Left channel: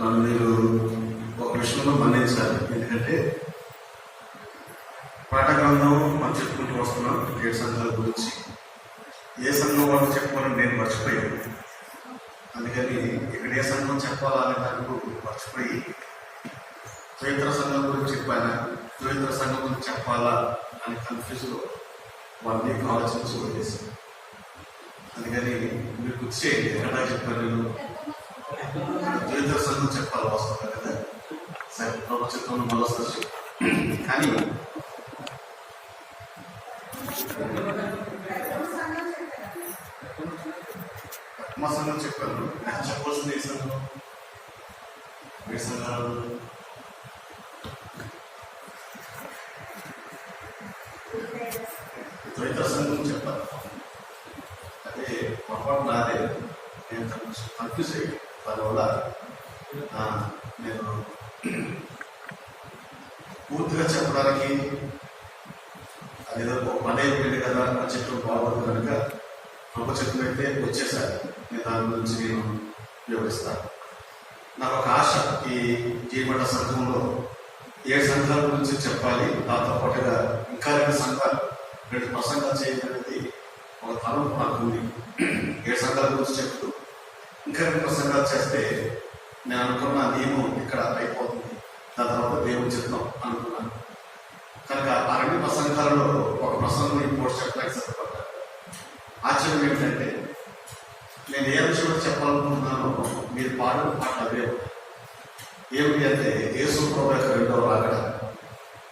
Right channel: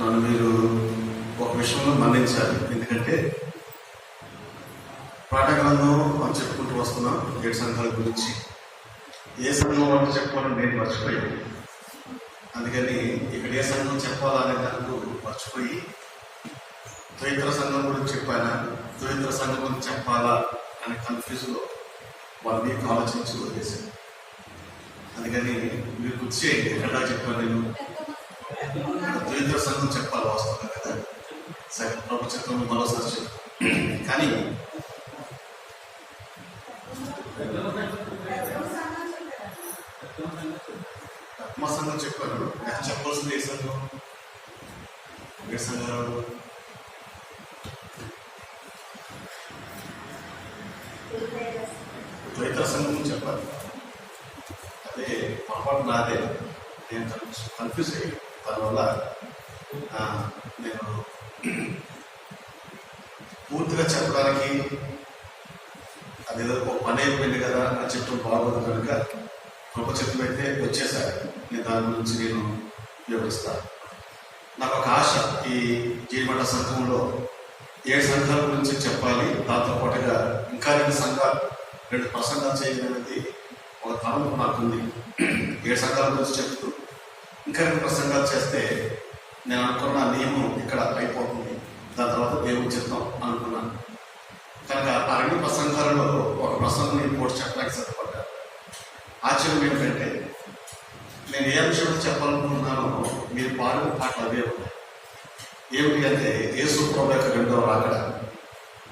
నన్ను మీరు ఒక విషయంలో మన్నించాలి. ఎందుకంటే పాఠగ్రంథం మనం చెప్పుకుంటూ వస్తున్నాం 7 సంఘాల గురించి. ఏ సంఘం వాళ్ళు చెప్పాలని నేను మర్చిపోయాను. అందుకని ఇక్కడ ఏ సంఘం చెప్పాలనే దానికి మర్చిపోయి త్వయిత్ర సంఘం గురించి చెప్పానా, త్వయిత్ర సంఘం గురించి చెప్పాలా అని కన్ఫ్యూజ్లో వాళ్ళని ఆలోచించి వదిలేశాను. అందుకని మీరు గుర్తు చేయండి, ఎక్కడా చెప్పాను నేను త్వయిత్ర సంఘం చెప్పాలి వస్తుంది కదా, సరే ప్రభు చెప్పాను మరోసారి చెప్పాను. కానీ మా సంఘం చెప్పాను, నాకు చెప్పాల్సింది ఏ సంఘం? ఏ సంఘాలు? త్వయిత్ర సంఘం చెప్పాలి. అదే పొరపాటు నాదే, నేను కన్ఫ్యూజ్ అయ్యాను. దానివల్ల నేను పూర్తిగా చెప్పడానికి అదేదో ఒక పని అయిపోయింది కదా అని చెప్పడం బాగోదు కనుక గొప్ప చెప్పినైతే వచ్చేసారి నేను దాని గురించి నేను వివరిస్తాను. నాకు ఒక ఆశ, ఈ జీవన సంఘంలో 7 సంఘాల గురించి చెప్పాలి, దాంతో పాటుగా ఇంకా 2 ప్రసంగాలు చేయగలిగేది ఒక తరం నాకుంది. 7 సంఘాల గురించి చెప్తూ ఇంకా 2 ప్రసంగాలు చేస్తే నేను అనుకున్న నియమం ఇక్కడ అయిపోతుంది, దాని తర్వాత దేవుడు చెప్తాం అనుకున్నాను. కనుక ఆ 2 ప్రసంగాలలో ఒక ప్రసంగం ఇంకోటి చెప్పడానికి సిద్ధపడ్డాను. ఆశ్చర్యం ఏంటంటే నేను ఏ విషయంలో చెప్పాలనుకుంటున్నానో మీరు పాడిన పాటలు అవే ఉంటాయి. ఏమిటి అంటే యేసు ప్రభు యొక్క 2వ రాకడ.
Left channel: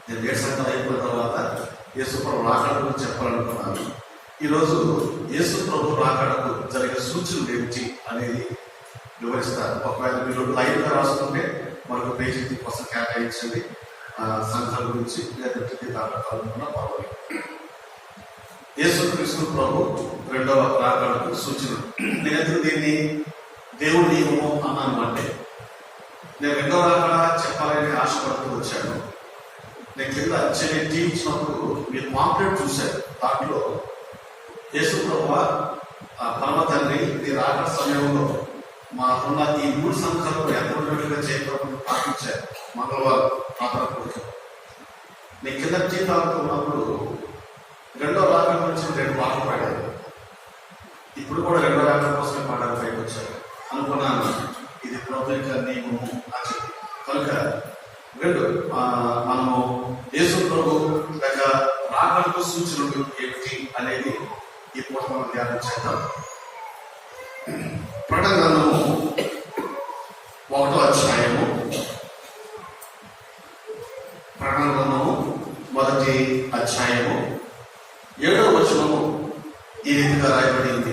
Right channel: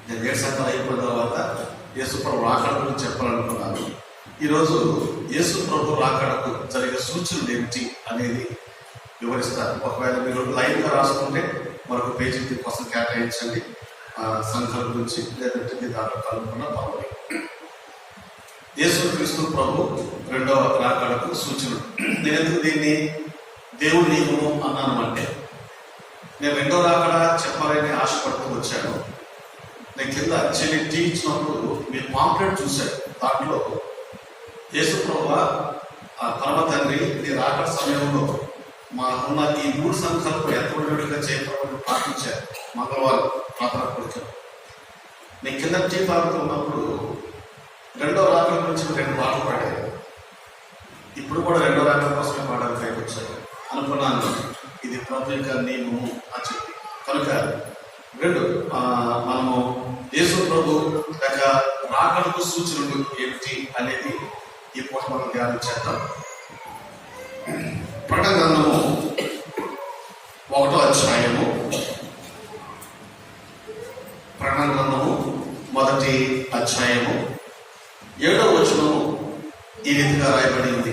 నేను 7 సంఘాలు అయిపోయిన తర్వాత యేసు ప్రభు రాకడ గురించి చెప్పాలనుకున్నాను. ఈరోజు యేసు ప్రభు రాకడకు జరిగే సూచనలు ఏమిటి అనేది వివరిస్తారు. ఒకవేళ మీరు లైవ్గా రాసుకుంటే మరొక పేజీ దీనికోసం కేటాయించండి, సంఘాల గురించి, లేదంటే దాంట్లో కలుపుకున్నా పర్వాలేదు. యేసుక్రీస్తు ప్రభు 2వ రాకడకు సూచన. నేను ఎందుకు దీన్ని దేవుడి నియమము అన్నాను అంటే, నేను 2వ రాకడ చెప్పాలని ఆశపడుతూ వచ్చాను. నేను కింద చెల్లి టీవీ ఇచ్చినప్పుడు మీరు పాంప్లెట్ చూశాను. దాంట్లో యేసు ప్రభు పరమ తండ్రి నీ రాకడ సమయంలో మాకున్న ఈ 3 సంఘాలను ఎంతగా చేయకపోతే ప్రార్థించారు. మంగళవారం ప్రార్థన కూర్చో నేను కింద టీ తాగుతూ ఉన్నప్పుడు 2వ రాకడ గురించి 2 పాటలు పాడారు. ఇప్పుడు కూడా 2వ రాకడ కోసమే పాడారు, పైకి వచ్చారు అనుకున్నాను. ఇది ప్రభు యొక్క నియమము అని చెప్పి కనుక 2 మనము యేసు ప్రభు యొక్క రాకడకు సూచనలు ఏమిటి అనేది ఈ పూట మనం ధ్యానం చేద్దాం. ప్రకటన గ్రంథము 1వ అధ్యాయము, ప్రకటన గ్రంథము 1వ అధ్యాయము 7వ వచనము ఈ రీతిగా రాయబడింది.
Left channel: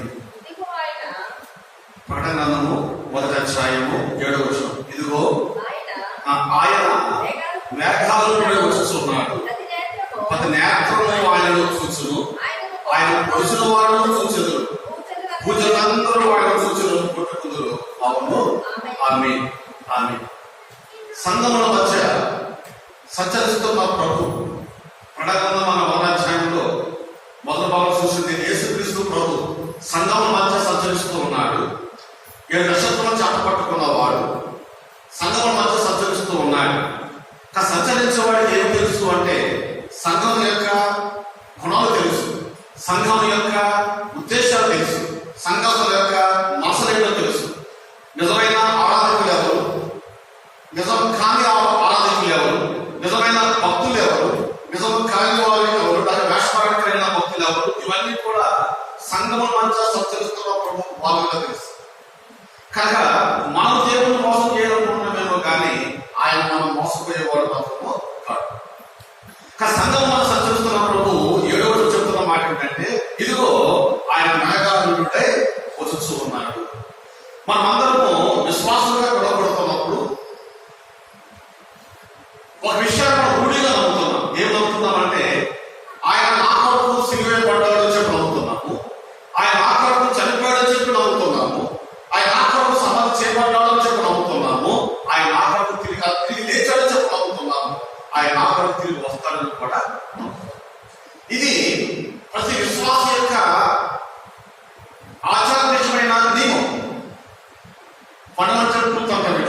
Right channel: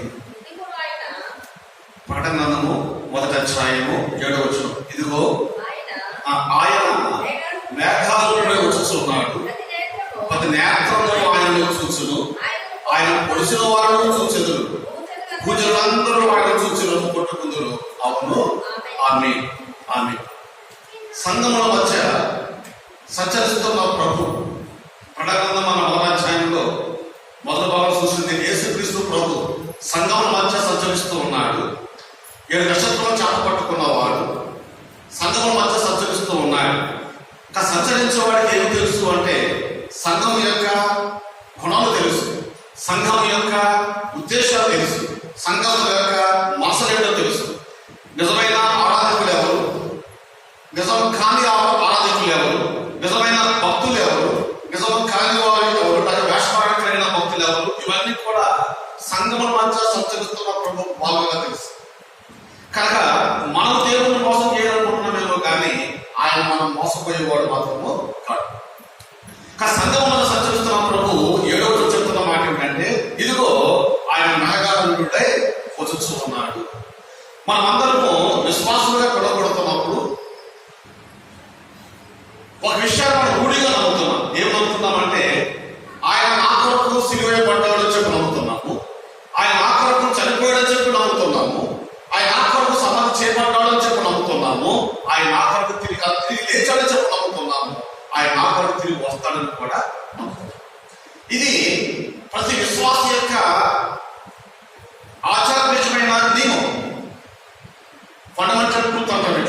ప్రకటన గ్రంథము 1వ అధ్యాయము 7వ వచనం, ఇదిగో ఆయన మేఘాలలో వచ్చుచున్నాడు, ప్రతి నేత్రము ఆయనలో చూచును, ఆయన పొడిచిన వాడు చూచెదరు, పూజలందరూ ఆయన చూచును, పుట్టుకుందరు. అవును, ఆమె ఆమె సంఘముల మధ్య సంచరిస్తున్న ప్రభు. ప్రకటన మన 1వ అధ్యాయంలో మొదటి భాగం చూసింది యేసుక్రీస్తు ప్రభు సంఘముల మధ్య సంచరిస్తూ ఉన్నాడు. 7 నక్షత్రాలు చేప పట్టుకున్నవాడు సంఘముల మధ్య సంచరిస్తూ ఉన్నాడు. సంచరించేవాడికి ఏమి తెలుసు అంటే సంఘం యొక్క గుణాలు తెలుసు, సంఘం యొక్క ఉద్దేశాలు తెలుసు, సంఘం యొక్క మనసులేంటో తెలుసు. నిజమైన ఆరాధకులు ఎవరు, నిజం కాని ఆరాధకులు ఎవరు, నిజమైన భక్తులు ఎవరు, నిజం కాని వాళ్ళు ఎవరు, దాని వేషపాడకైన భక్తులు ఎవరు, ఇవన్నీ కూడా సంఘముల మధ్య సంచరిస్తున్న ప్రభు బాగా తెలుసు. కనుక మనం దేవుని మోసం చేయాలనుకుంటున్నామేమో కానీ ఆయన మనం మోసపోయేవాడు మాత్రము కాదు. సంఘం మనం సంచరిస్తున్న ప్రభు 7వ రోజు చెప్తున్న మాట ఏంటంటే, ఇదిగో ఆయన మేఘాలుంటే వచ్చుచూ ఉన్నాడు. మనమందరము విశ్వాసంగా కొడగొడుతున్నప్పుడు ఒక విషయాన్ని మనం రూఢిగా నమ్ముతున్నాం. ఏం నమ్ముతున్నామంటే ఆయన నా కొరకు సిలువ పడ్డాడని చెప్పి నమ్ముతున్నాము, ఆయన నా కొరకు చనిపోయాడని చెప్పి నమ్ముతున్నాము, ఆయన నా కొరకు సమాధి చేయబడ్డాడని చెప్పి నమ్ముతున్నాము, ఆయన నా కొరకు తిరిగి లేచాడని చెప్పి నమ్ముతున్నాము, ఆయన నా కొరకు తిరిగి వస్తాడని కూడా నమ్ముతున్నాం. ఇది ప్రతి విశ్వాస యొక్క ఆచారమైన నియమం, ఫండమెంటల్ ట్రూత్ అంటారు.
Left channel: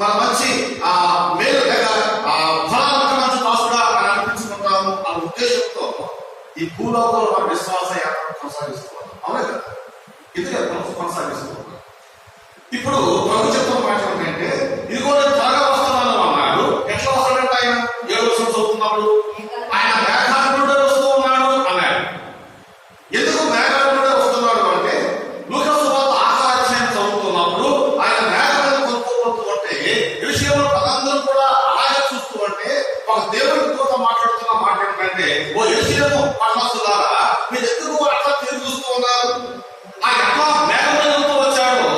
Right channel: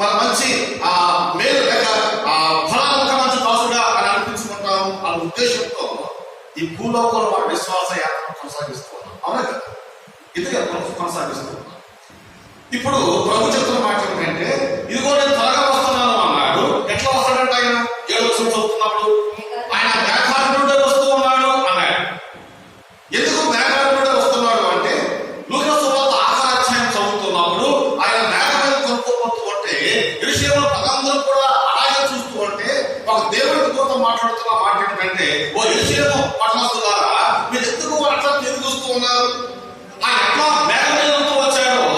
మన మంచి మేలు లేక ఫలాలు మంచి దాసుడా అని అనిపించుకుంటాం అనే ఉద్దేశంతో ఈ భూలోకంలో మన విశ్వాస యాత్ర కొనసాగిస్తూ ఉన్నాం. అవునా కదా? ఇది కొనసాగిస్తూ ఉన్నాం. ఇప్పుడు ప్రభు చెప్తున్న మాట ఏంటంటే, ఇదిగో నేను త్వరగా వస్తున్నాను అన్నాడు. ఎట్లా వస్తాడంటే ఆయన 7వ వచనం చదువుతున్నప్పుడు ఆయన మేఘారుడే వస్తూ ఉన్నాడు అన్నాడు. ఎందుకు మేఘారుడే వస్తున్నాడు అంటే, లూకా సువార్త 6వ అధ్యాయం చదువుతున్నప్పుడు ఆయన మేఘాలను కొనుక్కోబోతూ ఉంటే విషయంలో పదందరూ కూడా అలాగే చూస్తూ ఉంటే ఒక దేవుడికి దూత మాట్లాడుతున్న మాట ఏంటంటే, ఓ యేషూను పట్టణస్థులారా మీరు ఎందుకు అట్లా తిరిగి చూస్తూ ఉన్నారు? ఆయన ఎట్లా మేఘాలతో వచ్చాడో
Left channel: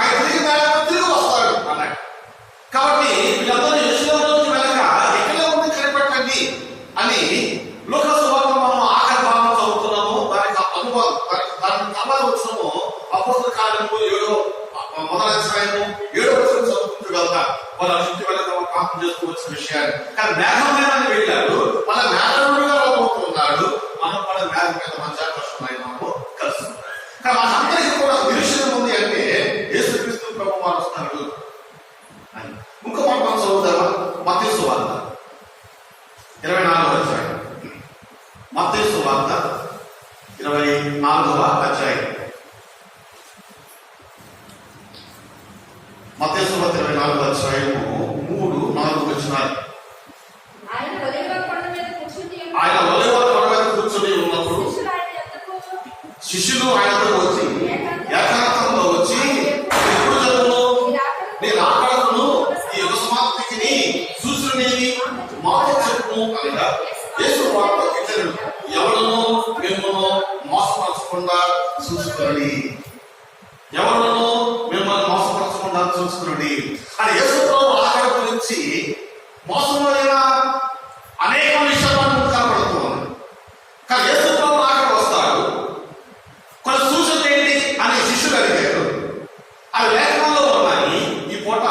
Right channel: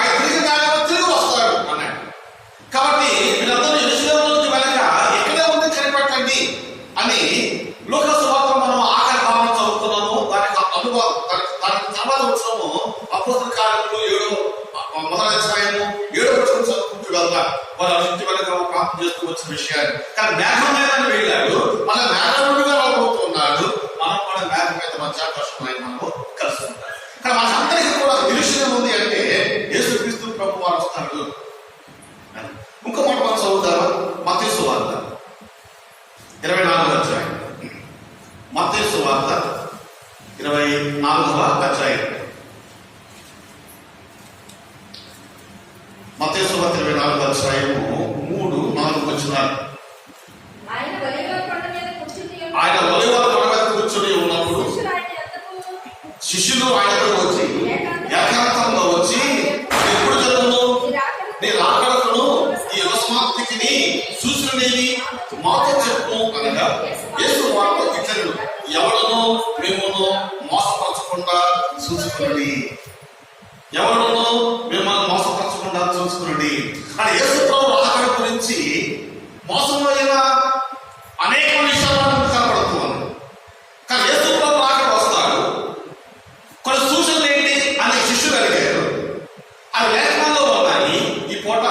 ఆయన తిరిగి వస్తాడు అన్నాడు. కాబట్టి వీళ్ళందరూ యేషూలో నుంచి వెనక ఎక్కడే ఉంది కనిపెట్టండి అని లూకా సువార్త మనం ఆఖరి భాగం చదువుతున్నాము. దానికి అనుభవం దానికి తర్వాత వచ్చినాము అపోస్తల కార్యములు 7వ అధ్యాయము 7వ వచనం చదువుకుంటూ వెళ్తా వాళ్ళ ఇంటి వెనక ప్రార్థన చేస్తూ వచ్చిన విషయాన్ని. కానీ మేఘం మీద వెళ్ళాడు, మన మేఘముడుగా రాబోతున్నాడు. మనం కూడా మేఘం మీద మధ్యాకర్షణమైన మనము కలుస్తున్నాం. కానీ మనందరికీ కూడా నిరీక్షణ ఉంది అంటే యేసుక్రీస్తు ప్రభు వారు వస్తాడు. ఇంకో మాట మనం చదువుతాం. మత్తయి సువార్త 24వ అధ్యాయం. మత్తయి సువార్త 24వ అధ్యాయం. మత్తయి సువార్త 24వ అధ్యాయము 3-4 వచనాలు. ఆయన ఒలీవ కొండ మీద కూర్చుని ఉన్నప్పుడు శిష్యులు ఆయనతో వచ్చి ఏకాంతంలో వచ్చి, ఎప్పుడు జరుగును నీ రాకడకును ఈ యుగ సమాప్తికి సూచననేది మాతో చెప్పును అనగా యేసు వారితో ఇట్లను, ఎవడను మిమ్మల్ని మోసపరచకుండా చూసుకునండి, ఎవడను మిమ్మల్ని మోసపరచకుండా చూసుకునండి అని యేసుతో రాకడ గురించి మోసమైన అనేక విషయాలు కనబడుతున్నాయి. కానీ యేసు రాకడ వస్తాడు, కొన్ని సూచనలు ఏంటి అని శిష్యులు అడిగారు. అవి లేఖనాల్లో ఉన్నాయి. ఈ పూట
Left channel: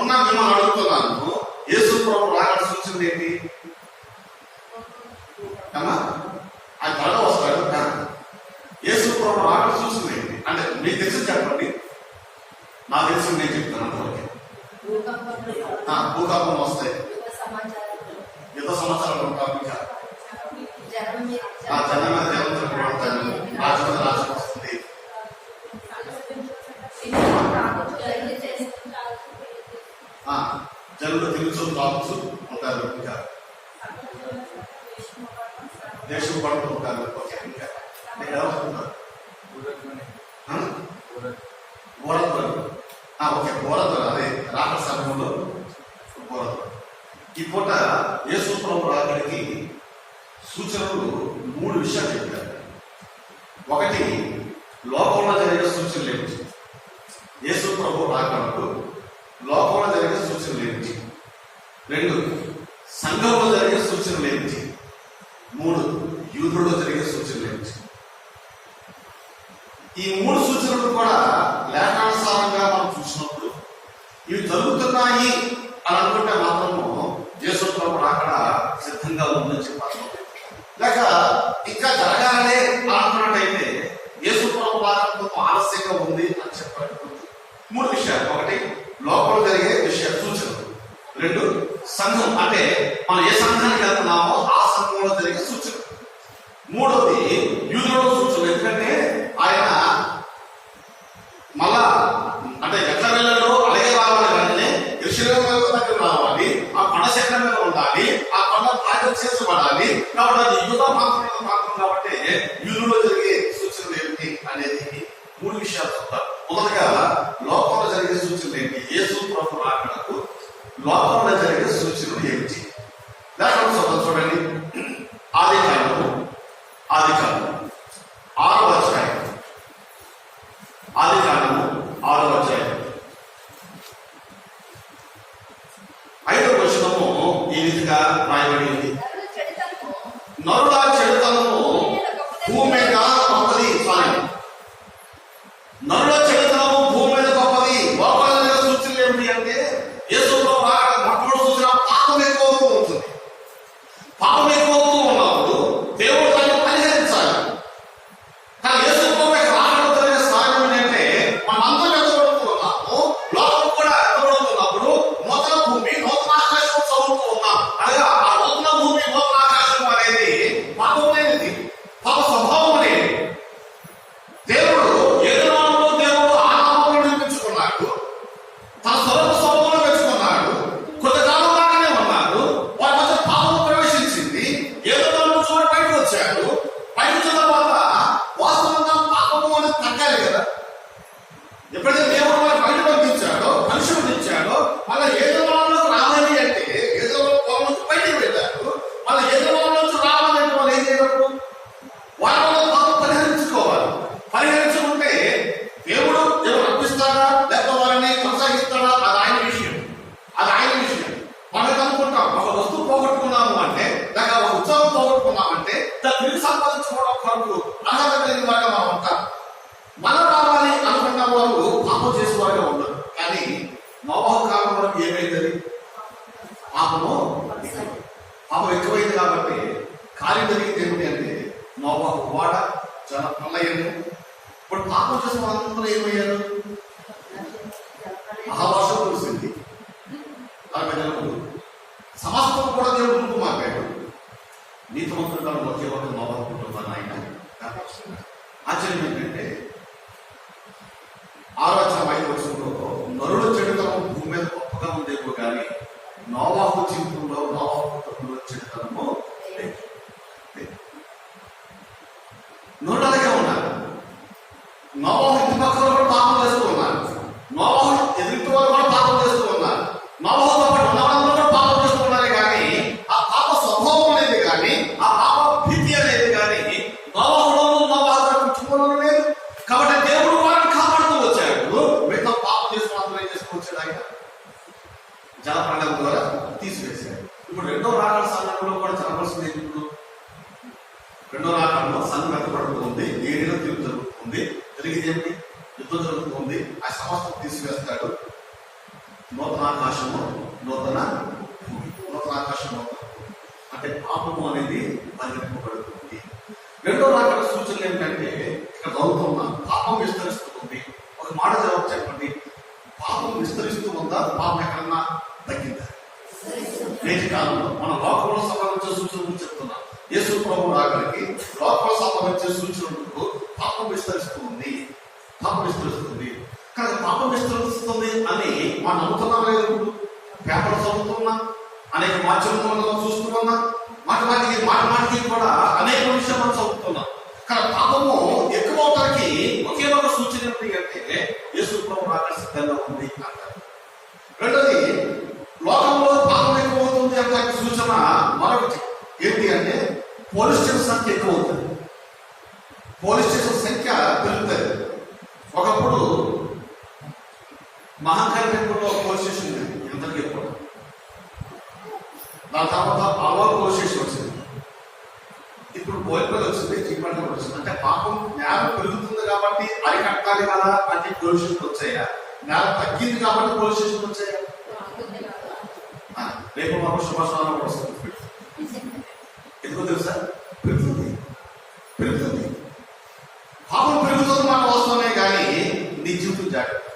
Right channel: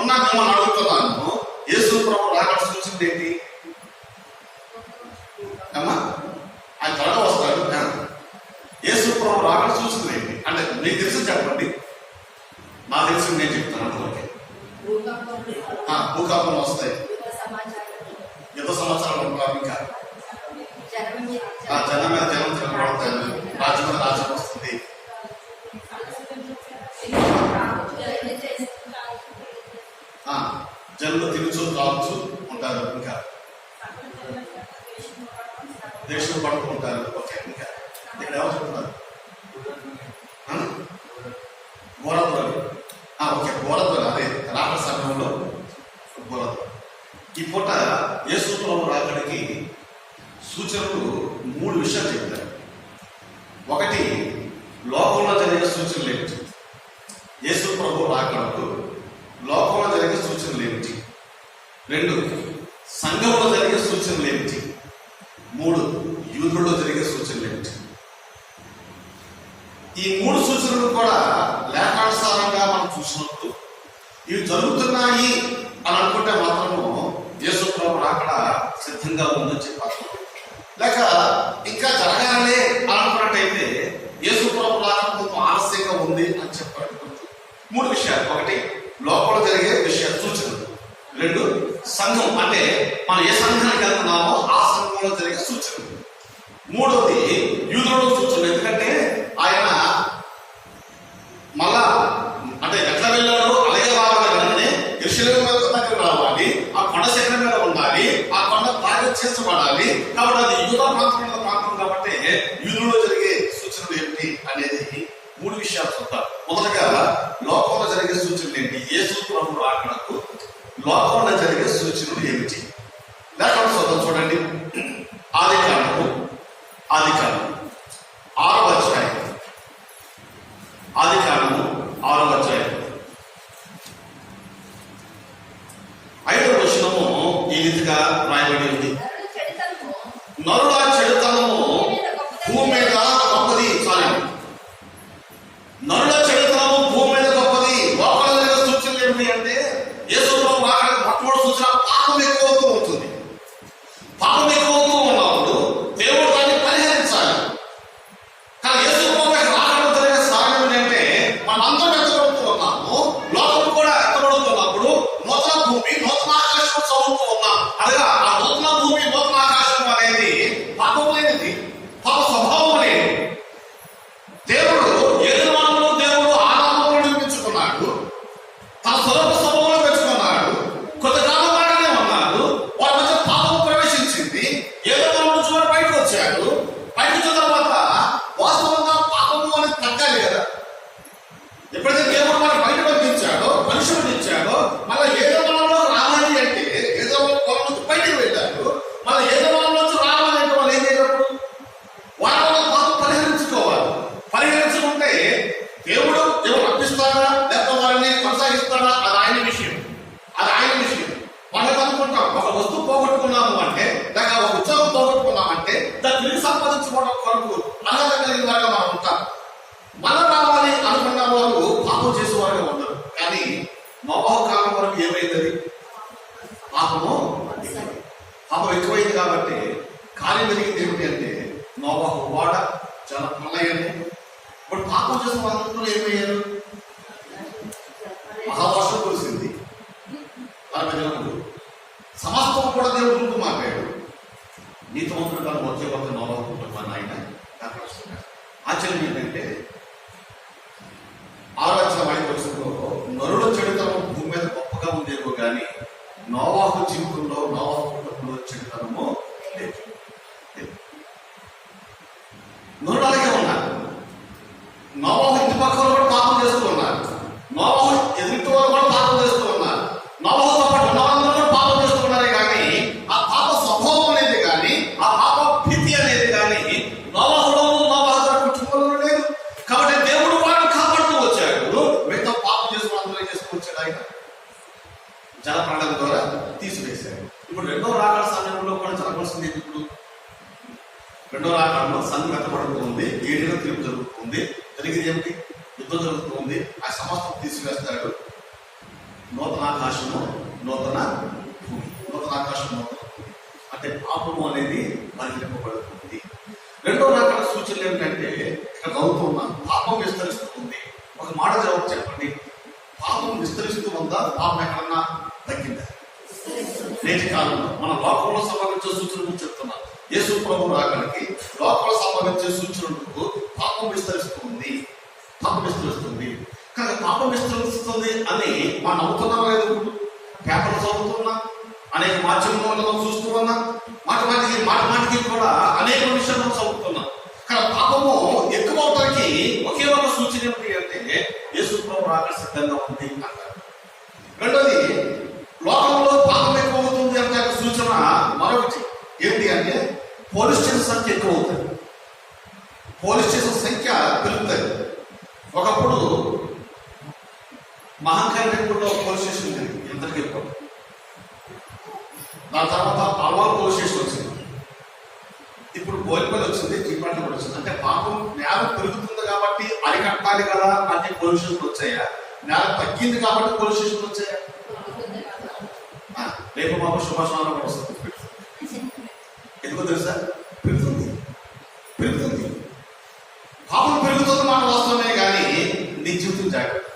ఉన్నా మిమ్మల్ని అడుగుతున్నాను, యేసు ప్రభు రాకడ సూచనలు ఏంటి అమ్మా? ఆయన త్వరగా వస్తాడు. యేసు ప్రభు రాకడ సూచనలు ఏంటి అంటే మీకు తెలిసి చెప్పండి. నాకు తెలిసి నేను చెప్తాను. ఓకే, భూకంపం వస్తాయి, యుద్ధ సంవత్సరాలు ఉంటాం, ఇంకా జనం మీద దేవతలు పడతాను, రాజ్యం మీద రాజ్యం వస్తుంది, జనులు తిరుగుచూ తాగుచూ ఉంటారు, ఇంకా దేశం పడుకుంటారు. ఓకే, ఇంకా ఇక్కడ ఎవరు చెప్తున్నారు? బోరద్వారు. ఓకే, బోరద్వారు. అదే రాకడ సమయంలో బోరద్వారు. ఈ పూట యేసు ప్రభు రాకడికి సూచనలు 3 విషయాలు చెప్తారు. ఒకటి, లోకంలో జరిగే సూచనలు ఏమిటి? యేసు ప్రభు రాకడకు లోకంలో జరిగే సూచనలు ఏమిటి? 2, సంఘంలో జరిగే సూచనలు ఏమిటి? 3, యూదులలో జరిగే సూచనలు ఏమిటి? ఈ 3 సూచనలు కూడా లేఖానుసారంగా మనం చూసినప్పుడు ఇవి జరుగుతున్నాయి అని అనుకుంటే మాత్రము యేసు ప్రభు రాకడ సిద్ధంగా ఉందని చెప్పాలి. లేక ఇంకా జరగాలనే అనుకున్నట్టయితే యేసు ప్రభు రాకడ కొంచెం ఆలస్యంగా ఉంది అని చెప్పాలి. 3 విషయాలు. ఒకటి, లోపల జరిగే విషయ సూచనలు. 2, సంఘం అంటే మనం ఏ సంఘానికి వెళ్తున్నామో ఆ సంఘంలో జరిగే సూచనలు. 3వది, యూదులలో సూచనలు. ఎందుకంటే ఆయన మళ్ళా అంటే ఎట్లా వెళ్ళాడో అలాగే రావాలి, కానీ యెరూషలేము దగ్గర రావాలి, ఆ కొండ శిఖరం మీద ఉండాలి, ఆ కొండ చేర్చబడాలి. కాబట్టి అది యూదా ప్రాంతం కాబట్టి యూదులలో జరిగే సూచనలు ఏమిటి అనేది 3 విషయాలు చూద్దాం. మొదటగా లోకంలో జరిగే సూచనలు ఏంటి? యేసు ప్రభు రాకడకు లోకంలో జరిగే సూచనలు ఏమిటి? లేఖనం చూడండి. ఆదికాండము 6వ అధ్యాయం. ఆదికాండము 6వ అధ్యాయం 5వ వచనము ఈ రీతిగా రాయబడి ఉంది. నరుల చెడుతనము భూమి మీద గొప్పది. నరుల చెడుతనము భూమి మీద గొప్పది. లోపల సూచనలు ఏమిటి అంటే యేసు ప్రభు రాకడ మొట్టమొదటి సూచన పాపం ఎక్కువ అవుతూ ఉంటుంది. పాపం ఎక్కువ అవుతూ ఉన్నప్పుడు దేవుడు దాన్ని పరిహరించాలి. కానీ యేసు ప్రభు రాకడ జరిగే సాయం ఏంటంటే మనందరం ఎత్తబడుతూ ఉన్నాము, లోకం కూడా ఎత్తబడుతున్నప్పుడు పాపం చేసేవారుగా ఉండరు. కానీ నోవహు కాలం వరకు ఏమైంది? అది పాపం ఎక్కువైంది. కాబట్టి కార్యం జరిగింది ఏమిటి అంటే నోవహు వాడ చాలా ప్రళయము. ఇప్పుడు పాపం చేసిన వాళ్ళందరూ ఏమయ్యారు? మహావర్షం కురిసింది, 40 జనములు, సమస్తం కూడా దేవుడు రూపు మాట్లాడు. నీతివంతుడు తన ఒకే ఒక నోవహు కుటుంబాన్ని ఆయన కనపరుస్తున్నారు. ఆశ్చర్యం ఏంటంటే 6:5 నరుల చెడుతనం భూమి మీద గొప్పగా ఉందేమో కానీ నోవహు జీవితంలో నోవహు కుటుంబంలో చెడుతనము లేదు. నరులు అలాగే ఉన్నారు. నోవహు ఇంటి పక్కన కూడా పాపం చేస్తూ ఉన్నారు. నోవహు ఎదుటి వాళ్ళు కూడా పాపం చేస్తూ ఉన్నారు. నోవహుతో పాటు ఉన్న వాళ్ళందరూ కూడా పాపం చేస్తూ ఉన్నారు. కానీ ఆ పాప స్వభావం అనేది కానీ ఆ పాప భీతి అనేది కానీ నోవహులోనూ నోవహు కుటుంబంలో లేదు. కాబట్టి దేవుడు వారిని కాపాడుతూ వచ్చాడు. మిగతా పాపం చేసుకుని అందరూ చేసుకుని వచ్చాడు. ఆయన జలప్రళయం ద్వారా తీసివేశాడు. ఇప్పుడు రెండో రాకడ సమయంలో కూడా జరగాల్సింది. ఇప్పుడు రెండో రాకడలో సంఘం ఎత్తబడుతుంది, ఏడుగా తీర్పు జరుగుతుంది. జరిగింది ఏమిటి? యుద్ధం జరుగుతుంది. ఆ సమస్తం తీసివేస్తాడు. నూతన ఆకాశము నూతన భూమి, నూతన ఆకాశం నూతన భూమి అంటే పాపము అనేది పరిగణింపబడుతుంది. రెండో రాకడ సూచనలు ఏమిటంటే ఇక్కడ చదువుతున్నాం, పాపం విస్తరిస్తుంది. ఒక మాట జవాబు చెప్పండి. పాపం విస్తరిస్తూ ఉందా? పాపం ఎక్కడన్నా తగ్గిందా? నేటి కాలంలో మన లోకంలో సంభవించే సూచనల గురించి చెప్తున్నాం. యేసు ప్రభు రాకడికి లోకంలో సంభవించే సూచనలకు పాపం విస్తరిస్తుంది. పాపం విస్తరిస్తుంది. కానీ పాపం విస్తరిస్తుంది అని మనం నమ్ముతున్నాం లేదు. పేపర్ చదువుతున్నా, అనేక మాధ్యమంలో చూస్తున్నా, మాటికి కూడా అనేక విషయాలు మనం చదువుతున్నాం. కానీ పాపము ఎక్కువ అవటానికి ఒకే ఒక సూచన ఏంటి అంటే యేసు ప్రభు రాకడ సిద్ధంగా ఉంది అంటారు. రెండోది, లోకంలో పాపం ఎక్కువ అవుతుంది అంటే సూచన మరొకటి ఏంటి అంటే పోలీస్ స్టేషన్ సంఖ్య ఎక్కువ అవుతుంది. పోలీస్ స్టేషన్ సంఖ్య పెరుగుతుంది. ఒకప్పుడు మహంకాళిలో పోలీస్ స్టేషన్ ఉంది, ఎంతకి ఎక్కువ. దాని తర్వాత అల్వాల్ పోలీస్ స్టేషన్ వచ్చింది. ఇప్పుడు బోల్పల్లి వచ్చింది, జీపల్లి కూడా వచ్చింది. అంటే పాపం నేరం పెరుగుతుంది కాబట్టి అరికట్టాలి కదా అంటే పోలీస్ స్టేషన్ వచ్చాయా? నేరం తగ్గింది కాబట్టి పోలీస్ స్టేషన్ వచ్చాయా? రేపు మాకు శుభాషణాలు కూడా వస్తుంది. ఎందుకో తెలుసా? పెరుగుతుంది. పాపం పెరుగుతుంది మాట వాస్తవమే, కానీ నీ జీవితం జాగ్రత్త.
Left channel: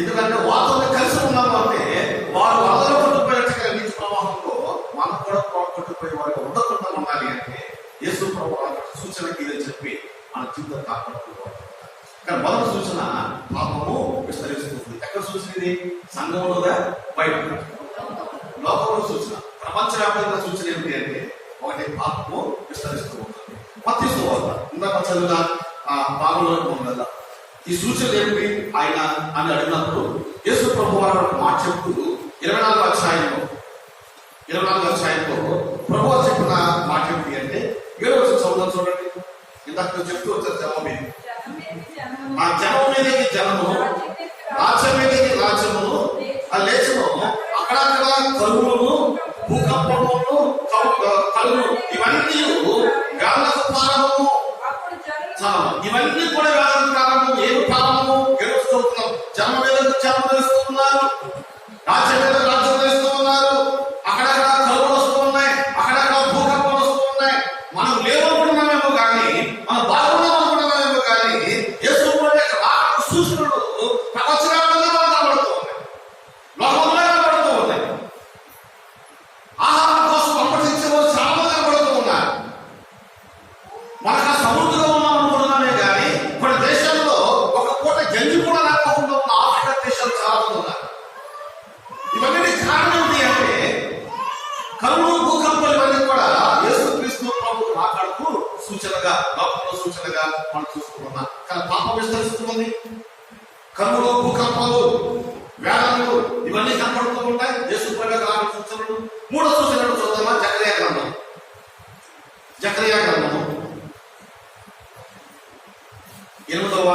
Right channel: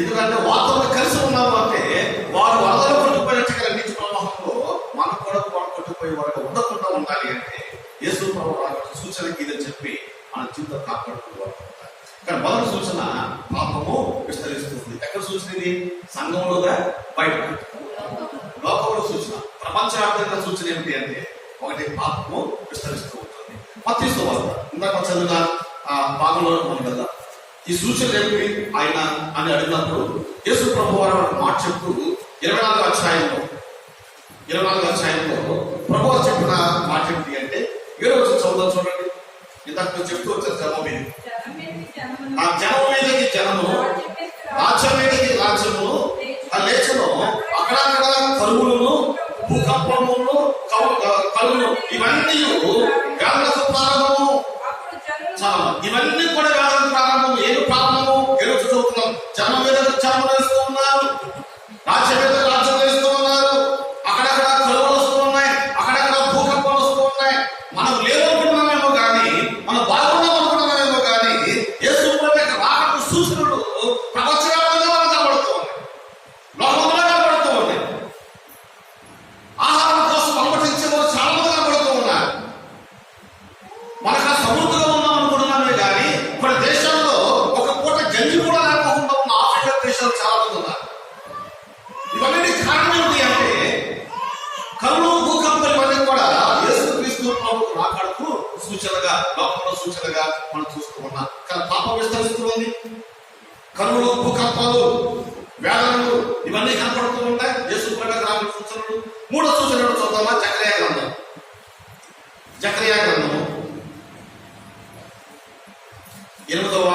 ఎందుకంటే వారితో కలిసి ఉన్నాము అంటే వారు వరదలు కొట్టుకుపోయినట్టుగా నీటి ప్రవాహంలో మనం కూడా కొట్టుకుపోయే వారికి ఉండకుండా ఉండాలి అంటే యేసు ప్రభు సూచనకి ఇదని చెప్పి మన జీవితం కాపాడుకోవాలి. కానీ మొదటి సూచన పాపము విస్తరిస్తుంది. ఎక్కడ సూచన ఇది? సంఘంలోగా, బయట లోకంలో సూచన. ప్రపంచవ్యాప్తంగా సూచన ఏమిటి అంటే ఒకటి పాపము విస్తరిస్తూ ఉంటుంది. మత్తయి వార్త ఇందాక చదివిన భాగంలో ఉంది కదా. ఈ సూచనలు ఏమిటి ఆయన అని అడిగినప్పుడు యేసు ప్రభు వారు మాట చెప్తూ 24వ అధ్యాయంలో ప్రభు వారు చెప్పిన మాట ఏమిటి అంటే 7వ చదువు చూడండి. ఇందాక చెప్తూ వచ్చారు జనం మీద, ఆ జనం మీదకి జనము, రాజ్యం మీదకి రాజ్యమును లేచను. అక్కడక్కడ కరువులను, భూకంపములను, కలుగును, ఇవన్నీ వ్యాధులకు ప్రారంభము. ఇవన్నీ కూడా వ్యాధులకు ప్రారంభం. ఏమి ప్రారంభము? ఎరువు చదువుతున్నాం. జనం మీద జనం ధరిస్తూ ఉన్నారు, రాజ్యం మీద రాజ్యం ధరిస్తూ ఉన్నారు. అక్కడక్కడ కరువులు వస్తూ ఉన్నాయి, అక్కడక్కడ భూకంపాలు వస్తూ ఉన్నాయి. మనం లేవనుకుంటున్నామేమో కానీ, మనం బాగున్నాం అనుకుంటున్నామేమో కానీ యేసు రాకడ సూచనలు ప్రపంచవ్యాప్తంగా మనకు కనబడుతూ ఉన్నాయి, లోకంలో కనబడుతూ ఉన్నాయి. ఆహారం కోసం అమ్మటించే వాళ్ళు చాలా మంది కనబడుతూ ఉన్నారు. మనకు సమృద్ధిగా ఉన్నాం అనుకుంటున్నామే కానీ మన దేశంలో ఒక పూట జంజి కూడా లేకుండా ఉన్న ఆఫ్రికా దేశాలు చాలా మంది ఉన్నారు. ఇవన్నీ కారణం ఏమిటి అంటే కరువు, భూకంపాలు ఇవన్నీ కూడా యేసుక్రీస్తు ప్రభు రాకడకు సూచనగా, లోకంలో సూచనగా మనం చూస్తూ ఉన్నాం. కానీ పాపం విస్తరిస్తుంది. కరువులు, భూకంపాలు, వ్యాధులు ఇవన్నీ కనపడుతూ ఉంటాయి. యేసు ప్రభు రాకడ సూచనలు. 3వ సూచన చూద్దామా? జకర్యా గ్రంథము 8వ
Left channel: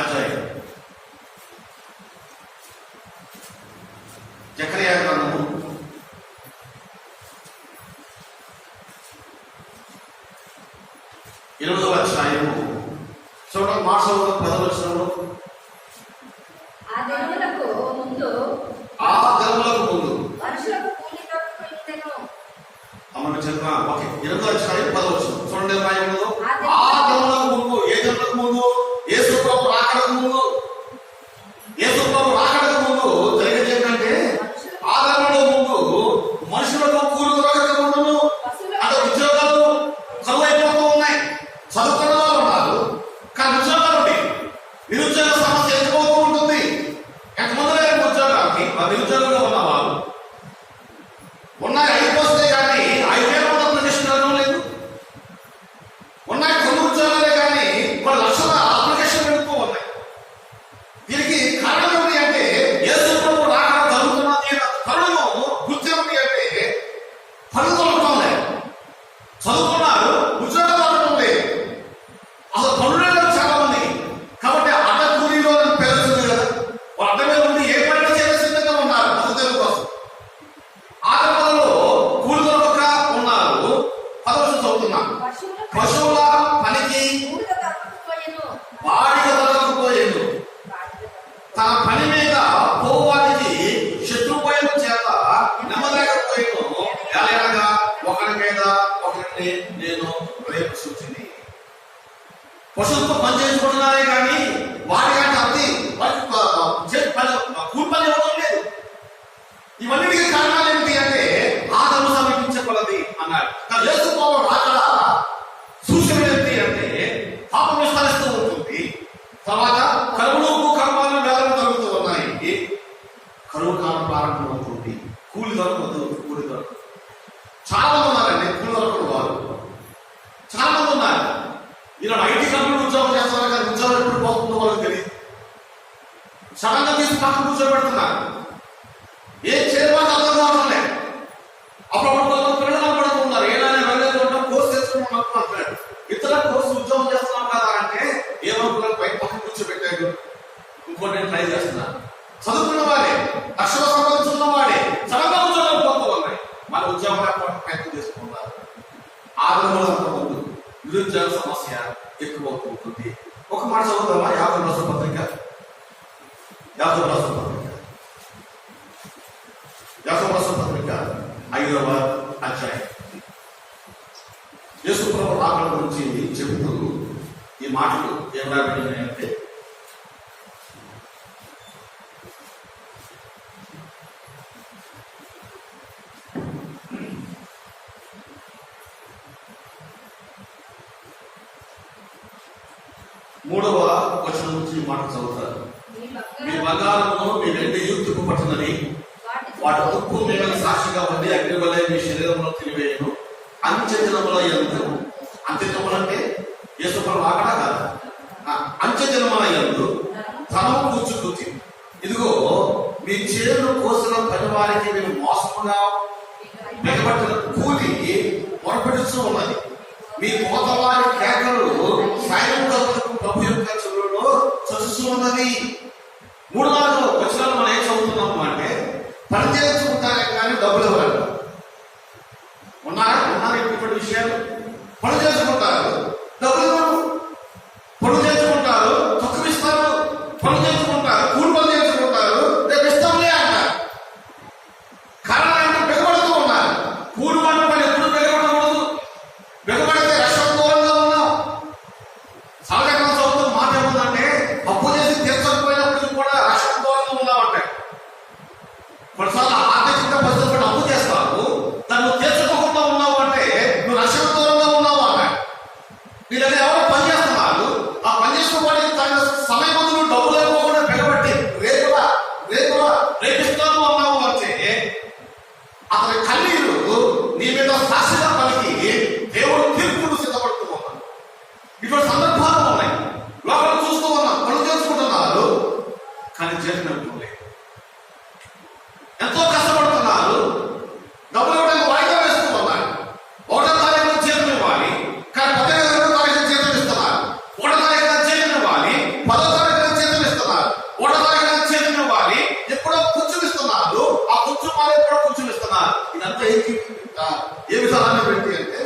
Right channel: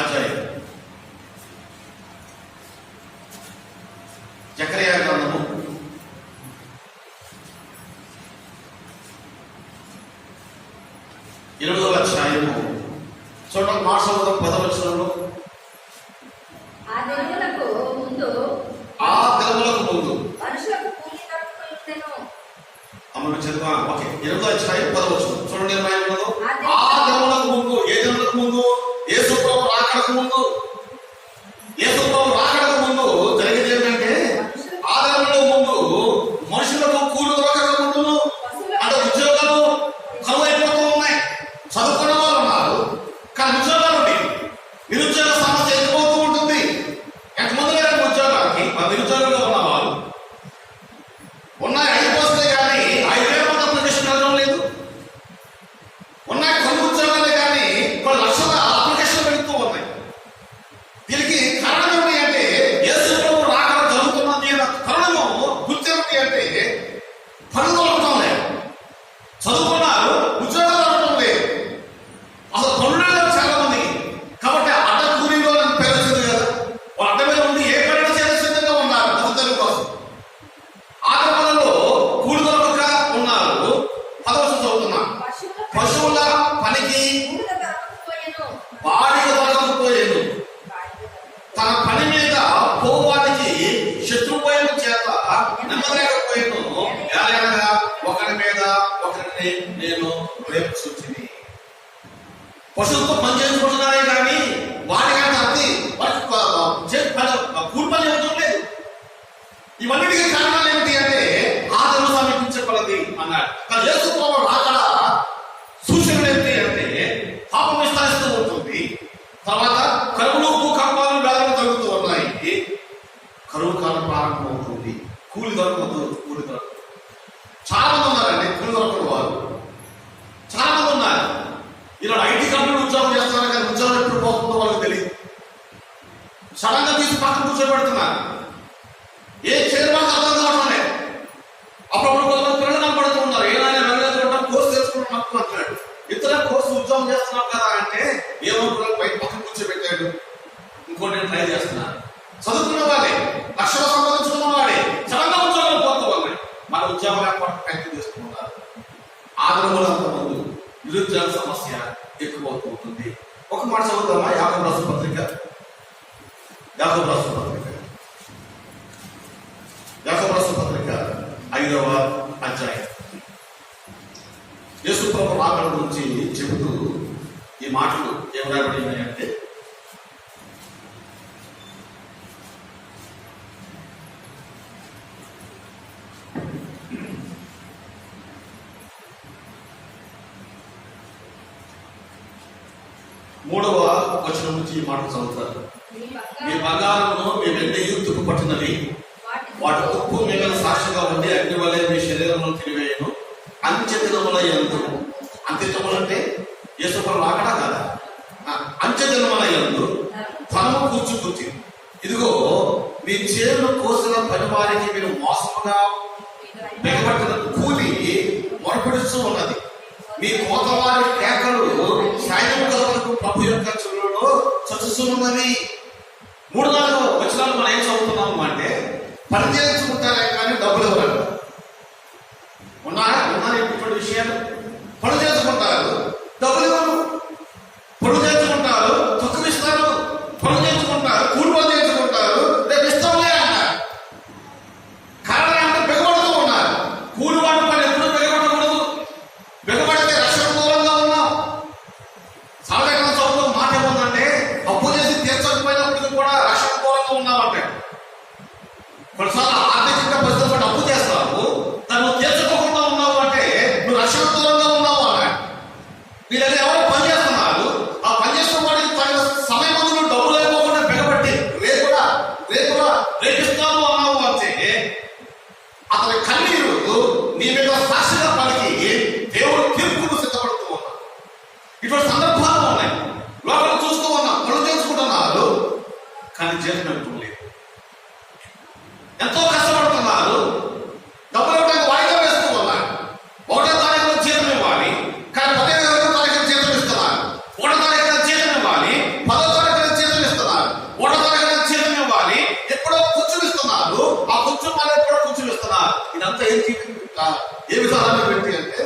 అధ్యాయం. జకర్యా గ్రంథము 8వ అధ్యాయము చూడండి మాట చదువుతాం 10వ వచనంలో. ఆ దినములకు ముందు అమ్మ చదివా. ఓకే, 8వ అధ్యాయం 10వ వచనం చూడండి. ఆ దినములకు ముందు, ఏ దినములకు ముందు? యేసు ప్రభువు రాకడకు ముందు. యేసు ప్రభువు రాకడకు ముందు జరిగేది ఏంటంటే, ఆ దినముల ముందు మనుషులకు కూలి దొరకక ముందును, అంటే ఉద్యోగాలు కరువైపోతూ ఉన్నాయి. చదువుకున్న వాళ్ళు ఉన్నారు కానీ ఉద్యోగాలు ఉంటాయి. నిరుద్యోగ సమస్య ఎత్తిపోతూ ఉంటుంది. ఎంతమంది లేరు ఉద్యోగాలకి? నిరుద్యోగంగా ఉన్నవాళ్ళు ఉన్నాయి. 5 వస్తాయి కానీ 5,000 ప్రతిష్ఠించడం లేదు. ఉన్నాయి కొన్ని ఉద్యోగాలే కానీ కొన్ని లక్షల అప్లికేషన్ పెడుతూ ఉన్నాయి. దీనికి కారణం ఏంటి అంటే, యేసు ప్రభు రాకడ జరుగుతున్నది తరుణము గుర్తు ఏమిటి అంటే, పనులు దొరకటం లేదు. చదువుకున్నారు, ఉద్యోగాలు దొరకటం లేదు. అసలు పనులు లేదు చాలా మందికి. కాబట్టి అడ్డ కూలీలో పేరు వచ్చింది కదా, వాళ్ళు అడ్డ మీద ఉండి ఏ పని చేసే సిద్ధంగా ఉన్నారు అసలు తెలుగు కోసం. ఆట పనుల్లో కూలి దొరకక ఉన్నారు. 10వ వచనం చదువుతున్నాం. పశువుల పనికి బాడిగ దొరకకపోయేను, తన పని మీద పోవానికి శత్రుపోయేను చేత నెమ్మలేకపోయేను. ఎలాగనగా ఒకరి మీద ఒకరిని నేను ప్రేమించుచుంటిని. పశువులతో పని చేసుకుంటున్నారే కానీ వాడి కంటే అతి కూలి పని ఇవ్వడం లేదు. ఇవన్నిటికీ కారణాలు ఏంటి అంటే, ఆదరణ సమీపించకూడదు అన్నాడు. కానీ యేసు ప్రభువు రాకడ సూచనలు ఏంటి అంటే, పాపం విస్తరిస్తూ ఉంటుంది. తర్వాత కరువులు, భూకంపాలు, వ్యాధులు జరుగుతూ ఉన్నాయి. కరువు కాలం ప్రారంభం అవుతుంది. కూలి దొరకదు, కూలి దొరకదు. చాలా మంది ఉన్నారండి కూలి దొరకని వారు, చాలా మంది ఉన్నారు. ఇలా ఐటీ కంపెనీలు ఉద్యోగం చేస్తున్నారు కానీ ఉద్యోగం ఎప్పుడు పోతుందో వాళ్ళకి తెలియదు. సడన్ గా తీసి పక్కన కూర్చోబెడుతున్నారు. ఏ చేరుబాటు అర్థం కావడం లేదు. అప్పుడప్పుడు కొంతమంది పిల్లలు కనపడుతూ ఉన్నారు. ఏదైనా వెళ్ళలేకుండా కోర్సు చేసుకున్నాం అంటున్నాడు. ఇతర కోర్సు ఉద్యోగం చేస్తున్నాం కదా అంటే, ఏమో పిల్లలు పై పక్కన కూర్చోబెట్టాడు. ఇంకోటి నేను ట్రై చేస్తున్నాను. చదువుకున్న వాడే, లక్షలు సంపాదించుకున్న వాడే సడన్ గా ఉద్యోగాలు పోతూ ఉన్నాయి. మన ఉద్యోగం లేకపోతే ప్రయత్నం చేసుకున్నారు. ఆదరణ ముందు నిరుద్యోగ సమస్య ఎక్కువవుతూ ఉంటుంది. ఒక మాట చదువుతామా? యాకోబు రాసిన పత్రిక 5వ అధ్యాయం. యేసు ప్రభు రాకడ గురించి చెబుతూ ఈ మాటలు ఏమరాబడినాయంటే, మూడవ వచనం నుంచి ఈ మాట చదువుతారు. మీ బంగారమును మీ వెండి తుప్పు పట్టినవి, వాటి ఉప్పు మిగల సాక్షిగా ఉండి అగ్ని వలె మీ శరీరంలో తిరివేయను. అంత్యదినముల యందు, అంత్యదినములు అంటే యేసుప్రభు రాకడ కాదా, అంత్యదినముల యందు ధనము కూర్చుకూర్చి, ఇదిగో మీ చేను కోసిన పని వారికి మీరు మోసముగా బిగబట్టిన కూలి మొరపెడుతూ ఉన్నది. మీ కోతవారి కేకలు సైనికులకు ప్రభు యొక్క చెవులలో చచ్చుతూ ఉన్నది. 3-4 వచనాలు మనం ఏం చదువుతున్నాము అంటే, పని చేసుకుంటారే కానీ డబ్బులు ఇవ్వరు. ఉన్నారు ఇటువంటి విషయాలు. పని చేసుకుంటారు, డబ్బులు ఇవ్వరు. పని చేసుకుంటారు, తక్కువ ఇస్తారు. పని చేసుకుంటారు, కూలి పని చేసుకుంటారు, రేపు ఇస్తాంలే అంటారు. కారణం అంటే బిగబడుతూ ఉన్నారు. కూలి వాడి పని ఎప్పుడు బిగబడకూడదు. బిగబడితే రక్షణ దూరంగా ఉన్నాం. సాధారణంగా చదువుతూ మాట ఏముందంటే, అప్పు చేసి తీర్చకపోయినప్పటికీ కూడా రక్షణ దూరంగా ఉన్నామంటే, కొన్నిసార్లు ఆర్థికంగా పరిస్థితులు కూడా అప్పు చేస్తావు, దాన్ని తీర్చుకోకుండా ఉన్నావు అంటే నువ్వు రక్షణ దూరంగా ఉన్నావు అన్నాడు. నీ దగ్గర ఎవరో పని చేస్తున్నారు, ఆ పని చేసుకోవాలి తన సమయం ముందు నువ్వు డబ్బులు లేకపోకుండా బిగబట్టి రేపిస్తాను అన్నావు అంటే, అతని కన్నీరు నీ మీద సాక్షిగా పలికి దేవుడు తీర్పును సిద్ధపడుతూ ఉన్నాడు. ఇటువంటి సందర్భాలు ఉన్నాయి. లోపల చూస్తూ ఉన్నాం, పనులు చేసుకుంటున్నారు కానీ జీతం లేదు. ఎంతో కష్టపడుతున్నారు, డబ్బులు ఇవ్వడానికి వాయిదా వేస్తూ ఉన్నారు. 1వ తారీఖున జీతం ఇవ్వాలి కానీ 15వ తారీఖున జీతం ఇస్తున్నారు. 1వ తారీఖున జీతం ఇవ్వాలి, 10వ తారీఖున జీతం ఇస్తున్నారు. 1వ తారీఖున జీతం ఇవ్వాలి, ఎప్పుడో కొంచెం ఇస్తున్నారు. ఆ కొంచెం మళ్ళీ ఎప్పుడో కొంచెం ఇస్తున్నారు. ఇదంతా ఏ విధానాన్ని పెట్టి అంటే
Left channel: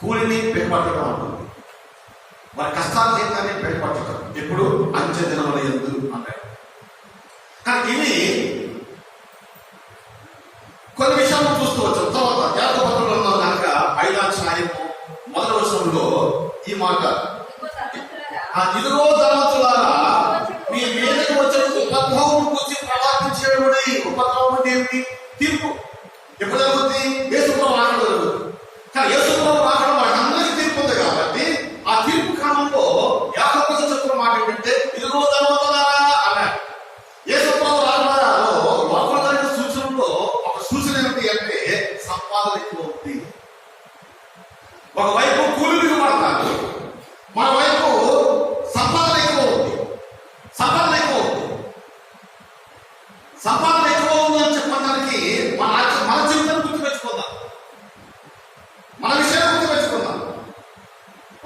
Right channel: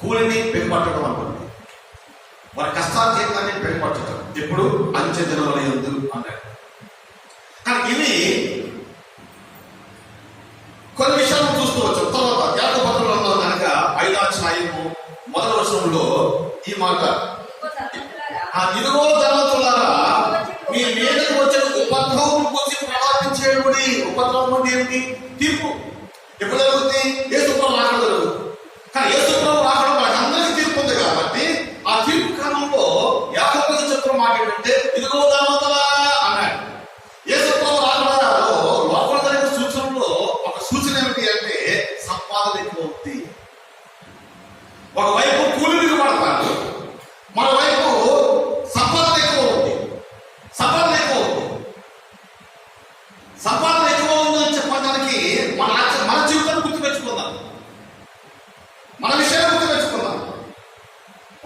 కూలిని బిగపట్టడం అంటుంది. వారి కష్టాతీతాన్ని బయటపరచడం ఎప్పుడు అంచె దినముల యందు అన్నాడు. కానీ ఇవి కొన్ని విషయాలను చూస్తూ వచ్చాం. తర్వాత యాకోబు పత్రికలో కనుక 5వ అధ్యాయము 1వ వచనంలో ఈ మాట, ఇదిగో ధనవంతులారా మీ మీదకి వచ్చే ఉపద్రవం గురించి ప్రవర్తించేవాడి. ఉపద్రవం అంటే ఏమిటి? తీర్పు. ఎప్పుడు జరుగుతుంది? యేసుప్రభు రాకడ జరుగుతుంది. కానీ యేసుప్రభు రాకడ వాళ్ళందరికీ తీర్పు ఉంది కాబట్టి ఆ తీర్పు క్రమంలో యాకోబుకు చెప్పిన మాట ఏంటంటే ఇదిగో ధనవంతులారా అన్నాడు. యేసుప్రభు రాకడలో లోపల జరిగిన సూచనలో ఒక సూచన ఏమిటి అంటే సంపాదన ఎక్కువ ఉంది. ఒకవైపు కూలి దిగుబడతారు, మరోవైపు సంపాదన ఎక్కువ ఉంది. సంపాదన ఎక్కువ ఉంది. సంపాదన ఎక్కువ ఉందని చెప్పడానికి మన జీవితాన్ని గుర్తుపెట్టుకుందాం, మన విషయాన్ని గుర్తుపెట్టుకుందాం.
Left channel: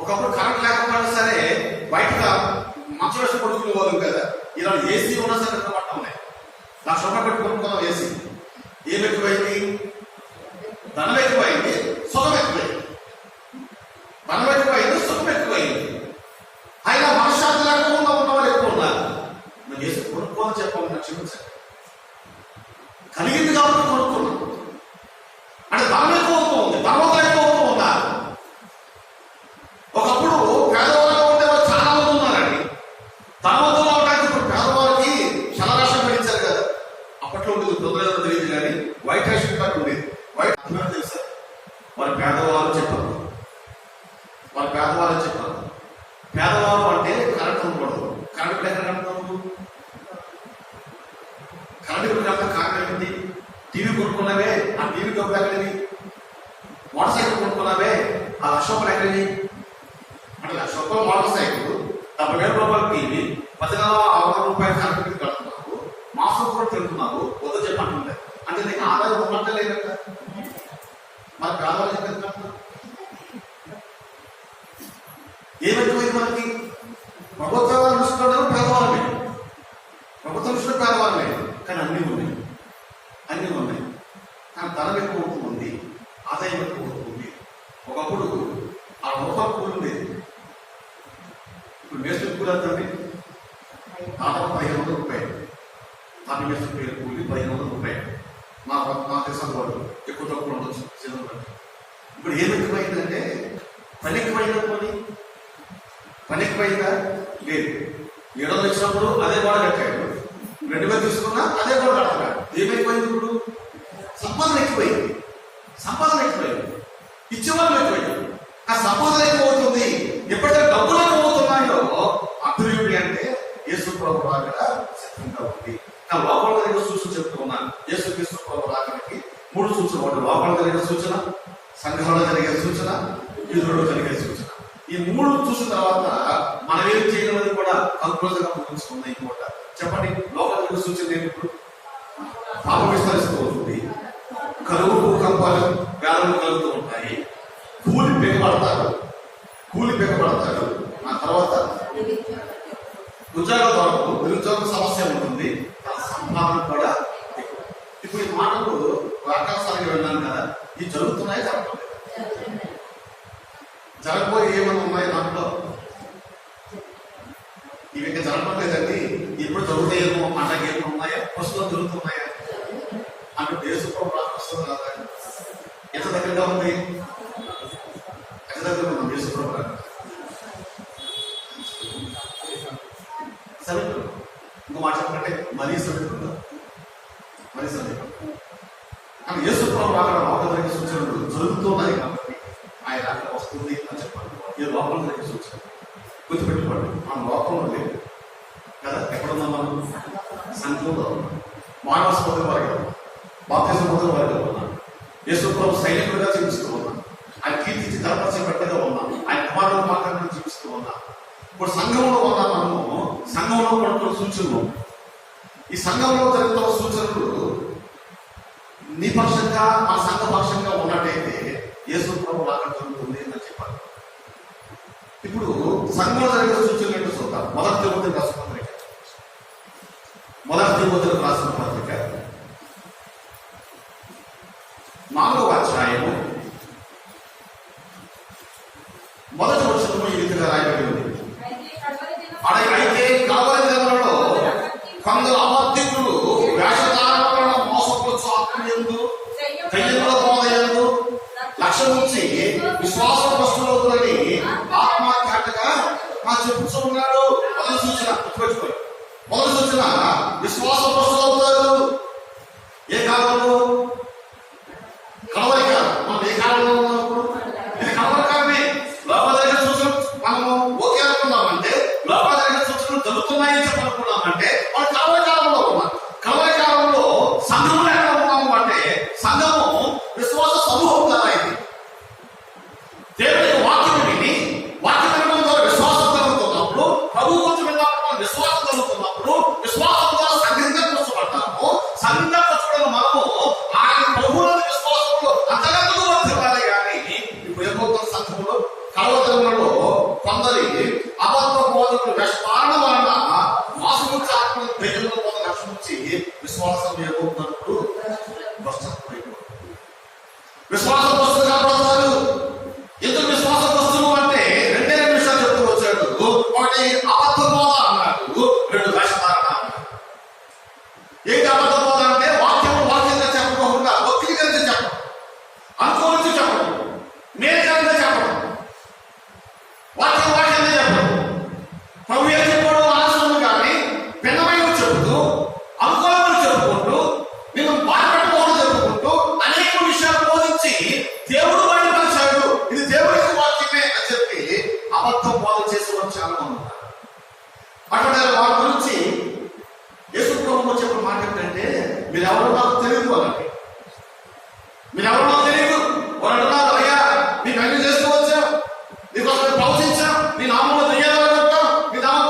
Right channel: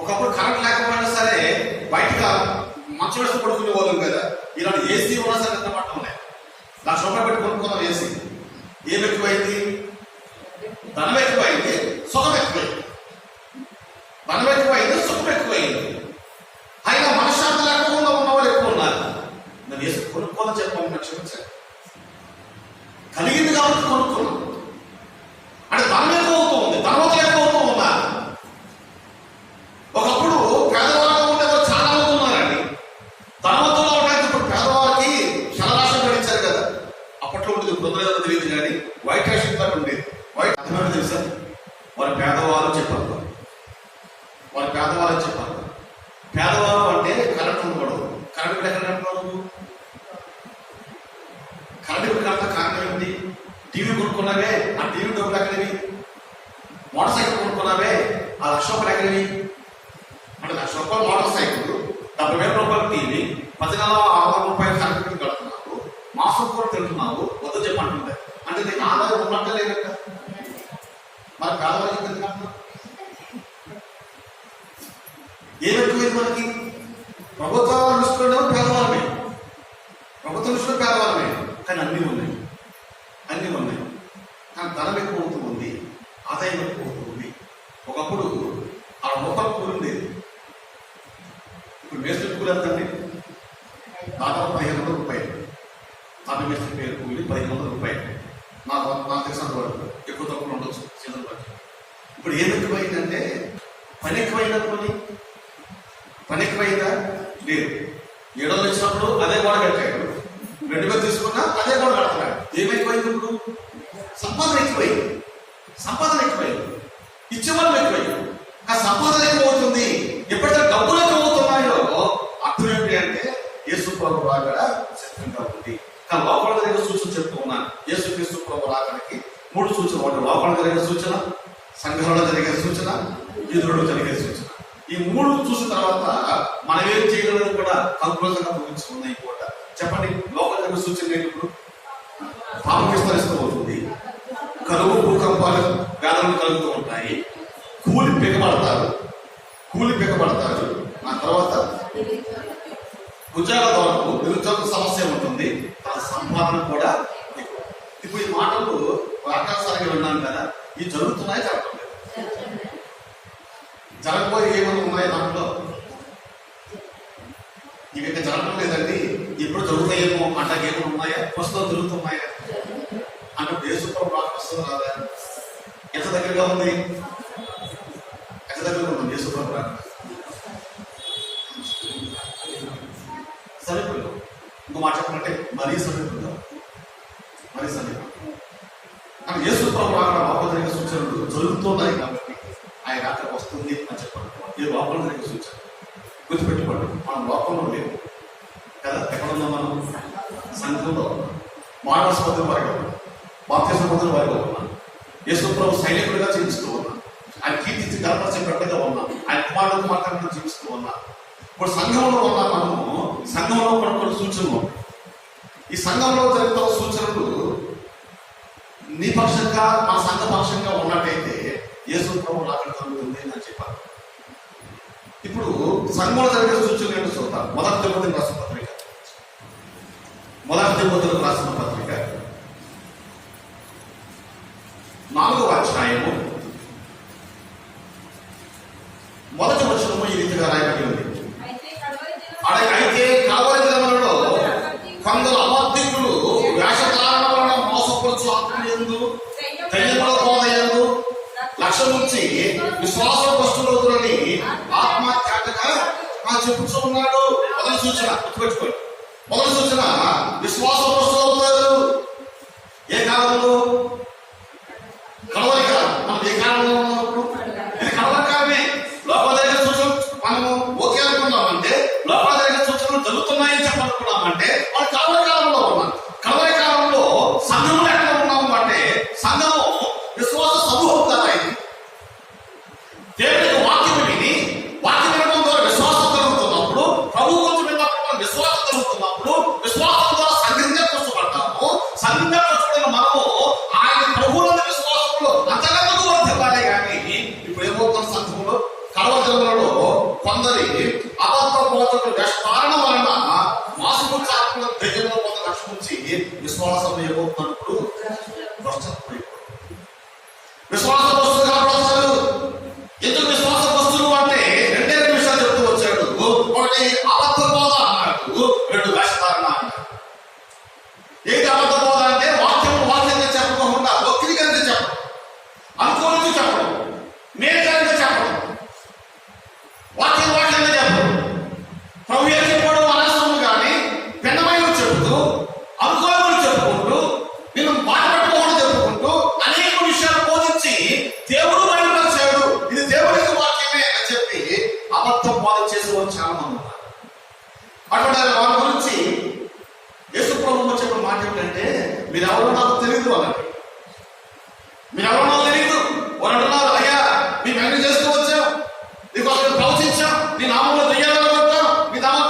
ఒకప్పుడు కరెంట్ లేకపోయినా సరే బయటగా మంచి వేసి పడుకునే పోదాం కదా. ఇలాంటి ఏసీ ఉన్నా సరే పట్టడం లేదు. నా సొంత పెట్టి కొనుక్కున్నాం ఏసీ. ఏం ఎక్కువైంది? ధనం ఎక్కువైంది, సుఖం ఎక్కువైంది. ధనం ఎక్కువైంది, సుఖం ఎక్కువైంది. అయినా మనశ్శాంతి లేకుండా ఉన్నవాళ్ళు ఎక్కువ ఉన్నారు. నేను ఏసీ కొనుక్కోదని చెప్పాను, క్షమించాను. కలిగింది కాబట్టి కొనుక్కున్నాం. అంటే ధనం ఎక్కువ అవుతూ ఉంది, ధనవంతులు ఎక్కువ అవుతూ ఉన్నారు. ఒకప్పుడు పేదవాళ్ళు ఉంటే చాలా మంది ఉన్నారండి. ధనవంతులు అవడానికి ఇప్పుడు పేదవాళ్ళకి శలరాశం పడించారు కదా. అప్పట్లో ఉండేది బృందం తెలియదు కానీ వైట్ రేషన్ కార్డు ఉండేది. వైట్ అర్థమైనా తెలుసా? వారి పేదవాళ్ళు చెప్పారు. వారి పేదవాళ్ళు చెప్పారు. పేదవాళ్ళు అంటే కరెంట్ ఉండకూడదు. కరెంట్ బిల్ ఎక్కడ కట్టుకోవాలి? కరెంట్ బిల్ కట్ట కారణం ఏంటి? టీవీ కొనుక్కున్నావే, ఆ టీవీ డబ్బులు ఎక్కడవి? మోటార్ సైకిల్ కొనుక్కున్నావే, ఆ 1,00,000 రూపాయలు ఎక్కడవి? అంటే 1,00,000 రూపాయలు మోటార్ సైకిల్, 70,000 రూపాయలు టీవీ, 10,60 రూపాయలు కరెంట్ బిల్ కడుతున్నావు, మాసం కూడా తింటున్నావు, వద్ద చెప్పంటుంది. అంటే నీకు ఆదాయం ఉన్నట్టే లేదట. మరి పేదవాళ్ళు చెప్పేది కట్టినా ఏమెక్కువైంది మనకి? ప్రభుత్వ దృష్టిలో పేదవాళ్ళమే, ప్రభుత్వ దృష్టిలో పేదవాళ్ళమే. కానీ అన్నీ ఉన్నాయి, అన్నీ ఉన్నాయి. కానీ ధనం ఎక్కువ అవుతుంది, ఆదాయం ఎక్కువ అవుతుంది. ఒకప్పుడు ఆ రూపాయలు కూలి ఉండేది. ఇప్పుడు మేస్త్రి కూలి ఎంతండి? దాదాపు 1,500 రూపాయలు. తాపి మేస్త్రి పేరు కూలి 1,500 రూపాయలు. నాకు తెలిసిన వరకు ఎక్కువ తక్కువ ఉండొచ్చు సీజన్ బట్టి. ఇప్పుడు ఏం ఎక్కువైందంటే పని ఎక్కువైందా? పని ఎక్కువైందా? లేదు. 700 వచ్చినప్పుడు అదే గోడ కట్టాడు, 2,000 తీసుకున్నా అదే గోడ కడతాడు. ఏమైపోయింది? ఇప్పుడు సంపాదన ఎక్కువైంది. సంపాదన ఎక్కువైంది, ఇచ్చేవాళ్ళు ఎక్కువైంది. ఆ సంపాదన ఎక్కువ అవుతుంది. ఎప్పుడైతే డబ్బులు ఎక్కువ అవుతున్నాయో అర్థం ఏంటి అంటే యేసుప్రభు రాకడ సిద్ధంగా ఉంది. కానీ లోపల జరిగిన సూచన చెప్తూ ఉన్నాను. యేసుక్రీస్తు ప్రభు రాకడికి 3 సూచనలు. ఒకటి లోపల జరిగే సూచన, సంఘంలో జరిగే సూచన, ఎదురులో జరిగే సూచన. ఈ 3 చూసిన తర్వాత మనం ఏం చేయగలమని కూడా కంక్లూజన్ గా ముగించుకున్నాయి కూడా. చెప్పండి, లోపల జరిగే సూచన ఏంటి? ఇప్పుడు పాపం విస్తరిస్తూ ఉంటుంది, కరువు భూకంపాలు వేదనలు కలుగుతూ ఉంటాయి, కూలి పెగబడతారు. ఆ తర్వాత ఉద్యోగాల వరకు నిరుద్యోగ సమస్య ఉంటుంది, తన సంపాదన కూడా ఎక్కువ. ఇప్పుడు ఈ మాటలు వాకాసారిగా విన్నాను కదా, ఇవి జరుగుతున్నాయి, జరగలేదు. జరగబోయి ఏమైనా ఉన్నాయి దాంట్లో? ఇవి ఇంకా జరగడం లేదండి, ఇప్పుడు జరుగుతాయేమో అంటే ఏమో ఉన్నాయా? ప్రస్తుతం జరుగుతున్నాయా? అంటే యేసుప్రభు రాక వస్తుంది రాదా? ఎంత దగ్గరగా ఉంది? ఎంత దగ్గరగా ఉంది యేసుప్రభు రాక? సమీపంలో. ఇంకో మాట చెప్పాలంటే మరీ సమీపంలో, మరీ సమీపంలో. కానీ యేసుప్రభు రాక లోపల జరిగే సూచనలు జరుగుతున్నాయి కాబట్టి ఆయన రాక వస్తుంది అని చెప్పండి. ఈ లోపల జరిగే సూచన గుర్తుపెట్టుకోండి. మనం లోకంలో లేవు కదా. ఎక్కడున్నాం మనం? సంఘంలో మానవస్పతి వారిలో, బాప్తిజం పొందిన వారిలో ఉన్నాం. యేసుప్రభు సైనికుడిగా జీవిస్తూ ఉన్నాం. ఆయన కీర్తించి గర్భపరిచే బిడ్డగా ఉన్నాం. ఆయన కుమారుడు మాత్రమే జీవిస్తూ ఉన్నాం. ఇప్పుడు సంఘంలో ఉన్నాం. మనము సంఘంలో కొన్ని సూచనలు. ఈ సంఘంలో జరుగుతున్న సూచనలు నీ పక్షంగా, మా సంఘ పక్షంగా ఉన్నట్టయితే యేసుప్రభు రాక జరుగుతుంది అని చెప్పాలి. ఇప్పుడు సంఘంలో జరిగే సూచనలు ఏంటో చూద్దాం. మొదటి తిమోతికి రాసిన పత్రిక 4వ అధ్యాయము 1వ వచనము ఈ రీతిగా రాయబడి ఉంది. అయితే కావాలి దినములలో కొందరు అబద్ధికులు వేషధారణ వలన మోసపరచు ఆత్మయందు దయ్యముల బోధ యందు లక్ష్యం ఉంచి విశ్వాస వస్తువులని ఆత్మహత్యాగా చెప్పుతూ ఉన్నాడు. మొదటి సూచన గుర్తుపెట్టుకోండి. మొదటి సూచన విశ్వాస వస్తువులు అవుతారు. ఏ కాలంలో? కలవరి కాలం. మనం ఏ కాలంలో ఉన్నప్పుడు ఇది కలవరి కాలమే. లోపదరిగిన సూచనలు మనము ఓకే అనుకున్నామంటే, లోపదరిగిన సూచనలు జరుగుతున్నాయని చెప్పనుకున్నామంటే వాళ్ళు కలవరి కాలంలో ఉన్నాం. కలవరి కాలంలో సంఘంలో ఎక్కడ ఉన్నాము అంటే సంఘము విశ్వాస సమూహం కదా. ఇది దేవుడికి వాక్యం విని వాక్యం వినడం ద్వారా విశ్వాసం కలుగుతున్నప్పుడు, ప్రభు కొంచెం విన్నప్పుడు విశ్వాసం కలుగుతున్నప్పుడు, విశ్వాసం ద్వారా సంఘంగా కూర్చోబడతాము. సంఘంగా కూర్చోబడిన మనము ఆయన ప్రభువుల విశ్వాసంలో అంతకంతకు వర్తిల్లాలి. కానీ ఇప్పుడు ఏమవుతున్న సంఘంలో కలవదలలో కొందరి అబద్ధ బోధకులు వేషధారణ వలన మాసముచ్చాత్మ దయ్యంలో కొంత లక్ష్మించి విశ్వాసం ఏమవుతున్నప్పుడు విశ్వాస వస్తువు కనబడతారు. ఎందుకు విశ్వాస వస్తువు అంటే రెండే రెండు విషయాలు చెప్తూ వచ్చాడు. ఒకటి అబద్ధ బోధ అన్నాడు, రెండు వేషధారణ అన్నాడు. ఏంటి అబద్ధ బోధ అంటే వాక్యంగా చెప్పకుండా వక్రీకరించి చెప్పడం, అనుకూలించి చెప్పడం, మేలుకరంగా చెప్పడం, వాక్యంగా చెప్పడం. ప్రభు ఏం చెప్పాడు అనవసరం కానీ పెన్నమైన చెబుతూ, అనుకూలంగా చెప్పుకుంటూ, నేను బాధపెట్టుకోవడం చెప్పుకుంటూ అనేక విషయాలు బోధించి దేవుడు వాడిని పరిచాడు, ఇది దేవుడికి వాక్యమే అని చెప్పి అబద్ధ బోధ చేసే వాళ్ళు చాలా మంది ఉన్నారు. అటువంటి వారి గురించి యేసు ప్రభువు చెప్పిన మాట ఏంటంటే, మీరెవరో నాకు తెలియదు అన్నట్టు. మీరెవరో నాకు తెలియదు. వారు అంటున్నారు, అయ్యా మేము అన్ని చేస్తూ వచ్చాం, నీకోసం ప్రవచించాం, నీ నామంలో దయ్యాలు కొట్టాం, నీ నామం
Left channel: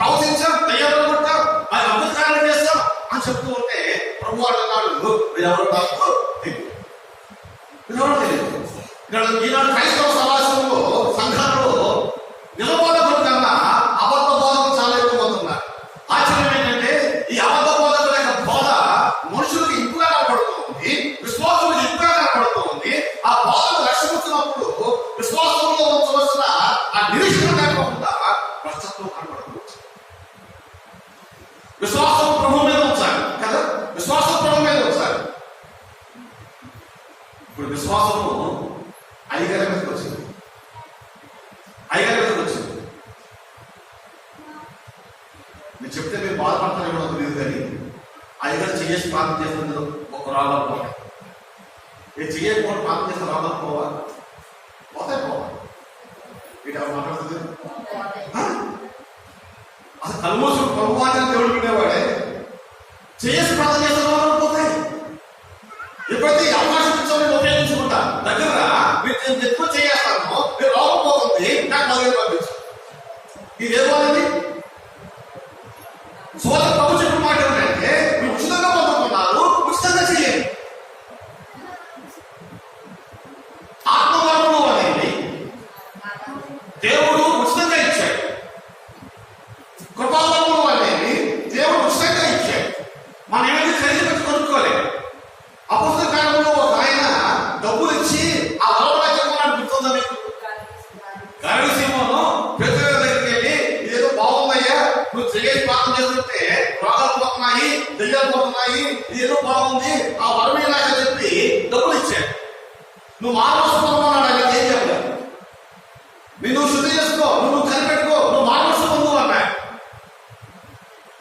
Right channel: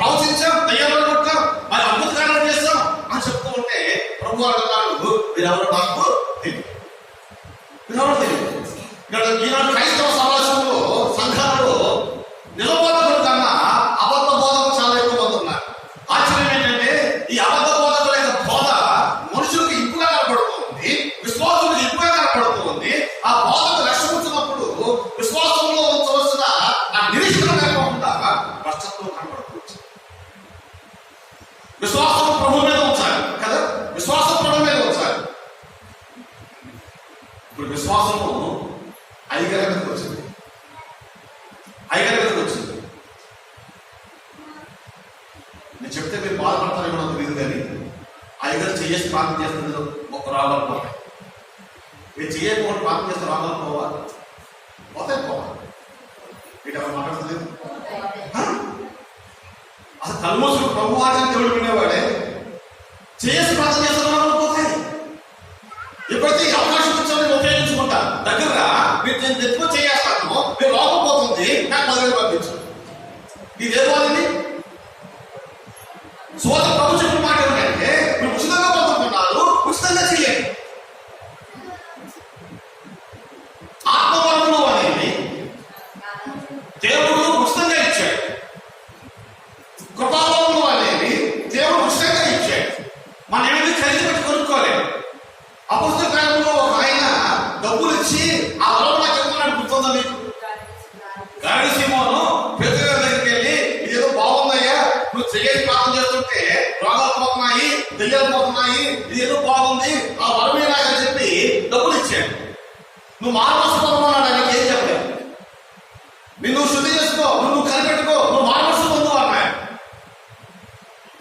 ప్రవచించాం, దయ్యాలు కొట్టాం, మరి అద్భుతకార్యాలు చేస్తాం అని చెప్తూ ఉంటే ప్రభు అంటున్నాడు, మీరెవరో నాకు తెలియదు. మీరెవరో తెలియదు. ఇక్కడ ఈనాడు క్రైస్తవ సమాజంలో సంఘాలలో నిజబోధకుల కన్నా అబద్ధ బోధకులు చాలా ఎక్కువ మంది ఉన్నారు. ఆశ్చర్యం ఏంటంటే ఈ అబద్ధ బోధకుల యొక్క బోధ మనుషులకు ఇంపుగా కనపడుతుంది, విశ్వాసులకు ఇంపుగా కనపడుతుంది. ఆ బోధకు లక్ష్యమిచ్చినప్పుడు విశ్వాసంలో ఉంచవలసిన ఆ నిరీక్షణ లేకుండా భ్రష్టత్వం కనపడుతుంది. విశ్వాసం ప్రభు మీద ఉంచాలి కదా, విశ్వాసం ప్రభు మీద ఉంచాలి. ఇప్పుడు విశ్వాసము ఐగరగతికి వచ్చింది. ఐగరగతికి వచ్చింది. నేను చెప్తే మీరు బాధపడతారేమో నాకు తెలియదు కానీ ఐగర్ చేసి ప్రార్థన చేస్తుంది ఒక రావాలి పోవాలి. మీరు చేయకపోవడం ప్రార్థన చేస్తే రావాలి పోవాలి, పోతే పోవాలి. వీటి ఎవరు మాట్లాడుతుంది? అసలు తలమోసుడు ప్రభు ఆచారం దేవుడు వినేవాడే చేసి ప్రార్థన చేస్తే రావాలి పోతాయి. ఎప్పుడైతే అవకాశం ఇచ్చామో ఉపయోగించుకుంటా దగ్గర మీరు ఎక్కువ చేస్తాను, మీరు లోపం పోతుంది, నాకు 10,000 పంపించు. ఇది ఏం వాళ్ళది? సోద ప్రభు చెప్పిన మాట ఏంటంటే, మీరు ఉచితంగా పొందుతున్నారు, ఉచితంగా చేయండి. ఆత్మవరములు అనేది దేవుడు ఉచితంగా ఇచ్చాడు. కృపావరములు అనేది దేవుడు ఉచితంగా ఇచ్చాడు. మనం ఏమైనా ఖరీదు పెట్టి కొనుక్కోలేదు. అపొస్తలుల కాలంలో ఒక ఆయన డబ్బులు ఇచ్చి ఆ వరం చెప్పమన్నాడు. గుర్తుందా మీకు? గాడి సీమోను పేతురు దగ్గరికి వెళ్ళి, ఇదేదో బాగుందయ్యా, నువ్వు చేసి ప్రార్థన చేస్తుంటే రోగాలు పోతున్నాయి, దెయ్యాలు పోతున్నాయి, ఇది ఏదో బాగుంది, ఆ వరమే నాకని చెప్పి డబ్బులు ఇచ్చాడు. నువ్వు మానవసు పొందమన్నాడు. ఆయనకి ఏం చెప్పలేదు. నువ్వు శుద్ధి చేసుకో, నువ్వు కనిపెట్టుకో, నువ్వు మానవసు పొందు అన్నాడు.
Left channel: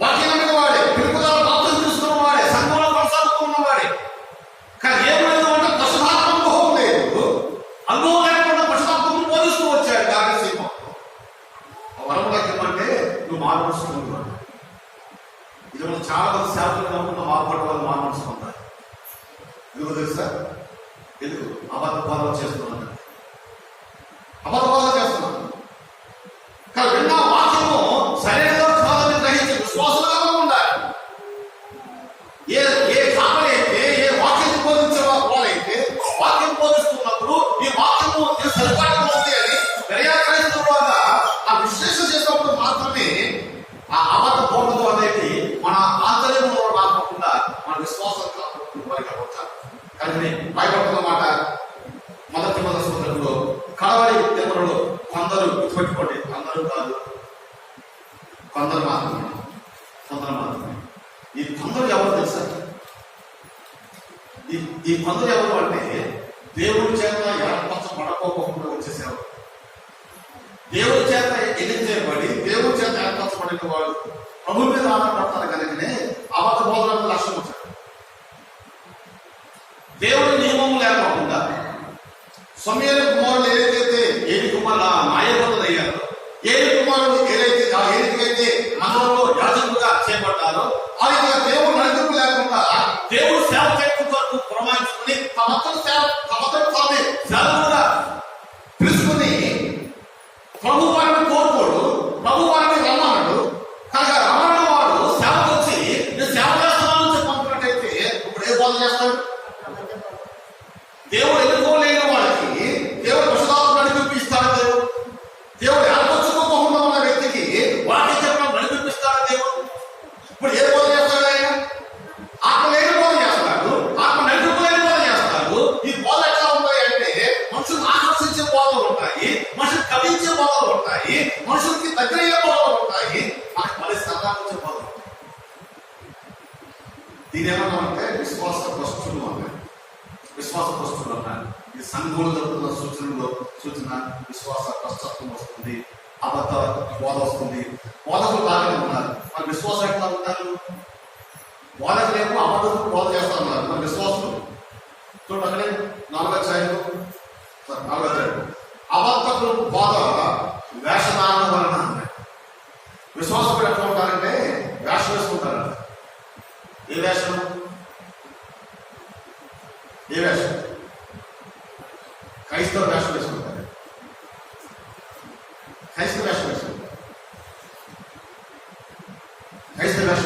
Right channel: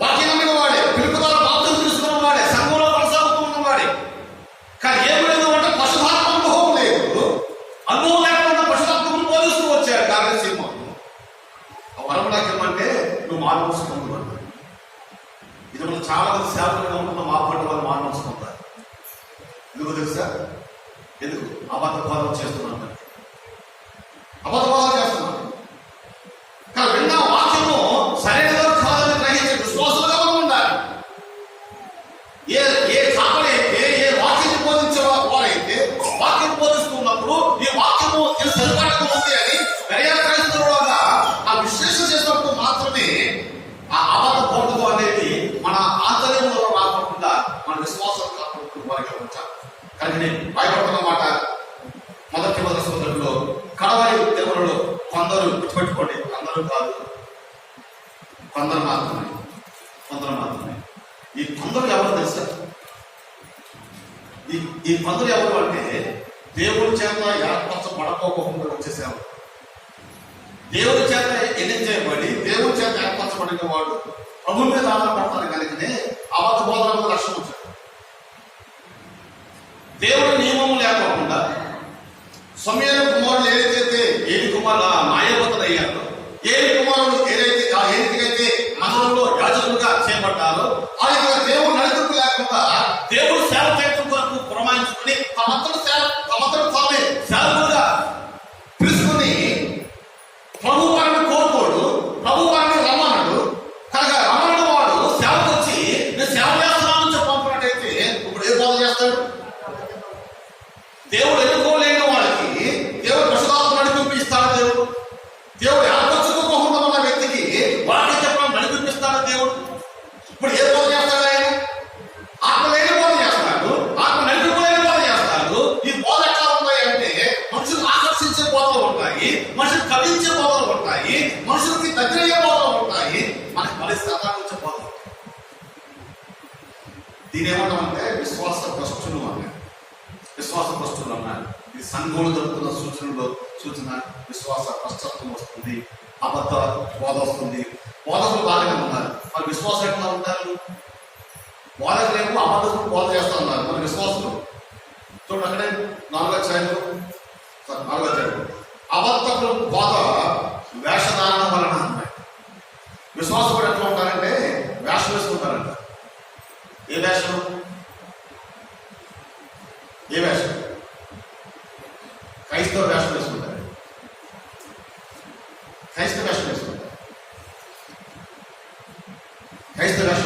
వాక్యం నమ్మిన వాడే, పిలుపుదారు బాప్తిసం తీసుకున్న వాడే, సంఘంలో కొనసాగుతున్న వాడే. కానీ ఏం లేదు అంటే పశుధాత్మ అనుభవం లేదు. అనుభవం లేకుండా పశుధాత్మను బోధిస్తూ వచ్చాడు కార్యసీమ. వరం లక్ష్యమంటే నువ్వు మానవసు పొందు అన్నాడు. ఇది మనం చాలా మంది సేవకులుగా ఉంటున్న మార్పడ వాళ్ళు మానవసు పొందారు. ఎందుకు తెలుసా? ఎందుకు? అబద్ధ బోధన చేస్తున్నాను, అబద్ధ బోధన చేస్తున్నాను. కానీ విన్న వాక్యము సరైనదో కాదని గ్రహించే విశ్వాసులుగా మనం ఉండాలి. ఏ కాపలైతే, ఏ వాక్యం బోధించే వారైతే వాక్యం బోధిస్తున్నప్పుడు ఈ వాక్యము సరిపాటుగా ఉంది అని దర్యాక్రయిస్తున్న ఆ విశ్లేషణ చేసినప్పుడు మాత్రమే ఆ అబద్ధ బోధన అనేది మన ఆంతర్యంలో రాకుండా మన విశ్వాసం కాపాడుకునే వారిగా వచ్చారు. కానీ నేను భయపడుతున్న మాట మొదటి సోదరుల్లో కడవరి దేవుళ్ళు కొందరు గుర్తుపెట్టుకోండి, అందరూ కాదు, కొందరు మాత్రమే. ఈ కొందరు ఎవరు తెలుసా? ఈ కొందరు ఎవరు అంటే దేవుడి చేత ఏర్పరచబడకోకుండా వచ్చే సేవలు. దేవుడి చేత ఎన్నికబడి దేవుడి చేత ఏర్పరచబడిన వాడు ప్రభు మీద ఆధారపడతారు కనుకనే అబద్ధ బోధనకు లక్ష్యం వచ్చాడు. దేవుడి నియమం లేకోకుండా సమయాల కుమారుడు ఏదైతే ఏలి కుమారుడు మాయవతులు అయ్యారో, ఏలి కుమారుడు ఏదైతే మనలో యాజకులుగా చేపట్టారో ఆ యొక్క దేవుడు నడిపింపు లేకుండా దేవుడు సేవ చేయడం కొరకు పురమాయించుకుని తమతను తామే సేవకులుగా పిలుచుకుని ప్రభు వారిని కోరుకోడు, ప్రభు వారిని రమ్మన్నాడు. కనుక రమ్మన్న వాడు సేవకు వచ్చి నేను సేవ చేస్తున్నాను చెప్పి పంపినట్టయితే ఇప్పుడు ఏ బోధ చేస్తాడు? దేవుడు ఎన్నుకోలేని వాళ్ళకి దేవుడు పరిశుద్ధాత్మ నడిపింపు ఇస్తాడు. దేవుడు ఏర్పరచుకోకుండా ఉన్న వ్యక్తికి వాక్యం చెప్పడం నడిపిస్తాడు దేవుడు. ఇప్పుడు ఏ బోధ చేస్తాడు ఆయన? ఆత్మ లేని బోధ చేస్తాడు, ఆత్మ నడిపింపులేని బోధ చేస్తాడు. ఈ బోధ ఎట్లా ఉంటాయి అంటే మనుషులు ఆకర్షించే బోధలు ఉంటాయి, మనుషులు కవించే బోధలు ఉంటాయి, మనుషులకి దగ్గరయ్యే బోధలు ఉంటాయి, మనకి మళ్ళీ సదాగించే బోధలు ఉంటాయి. దీని ఏమన్నామంటే విశ్వాస భ్రష్టులు అన్నాయి. విశ్వాస భ్రష్టులు అన్నారు. ఇది సంఘంలో జరుగుతున్న సూచన విశ్వాస భ్రష్టత్వం వస్తుంది, అబద్ధ బోధ వస్తుంది. బోధకులు బాగానే ఉన్నారు, మన విశ్వాసం ఎట్లా ఉంటారు? బోధకులేమో అబద్ధకులు బోధ చేస్తా ఉన్నారు, మన విశ్వాసులు చూడండి అక్కడే 4వ అధ్యాయం అబద్ధకులు బోధ వేషధారణ వలన అన్నారు. విశ్వాసకుడు ఎట్లా ఉంటారంటే వేషం వేసుకుంటారంట. ఏ వేషం? క్రైస్తవ వేషం వేసుకుంటారు. క్రైస్తవ వేషం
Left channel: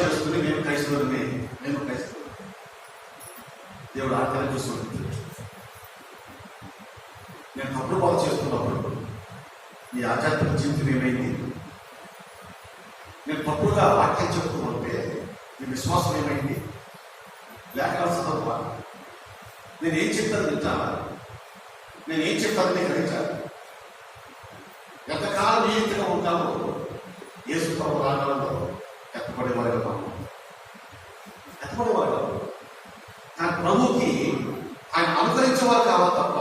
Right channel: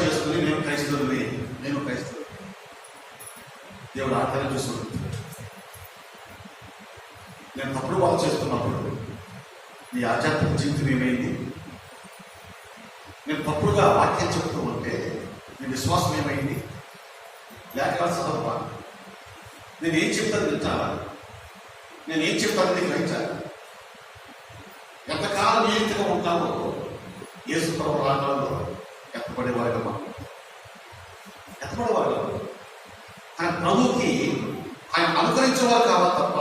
వేసుకుని నేను క్రైస్తవుని. దేవుడు ఆటలు చూస్తున్నాడు. నేను తప్పుడు బాధ చేస్తున్నప్పుడు నీ ఆధ్యాత్మిక జీవితం ఏమైంది? నేను తప్పుడుగా వాక్యం చెబుతూ ఉంటే నీ విశ్వాసం ఏమైంది? లేఖనాలు తప్ప నేను ఏం చెప్తాను వింటావా? నేను ఏం చెప్తాను నీకు గ్రహించాలి. ఎంతకాలం ఏ రీతిగా ఉంటామో యేసు ప్రభు రాకడంలో ఎత్తపడేవారుగా ఆయన ప్రభుకి ఆయన అనుకరించేవారు కావాలి తప్ప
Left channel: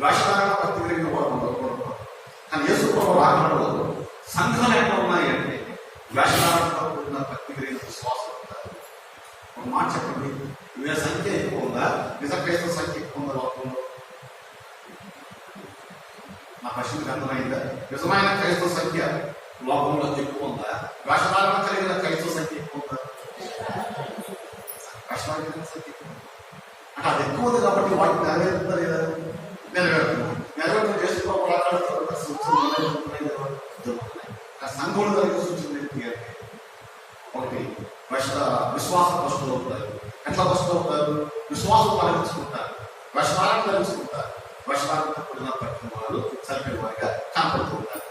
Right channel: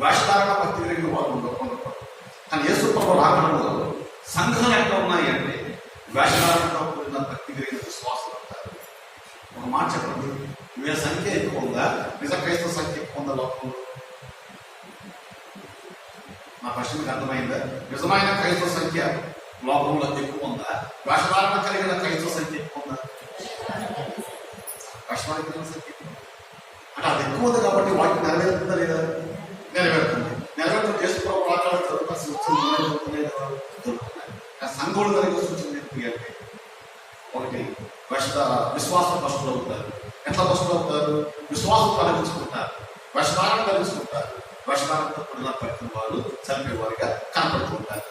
వేషధారణ భక్తి కలిగిన వారు ఉండకూడదు. కానీ యేసు ప్రభు రాకడంలో సంఘాలు ఎట్లా ఉన్నాయి అంటే వేషధారణతో కూడిన భక్తి కలిగిన విశ్వాసం ఉంటారు. ఒక మాట చెప్పండి, వీళ్ళ సంఖ్య ఎక్కువ ఉందా? నిజ క్రైస్తవ సంఖ్య ఎక్కువ ఉందా లోకంలో? నా ప్రశ్నకు అర్థమైందా? నిజమైన క్రైస్తవ సంఖ్య లోకంలో ఎక్కువ ఉందా? వేషధారణ కలిగిన క్రైస్తవ సంఖ్య ఎక్కువ ఉందా? వేషధారణ కలిగిన సంఖ్య అంటే అది ఎక్కువ ఉంది కాబట్టి వాటిని నెరవేరుతుందా లేదా? నెరవేరుతుంది చేసుకోవాలి. మాట్లాడుతారు సంఘులు కలిగిన సూచన ఏంటి అంటే ఒకటి విశ్వాస భ్రష్టులు అవుతారు. ఎట్లా భ్రష్టులు అవుతారు? విశ్వాసం కలిగించుకుంటారు, వేషధారణ కలిగించుకుంటారు, వేషధారణతో కూడిన పట్టిన వాళ్ళు చనిపోయేవారిగా కనపడుతుంటారు.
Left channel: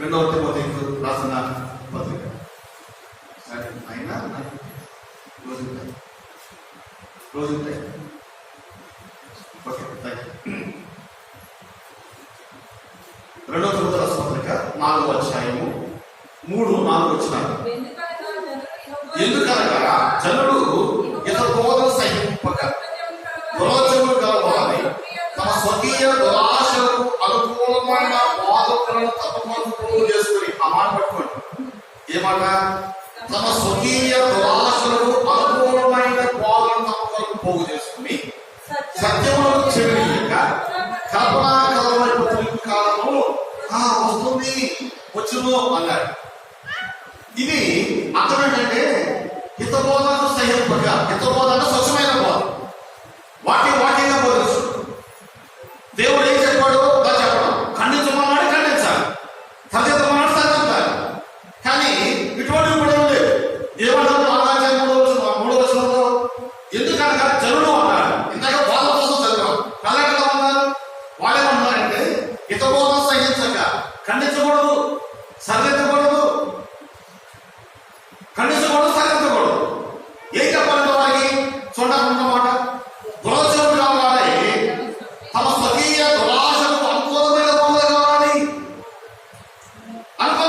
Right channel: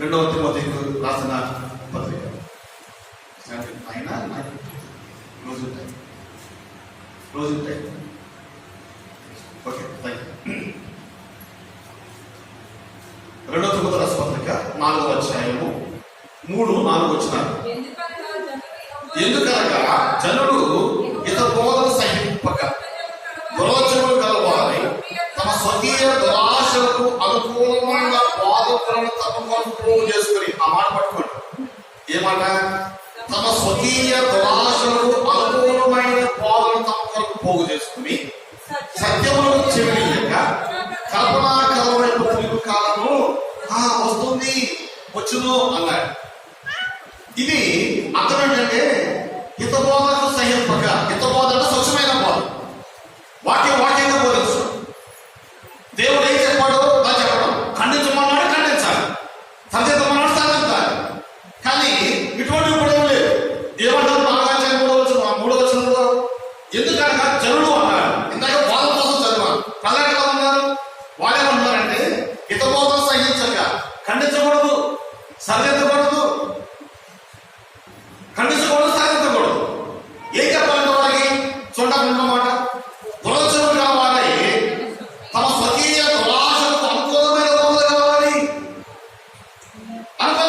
2వ తిమోతికి రాసిన పత్రిక అయినా రోజు ఉంటాయి. Okay, thank you. 2వ తిమోతి రాసిన పత్రిక 4వ అధ్యాయము 3-4 వచనాలు. ఎందుకనగా జనులు ఇతర బోధన సహింపక దురాచరణలు కలవాలి, తమ స్వకీయ దురాశలకు అనుకూలమైన బోధకులను తమ కొరకు పోగు చేసుకుని. ఆ మాట పట్టుకోండి. ఏమాట? తమ స్వకీయ దురాశలకు అనుకూలమైన బోధనను తమ కొరకు పోగు చేసుకుని సత్యములను చెవియక కల్పనా కలవైపు తిరుగు కాలము వస్తుంది, వచ్చును అన్నాడు. ఇది అర్థం ఏంటంటే హితబోధకు సహింపక. హితబోధ అంటే స్వచ్ఛమైన బోధ, వాక్యంగా బోధించు. దేవుడు ఏం చెప్పాడు దా చెప్పడం, ఖండించమన్నాడు ఖండించాలి, సరిదిద్దమన్నాడు సరిదిద్దాలి. కానీ ఇటువంటివి కూడా లేదు. ఏమంటారు 4వ వచనంలో? ఎందుకనగా జనులు అన్నారు. ఇందాక బోధ కోసం చదివారు. ప్రజలు ఎట్లా ఉన్నారు? వాళ్ళు ఏమంటున్నారంటే హితబోధ సహించక, ఖండించకూడదు, సరిదిద్దకూడదు, సరిదిద్దకూడదు. ఏం చెప్పాలంటే వారికి చూడకుండా మాట దురాచరణలు కావాలి, తమ స్వకీయ దురాశలకు అనుకూలమైన బోధ కావాలి. అనుకూలమైన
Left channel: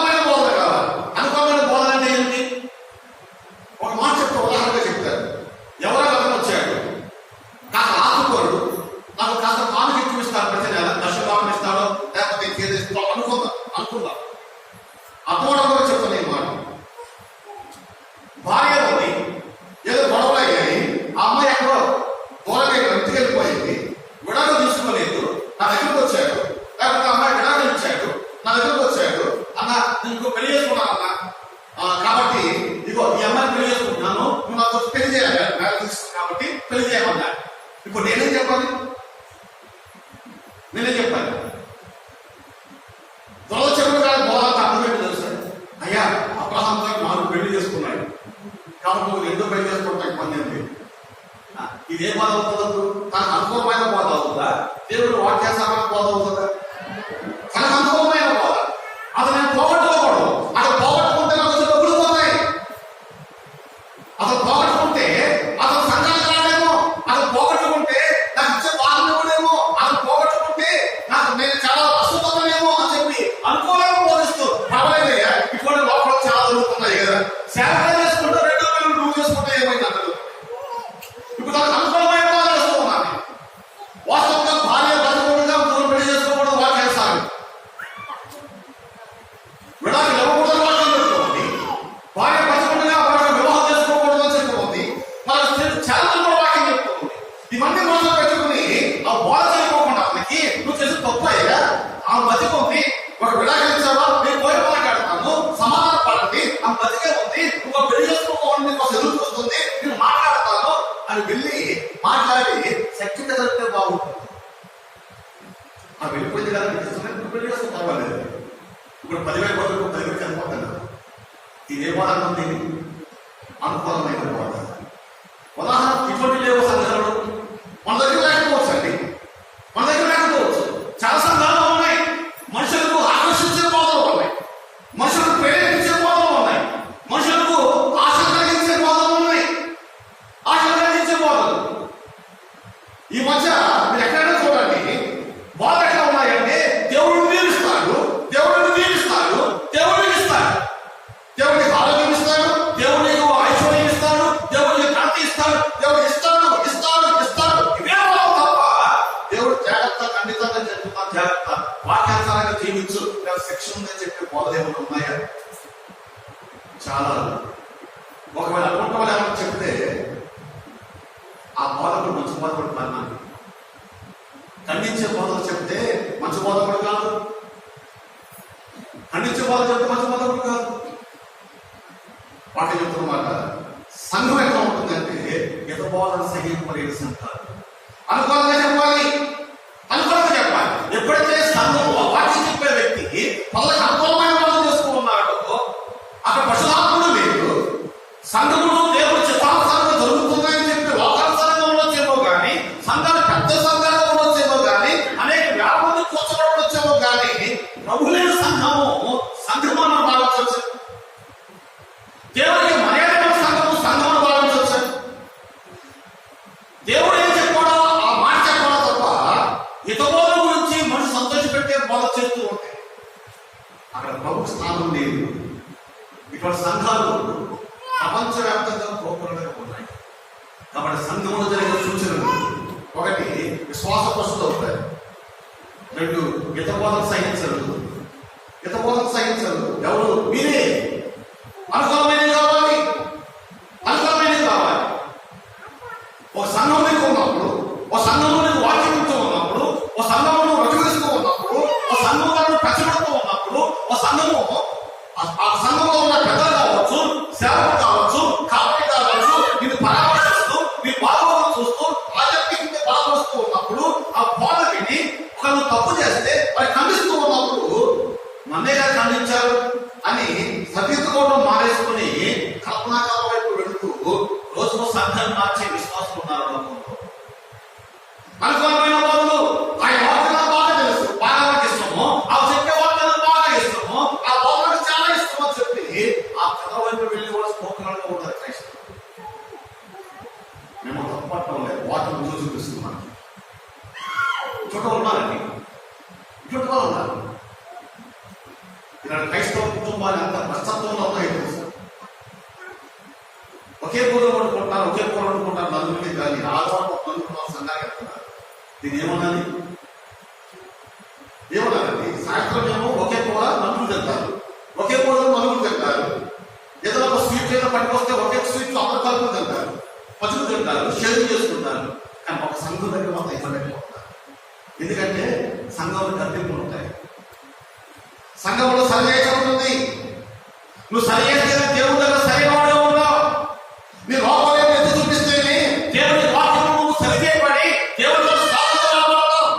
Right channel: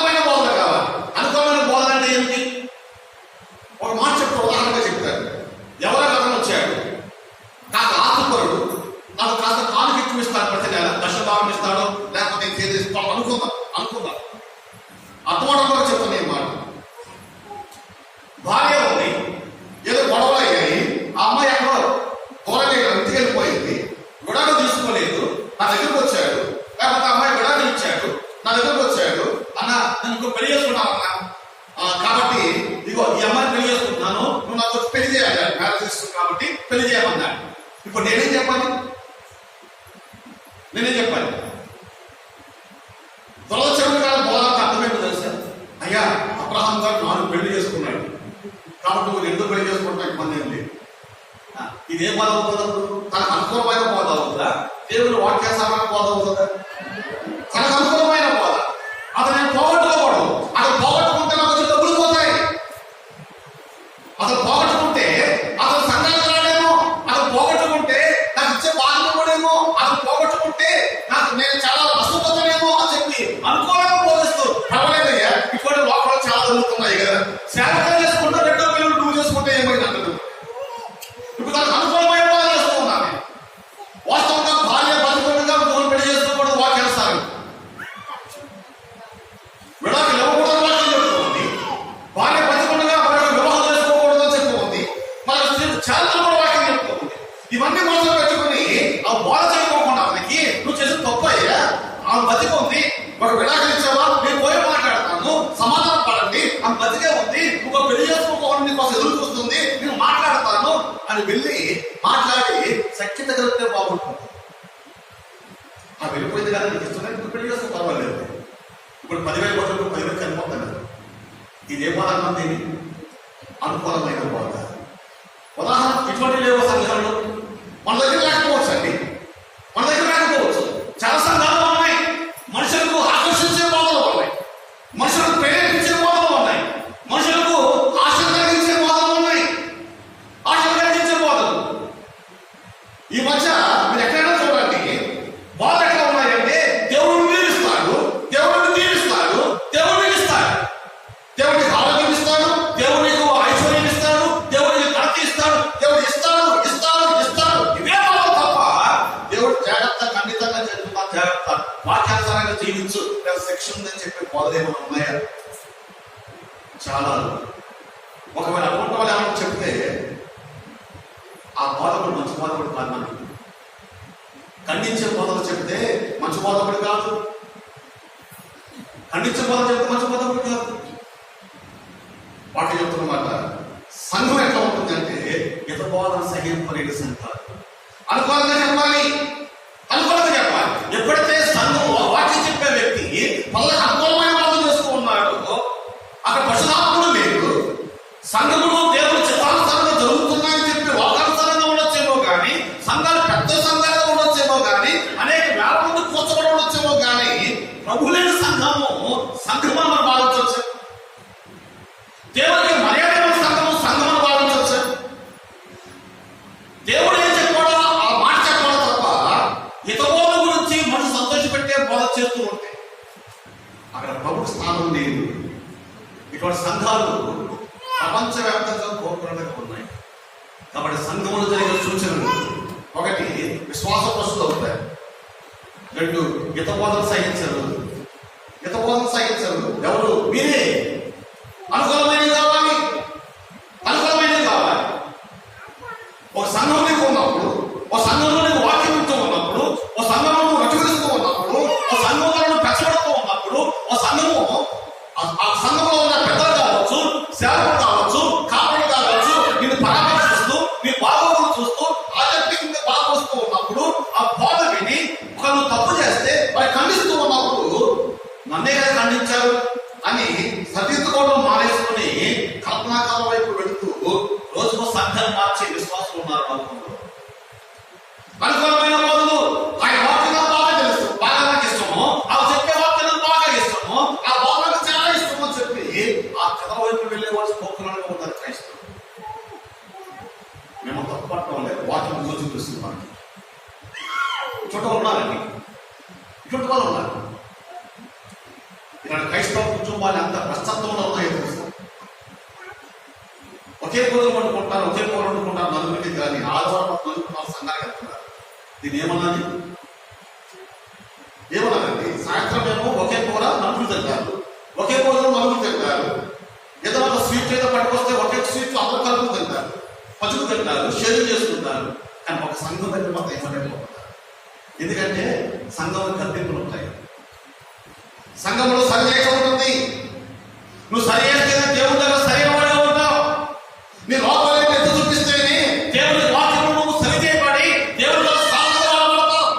అన్న నేను ఇంకో పెళ్లి చేసుకున్నాను అన్న, కాబట్టి ఇగో ఈ అమ్మాయిని పెళ్లి చేసుకుంటున్నాను, నువ్వు నాకు వచ్చి పెళ్లి చేయాలి, మ్యారేజ్ చేసుకున్నాను కాబట్టి పెళ్లి చేయమన్నా. ఇప్పుడు నేనేం చెప్పాలి? త్వరలో చెప్పిన కాదు బోధానికి అర్థమేంటో తెలుసా? అయ్యా అబ్రహాం గారు 4 పెళ్లి చేసుకున్నాడు కాబట్టి నువ్వు ఎందుకు పెళ్లి చేసుకుంటా ఇబ్బంది ఏం లేదు. ఇదే బాధ అవుతుంది, తనకు అనుకూలమైన బాధ అవుతుందా, దేవుడు వాక్యాసారమైన బాధ అవుతుందా? తనకు అనుకూలమైన బాధ. అతను నేను పోగొట్టుకోకూడదు. అతను పోగొట్టుకుంటే నాకు వచ్చి డబ్బులు పోతాయి. అతను పోగొట్టుకుంటే అతను సంఘానికి రాడేమో, అతను పోగొట్టుకుంటే నాకు ఇచ్చే బాధ కూడేమో, అతను పోగొట్టుకుంటే నాకు నేను చాలా అశుభతనేమో అని చెప్పి అనుకూలంగా బోధిస్తూ పర్వాలేదయ్యా. ఇటువంటి లోపల చాలా జరుగుతున్నాయి కదా, శాంతం చేసుకుంటే 2 పిల్లలు 2 చేసుకుంటే ఏమైంది అంటారు. ఇప్పుడు దానికి అనుకూలమైన బాధ చేస్తూ ఉన్నాను. వాస్తవంగా భార్య బతుకుండగా మూడు పెళ్లి చేసుకోకూడదు వాక్యాసారం, విడాకులు ఇవ్వకూడదు వాక్యం చెప్పుకోండి. భార్య బతుకుండగా మరొక వివాహం చేసుకోకూడదు అని చెప్పుకోండి. మన చారిత్ర కూడా వాక్యం చెప్పుకోండి. ఇవన్నీ మోసం పెట్టుకుని ఆ బోధ చేయకోకుండా మనకి నువ్వు చేసిన తప్పు అయ్యా, ఆమె బతికుంది, ఒక విడాకులు ఇచ్చావా, నేను పోయి మాట్లాడతాను, సమాధానం పడండి, ఆమె బతికే ఉంది, నువ్వు పెళ్లి చేసుకోకుండా నీకు ఎదురు చూస్తుంది, నేను మాట్లాడతాను అని వెళ్ళి మాట్లాడి సఖ్యత కలిగితే బాగుంటుంది. ఆ వెళ్ళిపోయింది కదా, నీకు ఇష్టమైన పెళ్లి చేస్తే పర్వాలేదు. ఇప్పుడు 10,000 బదులు 10,000 చనిపోతాను. ఇదే బాధ అన్నది అనుకూలమైన బాధ. ఉదాహరణ ఇటువంటి లేవు సంఘాలు మన దగ్గర లేకపోవచ్చు అండి, మన దగ్గర లేకపోవచ్చు. చాలా సంఘాలు ఉన్నాయి, మనుషులకు ఆకర్షించే బాధలు ఉన్నాయి, మనుషులకు ప్రేరేపించే బాధలు ఉన్నాయి, మనుషులకు ఆశలు కలిగించే బాధలు ఉన్నాయి, ఆశలు కలిగించే బాధలు. ఈ మధ్య మీరు ఎక్కడైనా చూడండి, బాధలు ఎట్లా ఉన్నాయంటే దేవుడిని దీవిస్తాడు, దేవుడిని దీవిస్తాడు, దేవుడిని ఇస్తాడు, దేవుడికి ఆరోగ్యం ఇస్తాడు, దేవుడికి ఐశ్వర్యం ఇస్తాడు, దేవుడికి కాంతి ఇస్తాడు, దేవుడు ఇస్తాడు ఇస్తాడు ఇస్తాడు. ఇవే బాధలు తప్ప దేవుడు జాగ్రత్త, ఖండితంగా చెప్తున్నా జాగ్రత్త, వాక్యానుసారంగా జీవించు, శిక్ష ఉందని చెప్పి బోధలు ఏమైనా ఉన్నాయా? చాలా. ఒకవేళ అటువంటి వాళ్ళు ఏమైనా చెప్తే ఆ బోధకుడు మంచి బోధకుడు కాదు. ఖండించే బోధలు చెప్తే మంచి బోధకుడు కాదు, ఖండించే బోధలు చెప్తే మంచి బోధకుడు కాదు. వాటి చెప్తున్నమాట సంఘం ఎట్లా ఉంటుందంటే ఇత బోధన సహింపలేని సంఘాలు. అనుకూలంగా చెప్పాలి, అనుకూలంగా చెప్పాలి. ఎప్పుడైతే సంఘం వాక్యం చెప్పే వ్యక్తి వాళ్ళకి అనుకూలమైన బోధన చేస్తూ ఉన్నాడో అక్కడ పశుధాత్మలు లేదు, సంఘములు దేవుడు చిత్తానుసారంగా జరుగుతున్నాయని చెప్పి వాకానుసారంగా ఉండొచ్చేమో కానీ, సంఘాలు పెద్ద సంఘాలుగా ఉండొచ్చేమో కానీ, అనేక వేల మంది కూర్చోబడి ఉండొచ్చేమో కానీ, ప్రభు లేని సంఘము సంఘమని భావించవచ్చు. దేవుడికి మర్యాద సంఘము సంఘమని భావించవచ్చు. దేవుడు ఏం చెప్పాడో ఆ మాట చెప్పాడో తప్ప ఇతరుల గురించి మనసు సంతోషపెట్టే బోధ చేస్తూ ఉంటాయి. అక్కడ ప్రభుత్వ స్థానం లేదు. ఇటువంటి సంఘాలు ప్రపంచవ్యాప్తంగా కోపంగా ఉన్నాయి. కాబట్టి సంఘంలో జరిగే సూచనలు 1 విశ్వాస ప్రస్తుతం అవుతాయి, 2 హితబోధన సహించరు. హితబోధన సహించరు ఎవరు? మీరే. అనుకూలమైనది కావాలి, అనుకూలమైనది కావాలి. ఒక సంఘంలో ఉన్నప్పుడు, ఒక సంఘంలో వాక్యంతో ఉన్నప్పుడు, ఒక సంఘంలో రచగిస్తూ ఉన్నప్పుడు, ఒక సంఘంలో పెంచబడుతూ ఉన్నప్పుడు, ఒక సంఘము ఆ సంఘంలో ఉన్న పెద్దలు కావచ్చు, సేవకులు కావచ్చు, కాపరి కావచ్చు, నిన్ను పరామర్శిస్తూ నీ బాగోగులు చూస్తూ ఆధ్యాత్మికంగా బాధపడుతూ ఉన్నప్పుడు ఆ బాధ విని ఒకరు తప్పు చేస్తే వారి ఖండిస్తూ ఉన్నప్పుడు నన్నే కదా ఖండించారు అని సరిదిద్దుకోవడం మానేసుకుని కల్పనాకాలం వైపు వెళుతూ రోజుకు సంఘాన్ని మార్చే విశ్వాసులు ఉన్నారు లోకంలో. అనుకూలమైన బదులు ఆయన వాక్యం బాగా తెలుసు, బాగా నాకు ఇష్టము, ఆ చెప్పే వాక్యం బాగా ఇష్టము, ఆ బోధనకు చాలా ఇష్టం అని చెప్పి ఆ కథ వైపు వెళ్ళే వాళ్ళు స్పోకరంగా ఉంటారు క్రైస్తవులు. మేము తప్పట్టడం లేదు, వాక్యం రుచి చూస్తున్నాం. చుట్టూ ఉన్నారండి, చుట్టూ వాళ్ళు ఉన్నారు. ఇలాంటి క్రైస్తవ కుటుంబాలు అంత ప్రస్తుతంలో ఉన్నాయో తెలుసు. ఒకే కూరలు వండుకుంటారు, ఒకే కూర వండుకుంటారు నలుగురికి, కానీ ఆధారం నలుగురు సంఘానికి వెళ్తున్నారు. దీన్ని ఏమన్నది? ఏమన్నారండి? సాయంత్రం ఏమో ఒకే కూర నలుగురు తింటారు, ఒకే కూర నలుగురు తింటారు. ఏదో ఒక స్వీట్ ఏదో పట్టుకొస్తే ఒకే స్వీట్ అందరూ కలుపుకు తింటారు, పచ్చుకు తింటారు, షేర్ చేసుకుంటారు. కానీ ఒక సంఘం దగ్గర మాత్రం ఇవ్వలేకపోతారు. ఎందుకంటే సంఘంలో కర్తింపులు ఉంటాయి, సంఘంలో సర్వేశం ఉంటుంది, నువ్వు సరి చేసుకెళ్ళి దేవుడి దగ్గర సరైన వాడిగా ఉంటావు. నీ లోపలే ఎత్తు చూపిస్తేనే దేవుడి వాక్యం నువ్వు సరి చేయబడి దేవుడి దగ్గర సాధనవుతావు.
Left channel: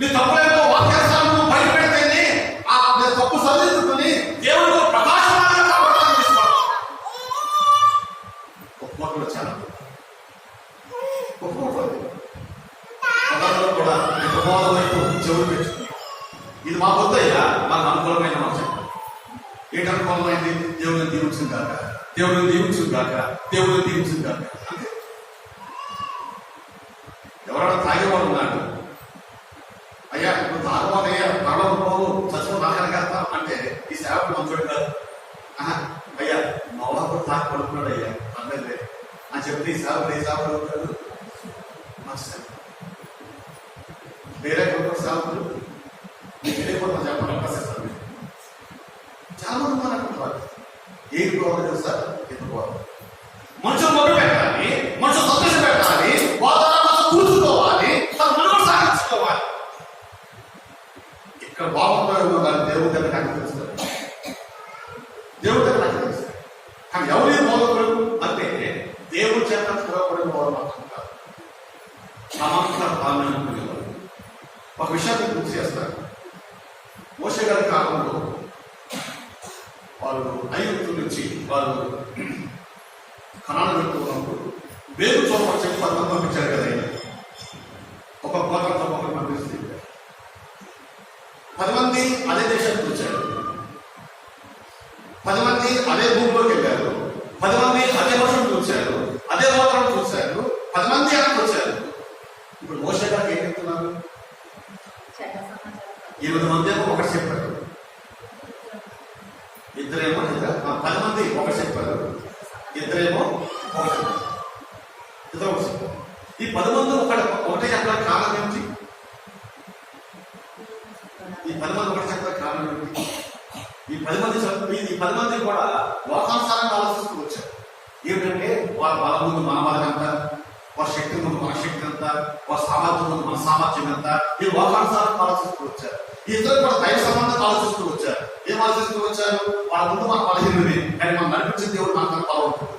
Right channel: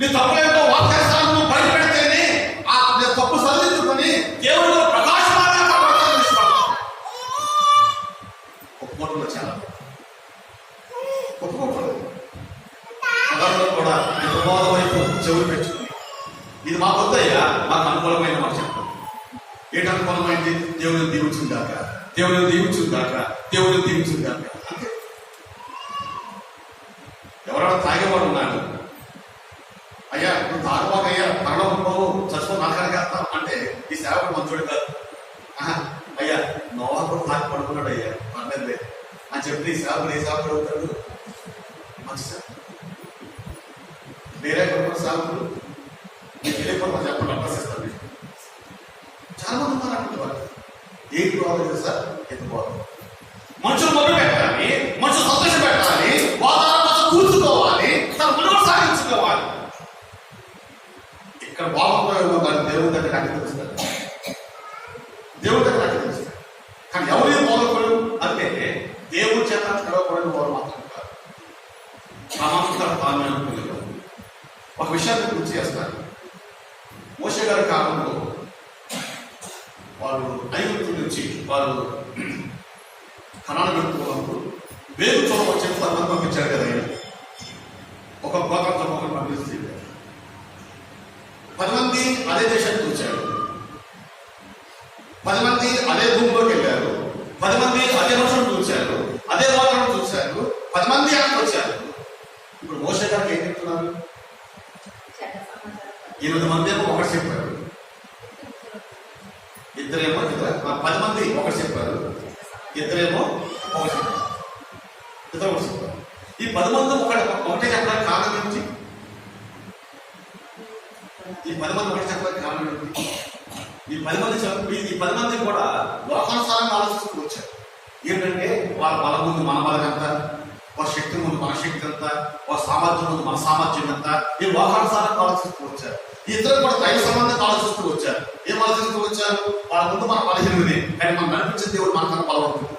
నీ తప్పులేంటో వాక్యాన్ని నువ్వు బయటపెడితేనే ఆ తప్పు సరిదిద్దుకొని దేవుడు ప్రకాశమానంగా కాపాడుతాడు. ఒప్పుకోవడంలో చాలా ఒప్పుకోవట్లేదు. పొలంలో కూడా ఈ ప్రమాదం వైపు చెవులు పెట్టుకుని ఇది మాకు వద్దయ్యా, నాకు అనుకూలమైన మాట చెప్పాలి. ఏంటి అనుకూలమైంది? దేవుడిని దీవించును గాక, దేవుడిని దీవించును గాక, దేవుడిని దీవించును గాక. అంతే. ఎవరైనా తాగేవాడు ఉన్నాడు, అయ్యా నువ్వు తాగవాకయ్యా త్వరలో పోవు చచ్చుకో నాకనగా అంటే ఈ సేవకుడు మంచోడు కాదు. అయ్యా నోవా కూడా తాకి పడుకున్నాడు అయ్యా పర్లేదులే అని చెప్పి ఈ సేవకుడు అవుతాడు. మంచి వేరే కొడుకు సేవకుడు నీకు వెళ్ళిపోతాం చెప్పండి అభ్యసిస్తాను. చాలా మంది మాట్లాడుతున్నారు. ఏంటి బాగుంది తెలుసా? ఎత్తుకోవాలి, మనుషులు మొదలు పెట్టాలి, మనుషులు సందేశం పెట్టాలి, వాతావరణం కూర్చుకోవాలి, తన మనుగడ సాగించుకోవాలి. ఇక్కడ బాగుపోయేమో కానీ దేవుడి దగ్గర నాకు తెలుస్తుంది, దేవుడి దగ్గర నాకు తెలుస్తుంది. కానీ ఎవరైనా బాగుపడు అంటే దేవుడి చేత పిలవబడిన వారు మాత్రం కాదు, ప్రామాణిక పాలన. ఒక విషయాన్ని గుర్తు చేస్తారు. మోషే గారి కాలంలో వాళ్ళు ఐగుప్తు నుంచి వాళ్ళు కనాను పెట్టుకున్నప్పుడు వేరు చోట చెప్పి అన్నం పంపించారు కదా. ఆయన ఒక గోత్రంతో ఒకరు పంపిస్తుంది. 10 మంది అదే దేశానికి వచ్చారు, 10 మంది అదే భూమిలోకి వెళ్ళారు, 10 మంది అదే వర్షం చూశారు, అదే వాతావరణం చూశారు, 10 మంది అక్కడికి వచ్చారు. ఇప్పుడు మోషే గారికి ఏం చెప్తున్నారు? 20 మంది ఏమో ఒకటి చెప్పారు, ఇద్దరేమో 10 మంది ఒకటి చెప్పారు, ఇద్దరేమో ఒకటి చెప్పారు, ఇద్దరు ఒకటి చెప్పారు. ఈ 10 మంది ఒకటే చెప్పడానికి కారణం ఏంటి? ఈ 10 మంది ఒకటి చెప్పడానికి కారణం ఏంటి? ఈ 10 మంది కూడా లోకానుసారంగా ఆలోచిస్తూ వచ్చారు. ఏమిటంటే వాళ్ళ ముందు మన బలం ఎంత, వాళ్ళ శక్తి ముందు మన శక్తి ఎంత, వాళ్ళ సామర్థ్యం ముందు మన సామర్థ్యం ఎంత, ఈ లోకానుసారంగా ఆలోచిస్తూ వచ్చారు. ఇద్దరు కూడా దైవ సంబంధం ఆలోచిస్తూ వచ్చారు. ఏం ఆలోచిస్తూ వచ్చారు? వాళ్ళ ముందు మన బలహీనమే, కానీ మనం నడిపించే దేవుడు మనకన్నా బలవంతుడు.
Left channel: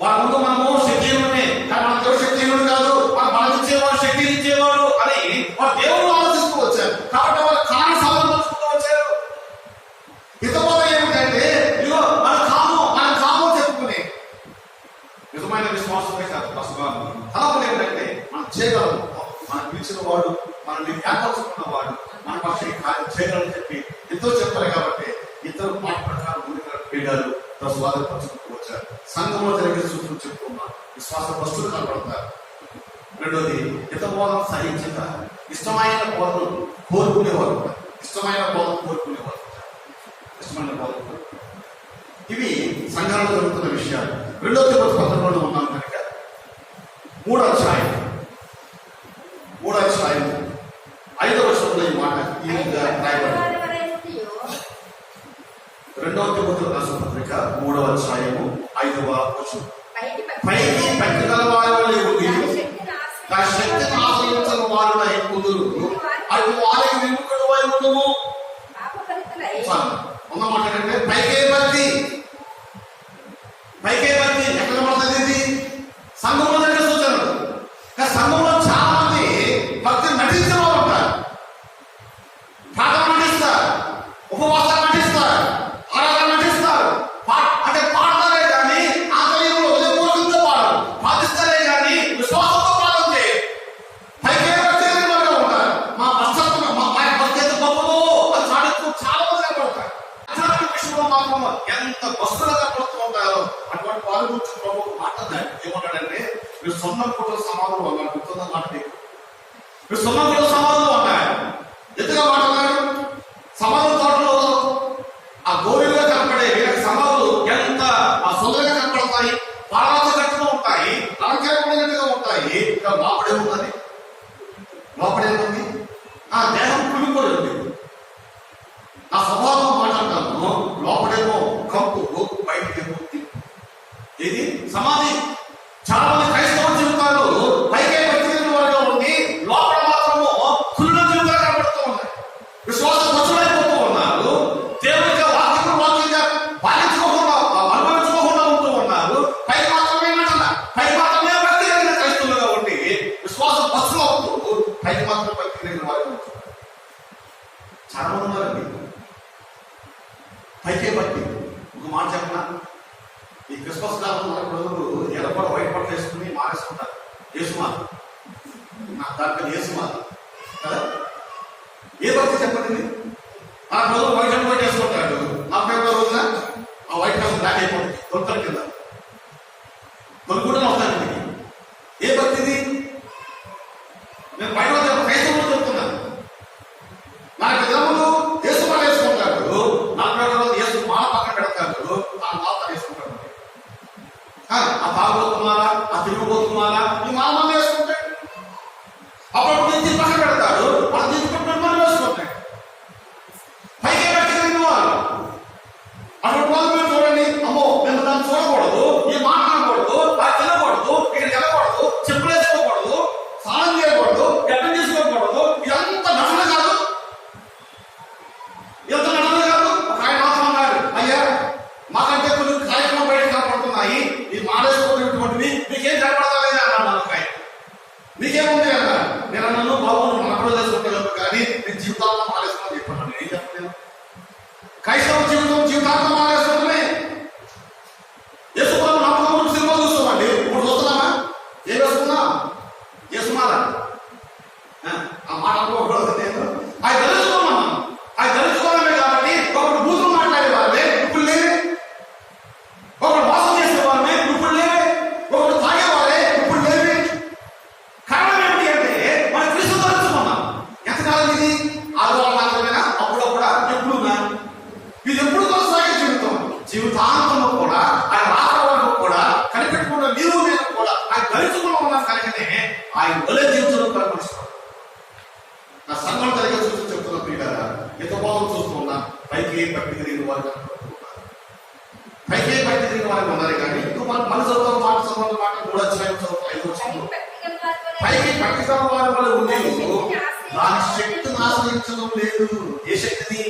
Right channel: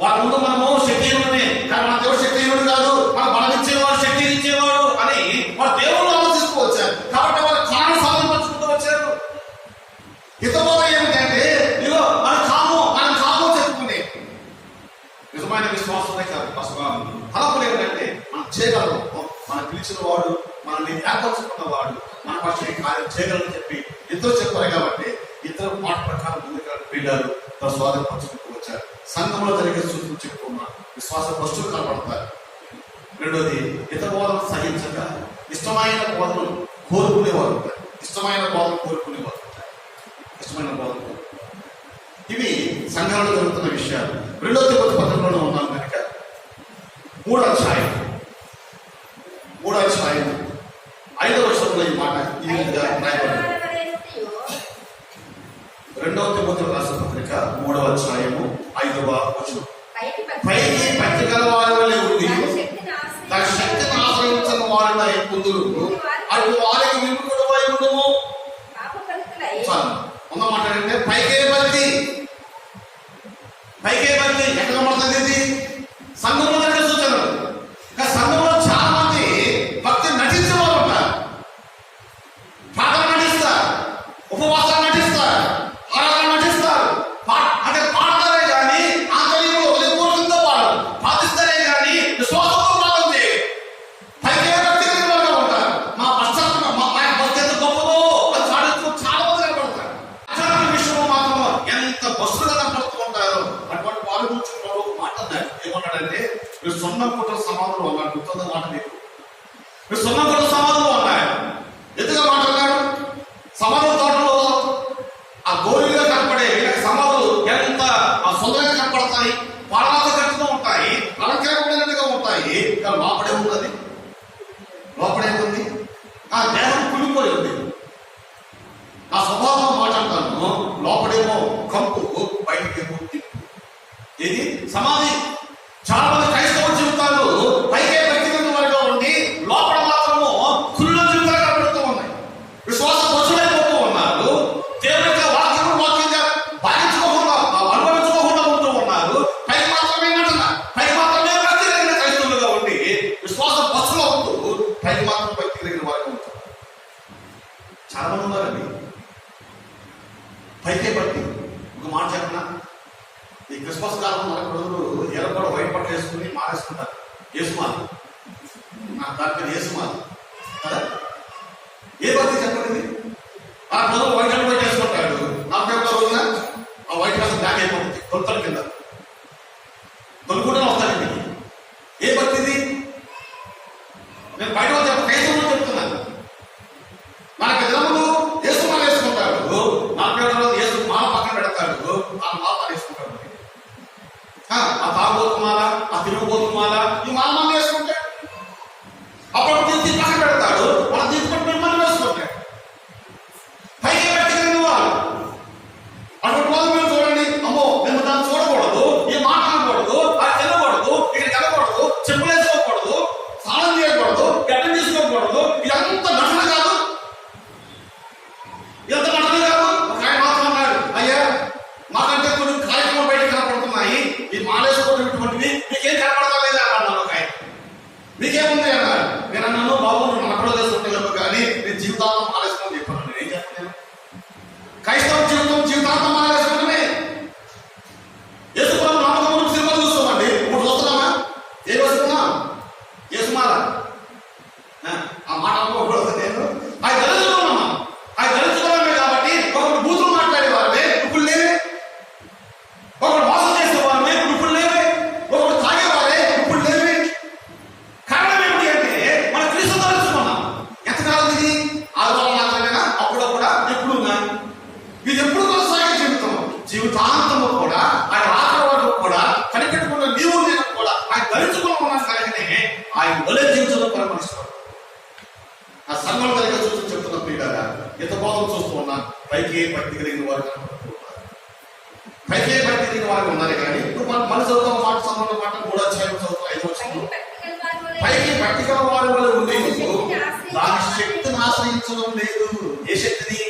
వాళ్ళ ముందు మనము శక్తిహీనమే, కానీ మన దేవుడు శక్తిహీనుడు కాదు, మన బలం ఇచ్చేవాడు, శక్తి ఇచ్చేవాడు అని వాళ్ళ దేవుడు ఆలోచిస్తూ వచ్చారు. కాబట్టి వాళ్ళు కారణ సాధన పంచుకుంటూ వచ్చారు. హితబోధ ఏమిటంటే ఇదిగో మనం కాము చెప్పుకునే నిజమైన విశ్వాసమే కాదు. తలపులు ఏంటంటే మనం చేయగలము, మనం పిలిచిన వాడు, మనల్ని ఏర్పరచుకున్న వాడు మన పక్ష కార్యం చేయగలని చెప్పి ఇద్దరు చెప్పారు. కాబట్టి ఇద్దరు మాట ప్రకారం ముందుగా పీడారు స్వాగతపరచుకుంటూ వచ్చారు. సంఘంలో జరిగే సూత్రం చెప్పుకున్న విశ్వాస వస్తువులు కనబడతారు. రెండోది హితబోధన సహించక ఇష్టమైన బోధనలు కోరుకునేవారు ఉంటారు. ఇష్టమైన బోధన కోరుకునేవారు ఉంటారు. ఇష్టమైన బోధన ఇవి సంఘాలలో జరుగుతున్న విషయాలు. 2వ తిమోతి పత్రికలో ఉన్నాం కనుక 3వ అధ్యాయం 5వ వచనంలో ఈ మాట ఈ విధంగా రాయబడింది. 2వ తిమోతి రాసిన పత్రిక 3వ అధ్యాయము 5వ వచనం. పైకి పట్టి గల వారిలో ఉండి తన శక్తిని ఆశ్రయించిన వారిలో ఎక్కుదురు, అటు వారికి విముఖుడవై ఉండుము. ఉన్నమాట అంటే పైకే భక్తి ఎక్కడ పడుతుంది? సంఘంలో దగ్గర సూచనలు. సంఘంలో చాలా మంది భక్తి నటించిన వారు ఉంటారు. ప్రార్థన నటిస్తారు, ఉపవాసాలు నటిస్తారు, ఆరాధన నటిస్తారు, అంటే పాడతారే కానీ ఆంతర్యంలో హృదయపూర్వకంగా వాడు ప్రార్థిస్తారే కానీ విశ్వాసంతో ప్రార్థన చేయరు. పైకే భక్తి కలిగిన ఉంటారు. మా పశ్చాత్తం మా భక్తి ఎంత గొప్పదో అది చాటుతూ చాలా మంది కనపడతారు. ఆధ్యాత్మిక విషయంలో మాత్రం ఎంత బస్సుగా కనపడుతూ ఉంటారో అటువంటి వారి గురించి ప్రభువు మాట్లాడారు. ఏమన్నాడంటే మీరు సొంతం పుట్టిన సమాధులు అన్నాడు. గుర్తుందా మాట మీకు? మీరు సొంతం పుట్టిన సమాధులు అన్నాడు. ఎందుగా మాట్లాడాడు? సమాధుల తోటలో ఆ గోరుగా కనపడే వీళ్ళకి సమాధులు ఎంత సుందరంగా కనపడతాయి, పాలనతో కట్టుతూ ఉంటాయి, అలంకరించినట్టుగా ఉంటాయి. ఇంకా లోపడేముంది? ఆ దేహం కులిపోయింది. నా స్వభావం మాట్లాడతాను. లోపడేమో కంపు, బయటకేమో తిప్పు. ఇది సమాధి. చాలా మంది క్రైస్తవ జీవితాలు పైకే వ్యక్తిగత వారిగా ఉండి లోపల మాత్రము కుళ్ళ జీవితాలు కనబడుతూ ఉన్నాయి. విశ్వాసం వసూలైపోతూ ఉన్నారు. పైకే బట్టి ఒక మాట చెప్పనా, ఈ క్రిస్మస్ కాలం రోజులు ఎర్రపడ వైట్ పట్ల వేసుకుని మారేసుకుంటారు. యేసుమాల నాకు దాని పేరు యేసుమాల కదా. ఏ భక్తి చెప్పండి, ఆ రోజు వైట్ అంతా చేసుకుంటాడు. నా పేరు రోజున ఆ వైట్ హౌస్ బ్లాక్ అయిపోతుంది, కొలతల కింద కొనుక్కుంటూ వస్తానండి. ఏ భక్తిది? నేను బయట క్రైస్తవులు చెప్తున్నాను. నాకు దినములు యేసు మాల వేసుకుంటాడు, నా పేరు రోజు యేసు మాల పక్కన పెడతాడు, ఆ మాల వేసుకుంటాడు. ఆ తాగుబోతున్నారా, ఆ తిరుగుబోతున్నారా, ఈ మాల మనం వేసుకుంటాడు. అప్పుడు దీన్ని పక్కన పెడతాడు, మనం తీసుకుంటాడు, మనం వేసుకుంటాడు. పైకి వ్యక్తిగతంగా వాళ్ళు అటువంటి వాళ్ళు మీరు చూడండి, అమ్మో మేము దాన్ని చూడకూడదు, ఈ మాట అనకూడదు, అది తినకూడదు, ఇక్కడికి వెళ్ళకూడదు, చెప్పులు వేసుకోకూడదు, స్నానం చేయకూడదు, గడ్డం చేసుకోకూడదు. ఇదంతా నటన కాదు, ఎంత నటన కాదు. ఒక ఆయన మాత్రం అన్నాడు, అయ్యా మాకంటే కొన్ని కార్యక్రమం బయట కనపడుతున్నాయి, ఈ మాలేసుకోవటువంటివి మీకేం కనపడతలేదు అన్నాడు. ఒక ఆయన మీకేముంది అన్నారు. నేను అన్నాను, బాబు నువ్వు మనకులో చేసుకుంటాను కానీ నేను జీవితాంతం మాలేసుకోమని చెప్పాను. నేను ఏం చెప్పలేను. క్రైస్తవ జీవితాంతం మాలేసుకోవడమే. యేసుమాల నమ్మకం సినిమా చూస్తామండి, ఇప్పుడు చూస్తున్నామా? ఏం వేసుకున్నాం? యేసుమాల ఆ మాట అనుకోకూడదు. నేను అది తెలుసుకున్నామా? అది తెలుసుకోవడమే కాబట్టి ఒకడు బూతులు మాట్లాడే వాళ్ళే ఇప్పుడు లేవే, ఒకడు మోసం చేసే వాళ్ళే ఇప్పుడు లేవే, ఒకడు తాగే వాళ్ళే ఇప్పుడు లేవే. కారణం ఏమిటి అంటే మన క్రీస్తు తెలుసుకున్నాం. ఎంతకాలం ఇది? ఆదివారం మాత్రమేనా? అప్పుడప్పుడా? ఎప్పుడున్నా? ఇది ఎప్పుడు కొనసాగే జీవితం. జీవితాంతము కూడా ఆయన రాకడ వరకు కూడా కనిపెట్టుకున్న నీవు నేను కూడా ఆయన ధరించుకుని ఉన్నాను కనుకనే ఆయన వలె జీవితంలో పరిమర్శిస్తాం. నా సంఘం కలిగే చూస్తూ చెప్తున్న పీడారా, ఎంత బాధలు చూస్తూ ఉన్నా. పైకి పట్టి తిరిగిన వారు కనపడుతున్నారు, పైకి పట్టి తిరిగిన వారికి ఉన్నారు. కానీ నువ్వు మన చదువుతావు మాట చదువు మాట 3 అధ్యాయం చదువుతావు 5 వచ్చింది. పైకి పట్టిగా వారి వల్ల ఉండేది దాని శక్తిని ఆశ్రయించడం లేదు. ఏ శక్తిని?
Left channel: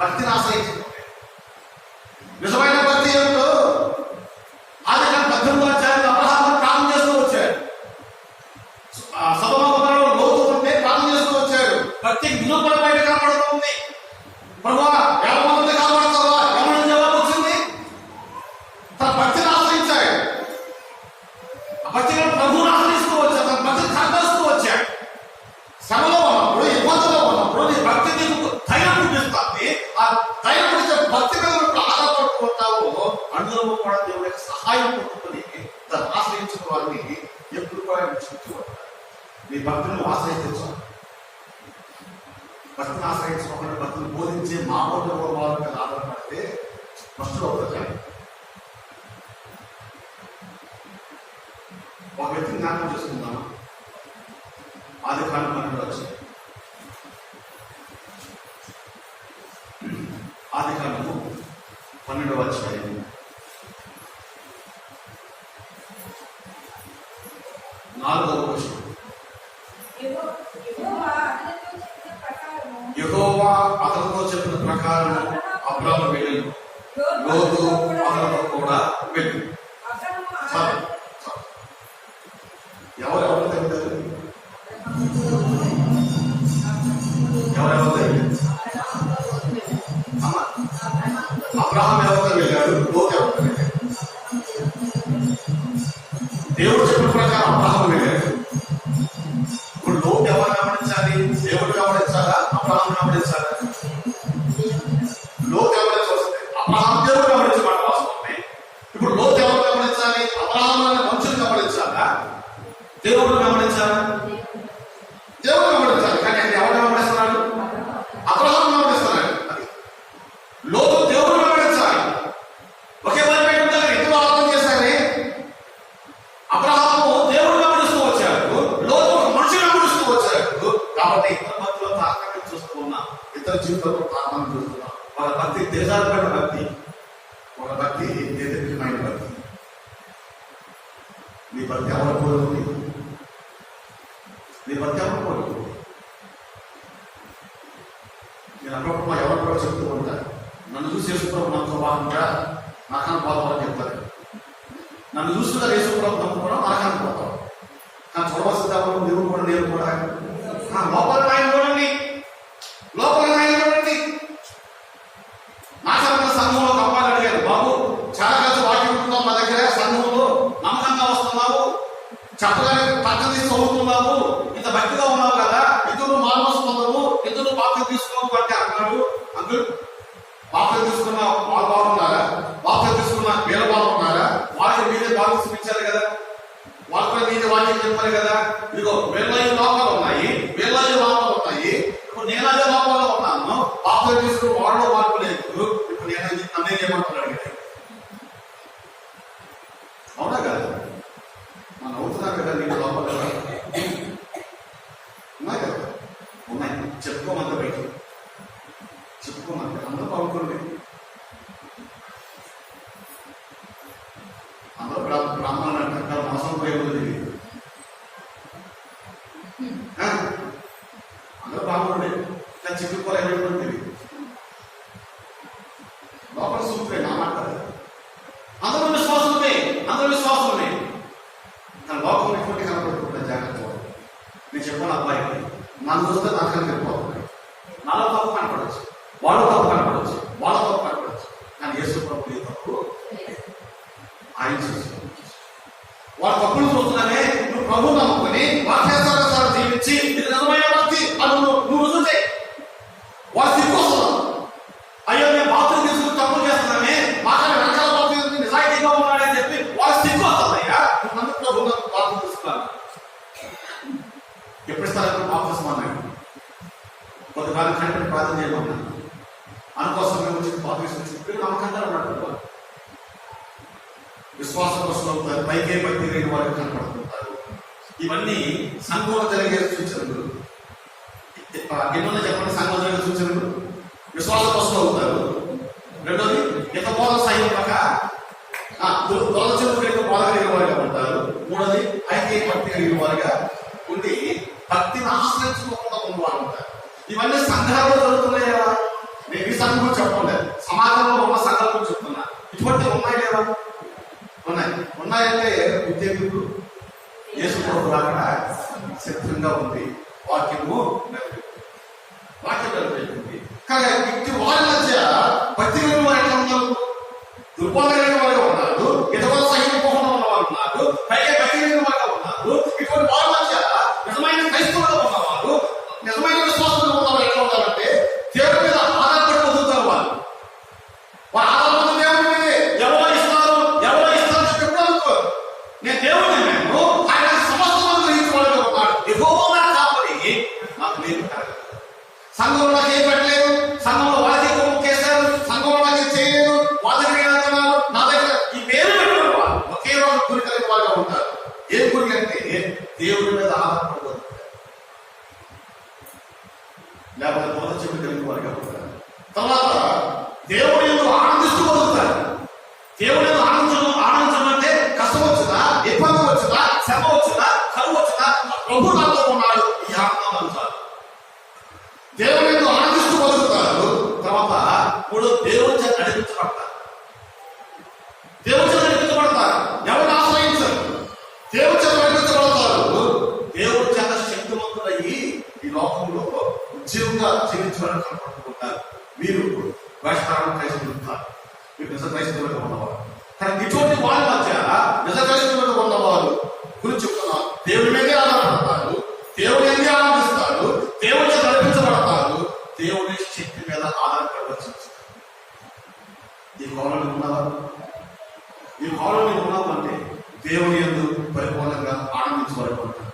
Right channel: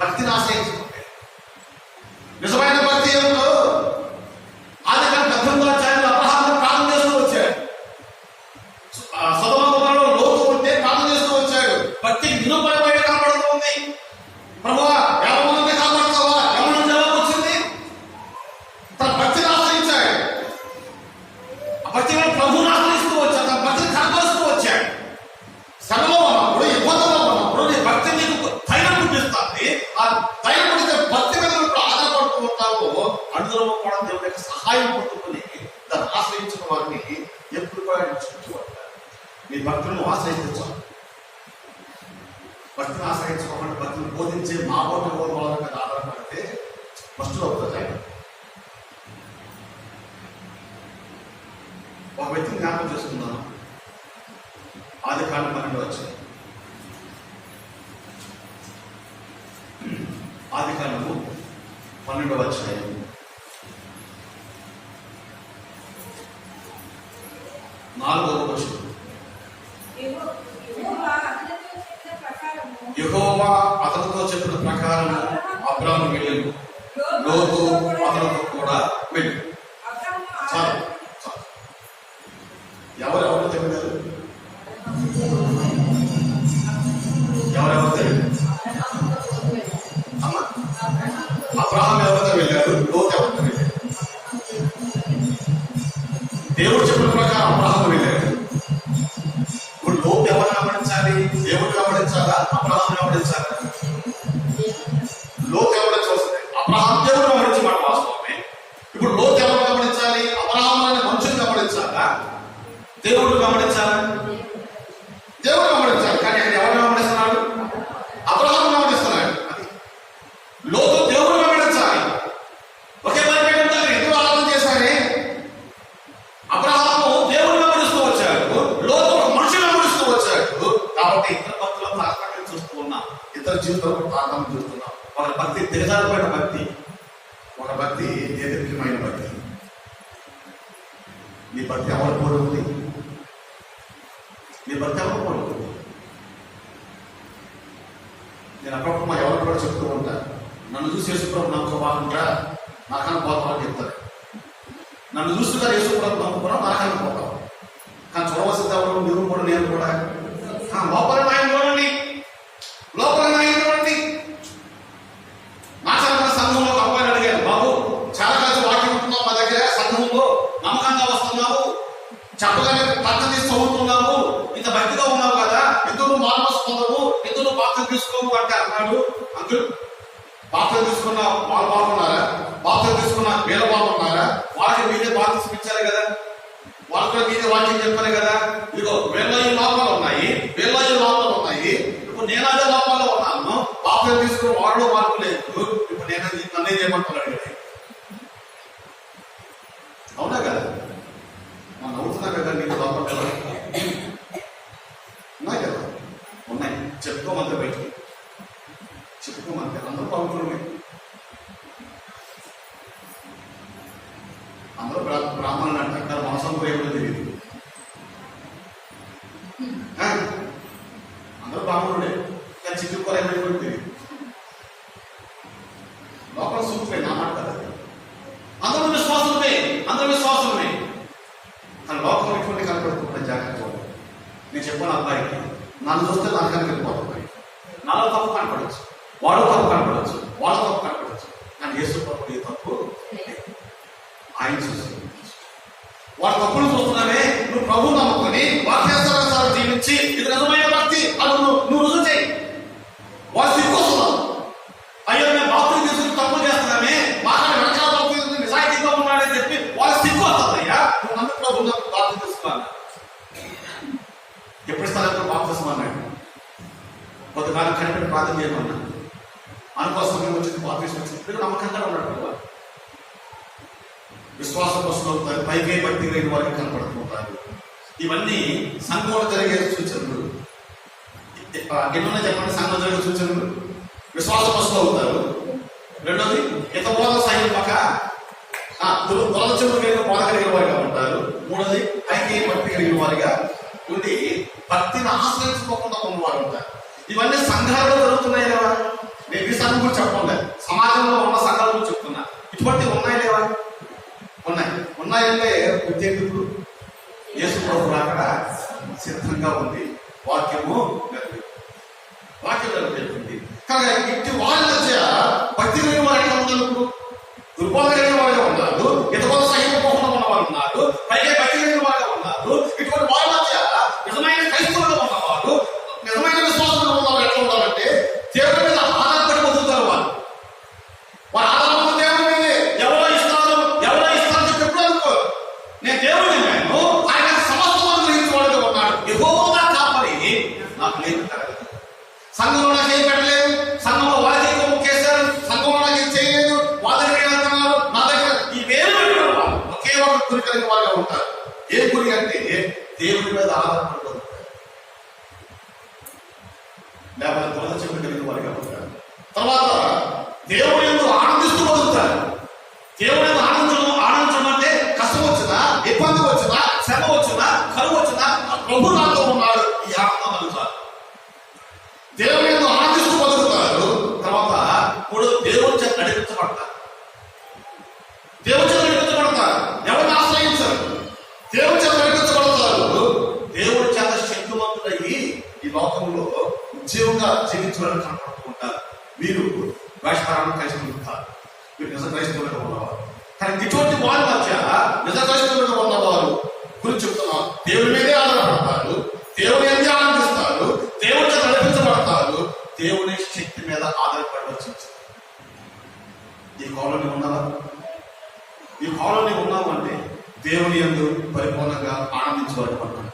భక్తిని ఆశ్రయించడం. నిజమైన భక్తి ఏమిటో అది కానీ 18వ అధ్యాయంలో అబ్రహాము ప్రార్థన చేస్తూ వచ్చాడు. సొదొమ లోతు ఉంటే ప్రార్థన చేస్తూ వచ్చాడు. భక్తి నిలుపడి బయట కనబడుతూ ఉంది. ప్రభువా ఎవరి కాపాడుతావా? ఎవరి జవాబు వచ్చింది? తన భక్తిని ఆశ్రయించాడు. ఆ భక్తిని ప్రభువుని ఆశ్రయిస్తూ వచ్చాడు. తన భక్తిని కనపరుస్తూ వచ్చాడు. శ్రమలో ఉన్నప్పుడు, ఇబ్బందులో ఉన్నప్పుడు నీ భక్తి నీకు ధైర్యం చూపిస్తుంది. ఆ ధైర్యం భక్తి మీద ఆధారపడుతూ ఉంటావు. అందులో కూడా దేవుడి యొక్క సహాయం పట్టుకుని దాన్ని ఆశ్రయించిన వారిని ఎప్పుడు కూడా చూపించేవాడు. మీ భక్తులను ఆశ్రయించాలి. భక్తిని ఆశ్రయించుకోకుండా భక్తులు బోధించే మామూలు వాళ్ళ మీద ఆధారపడితే ఫస్ట్ అవుతుంది. ఒక వ్యక్తిని జ్ఞాపకం చేసుకుందాం. ఆదికాండం 12 వచ్చింది. ఆదికాండము 12వ అధ్యాయం 4వ వచనం. యెహోవా అతనితో చెప్పిన ప్రకారం అబ్రాము వెళ్ళెను, లోతు అతనితో కూడా వెళ్ళెను. ఎవరెవరు తెలియదు? ఎవరెవరు తెలియదు? అబ్రహాం ఎవరితో వెళ్ళాడు? లోతు ఎవరితో వెళ్ళాడు? దేవుడు చెప్పిన ప్రకారం అబ్రహాం వెళ్ళాడు. ఇప్పుడు లోతు ఎవరు గమనించాలి? దేవుడు గమనించాలా? అబ్రహాం గమనించాలా? లోతు ఎవరు చూస్తే అబ్రహాం దేవుడు గమనించమాట వాస్తవమే. ఇప్పుడు లోతు ఎవరు గమనించాలి? అబ్రహాం అనే మనుషులు గమనించాలా? దేవుడు గమనించాలా? దేవుడు గమనించాలి. కానీ ఇక్కడ ఎవరు గమనిస్తున్నాడు? అబ్రహాం గమనిస్తున్నాడు. అది లోతు దేవుడు గమనించాలి. ఒకే బలిపీఠం దగ్గర ఎందుకు ఆరాధన చేశారే? అబ్రహాము దేవుడు గమనిస్తూ వచ్చాడు, లోతు మనుషులు గమనిస్తూ వచ్చాడు. కాబట్టి ఇతర భక్తులు తారకాన్ని చూస్తూ ఉన్నాం, ఇతర జీవితంలో తారకాన్ని చూస్తున్నాం. ఒక భక్తి దిగజారిపోయిన భక్తి, ఒక భక్తి దేదీప్యమైన భక్తి. నీ భక్తి ఎవరు కోరుకుంది? నీ భక్తి ఎవరు కోరుకుంది? నేను అప్పుడప్పుడు ఎవరు కూడా చెప్తూ ఉంటా, నన్ను చూసి యేసుప్రభు నాకు బాగుంటా, నాకన్నా పోతామని చెప్తారు. నన్ను చూస్తున్నారు యేసుప్రభు నమ్ముకున్నా, నాకన్నా పోతాం. కానీ చూడవలసింది ఎవరు? మీరు కూడా, నేను కూడా. లోపల ఆయన చూడండి, లోపల ఆయన చూడండి. నా అంకుల్ బాప్తిసం తీసుకున్న వాళ్ళు బాగున్నారా? బాప్తిసం తీసుకున్న వీళ్ళ బాగున్నారా? వాళ్ళకి మీరే బాప్తిసం ఇచ్చారు కదా, వాళ్ళు కూడా మీరే వాక్యం చెప్పారు కదా. ఇదిగో వీళ్ళ ఈ లోపాలు ఉన్నాయి, వీళ్ళ ఈ లోపాలు ఉన్నాయి. ఇప్పుడు నేను అదే లోపాల్లో ఉన్నాను. బాప్తిసం తీసుకుని వాడలో మార్పు లేదు. ఇప్పుడు నేను నన్నే చేయమంటున్నాడు కదా. అవునా కదా? మనం అవుతున్నా కదా. నీకు లోపల కదా ఉన్నాయి కదా, ఉన్నాయి. చెప్పుకోమంటే బయట చెప్పుకోమంటే అందరూ బాగుంటుంది. అందరూ బ్రాహ్మణులు అంటారు, మాసం పోయేది తెలియదు. అందరూ బ్రాహ్మణుడే, కానీ చిక్కుకోలేకపోతే తెలియదు. లోపల సూత్రే నా మాట కదా. అందరూ విశ్వాసమే, అందరూ విశ్వాసమే, కానీ లోపల ఇటువంటి కనపడుతుంటే జాగ్రత్త. నేను చెప్పాను అబ్బాయికి, నన్ను చూస్తే నాకని వెళ్ళిపోతున్నాయి. నాలో తప్పు కనపడవచ్చు, వాడు తప్పు కనపడవచ్చు, వాళ్ళ తప్పు కనపడవచ్చు, కానీ యేసు తప్పు ఏ తప్పు ఆయన చూస్తున్నాడు. వాళ్ళ తప్పులు చూస్తున్నానే. నువ్వు ప్రభు నమ్ముకొని వాక్యానుసారం జీవించి ఇది నిజమైన భక్తి అని నువ్వు రుజువు చేయి. వాళ్ళు సిగ్గొస్తున్నావు. అయ్యో మేము బాత్రూమ్ తీసుకుని తప్పులు చేస్తున్నామే, మాకన్నా వెనకాల తప్పు నిజాయితీగా ఉన్నాడని చెప్పి వాళ్ళు సిగ్గొస్తుందయ్యా. నువ్వు నమ్మి ప్రభు బాత్రూమ్ తీసుకున్నాను ఎప్పుడు ఇస్తాను బాప్తిసం అన్నాడు. కొంతకాలం కనిపెట్టి ప్రార్థన చేయమన్నా అందుకోసం మేము వచ్చి బాప్తిసం వచ్చి నమ్మకంగా ఉన్నాడు కదా. విశ్వాసం వస్తుంటారు, పైకే బట్టి లేని వారికి కనపడుతుంటారు. ఇవన్నీ సంఘంలో జరిగే సూచనలు. ఎన్నో చెప్పండి సంఘంలో జరిగే సూచనలు. విశ్వాసం వస్తూ అవుతారు. రెండోది ఇంత బోధ సైనిక దొరద చెవులు కలిగిన బోధ కలిగిన వారిగా ఉంటారు. మూడోది పైకి భక్తి కలిగిన వారిగా ఉండి భక్తిని ఆశ్రయించుకోకుండా ఉన్నవారు ఉంటారు. ఇవన్నీ సంఘాలలో జరుగుతున్నాయి లేవా? నేను ఈ సంఘం కూడా చెప్పండి, సమాజంలో ఉన్న సంఘాల గురించి చెప్తున్నా. ఇటువంటివి ఉన్నాయి లేవా? ఉన్నాయి. ఉన్నాయంటే ఉద్యోగులు యేసు ప్రభు రాకడ సిద్ధంగా ఉంది. వాక్యము నెరవేరుతుంది. కానీ ఇటు వాళ్ళ మధ్య భక్తి కలిగిన వారు ఎట్లా ఉన్నారు? దుర్బోధ కలిగిన వారుగా ఉన్నారు, ఇతరుల సహించుకోకుండా ఉన్న వాళ్ళు ఉన్నారు, పైగా భక్తి కలిగిన వారుగా ఉన్నారు. ఇటువంటి వాళ్ళ మధ్య నిజమైన క్రైస్తవులుగా ఉన్నవారు, నిజమైన విశ్వాసంలో ఉన్నవారు ఎట్లా ఉంటారంటే దేవుడి మీద ఆధారపడి బతుకుతారు. వాళ్ళ ఆధారపడి దేవుడి మీదే. ఎవరో ఇస్తారు చెప్పి అనుకో, నేను దేవుడిని నేను ఆయన సమస్తం గ్రహించుకోవడంగా ఉన్నాడు. యెహోవా కాపరి నాకు లేదు. సంఘంలో నాకు ఏం పెట్టలేదు, సంఘంలో వాళ్ళకి కేసారు, సంఘంలో నాకు ఏం చేయలేదు, వాళ్ళ దగ్గర వెళ్తున్నారు, నా దగ్గర ఈ వేరు పెట్టిన వాళ్ళు ఒకే వాళ్ళు గురి కలిగిన వాళ్ళగా ఉంటారు. ఏం గురి అంటే దేవుడి మీద ఆధారపడి బతుకుతారు, లేకపోతే బోధ చెప్పి కలిగిన వారిగా ఉంటారు. తర్వాత దేవుడు ఎందుకు ఆనందిస్తూ బతుకుతారు. దేవుడు ఎందుకు ఆనందించడం అంటే కష్టం వచ్చినా, ఇబ్బంది వచ్చినా, శ్రమ వచ్చినా, కరువు వచ్చినా ప్రభు నాతో ఉన్నాడు, ఈ ఆనందం కలుగుతారు. దేవుడు ఎందుకు ఆనందిస్తూ బతుకుతారు. తర్వాత మూడు దేవుడి చేత నడిపించబడతారు. దేవుడి చేత నడిపించబడతారు. ఎవరిని ఆశ్రయించరు, దేవుడి చేత నడిపించబడతారు. దేవుడి చేత శక్తివంతులయ్యి ఈ లోకంలో ఉద్యోగంగా జీవించాలని కనపడుతూ ఉంటారు. వీరు వేషకాలను క్రైస్తవులుతారు. వీరు నిజ క్రైస్తవులుగా ఉన్నవారు. కానీ ఇటువంటి వారి మధ్య నిజ క్రైస్తవులుగా ఉన్నవారు గురించి చెప్తున్నారు. దేవుడి మీదే ఆధారపడతారు, దేవుడి మీదే ఆనందిస్తారు, దేవుడి చేత నడిపించబడతారు, దేవుడి శక్తి మీద ఆధారపడవచ్చు. ఈ కాలంలో ఉన్నదా? ఈ కాలంలో ఉన్నామంటే దేవుని యందు పరిపూర్ణంగా ఆనందించబడుకుంటాం.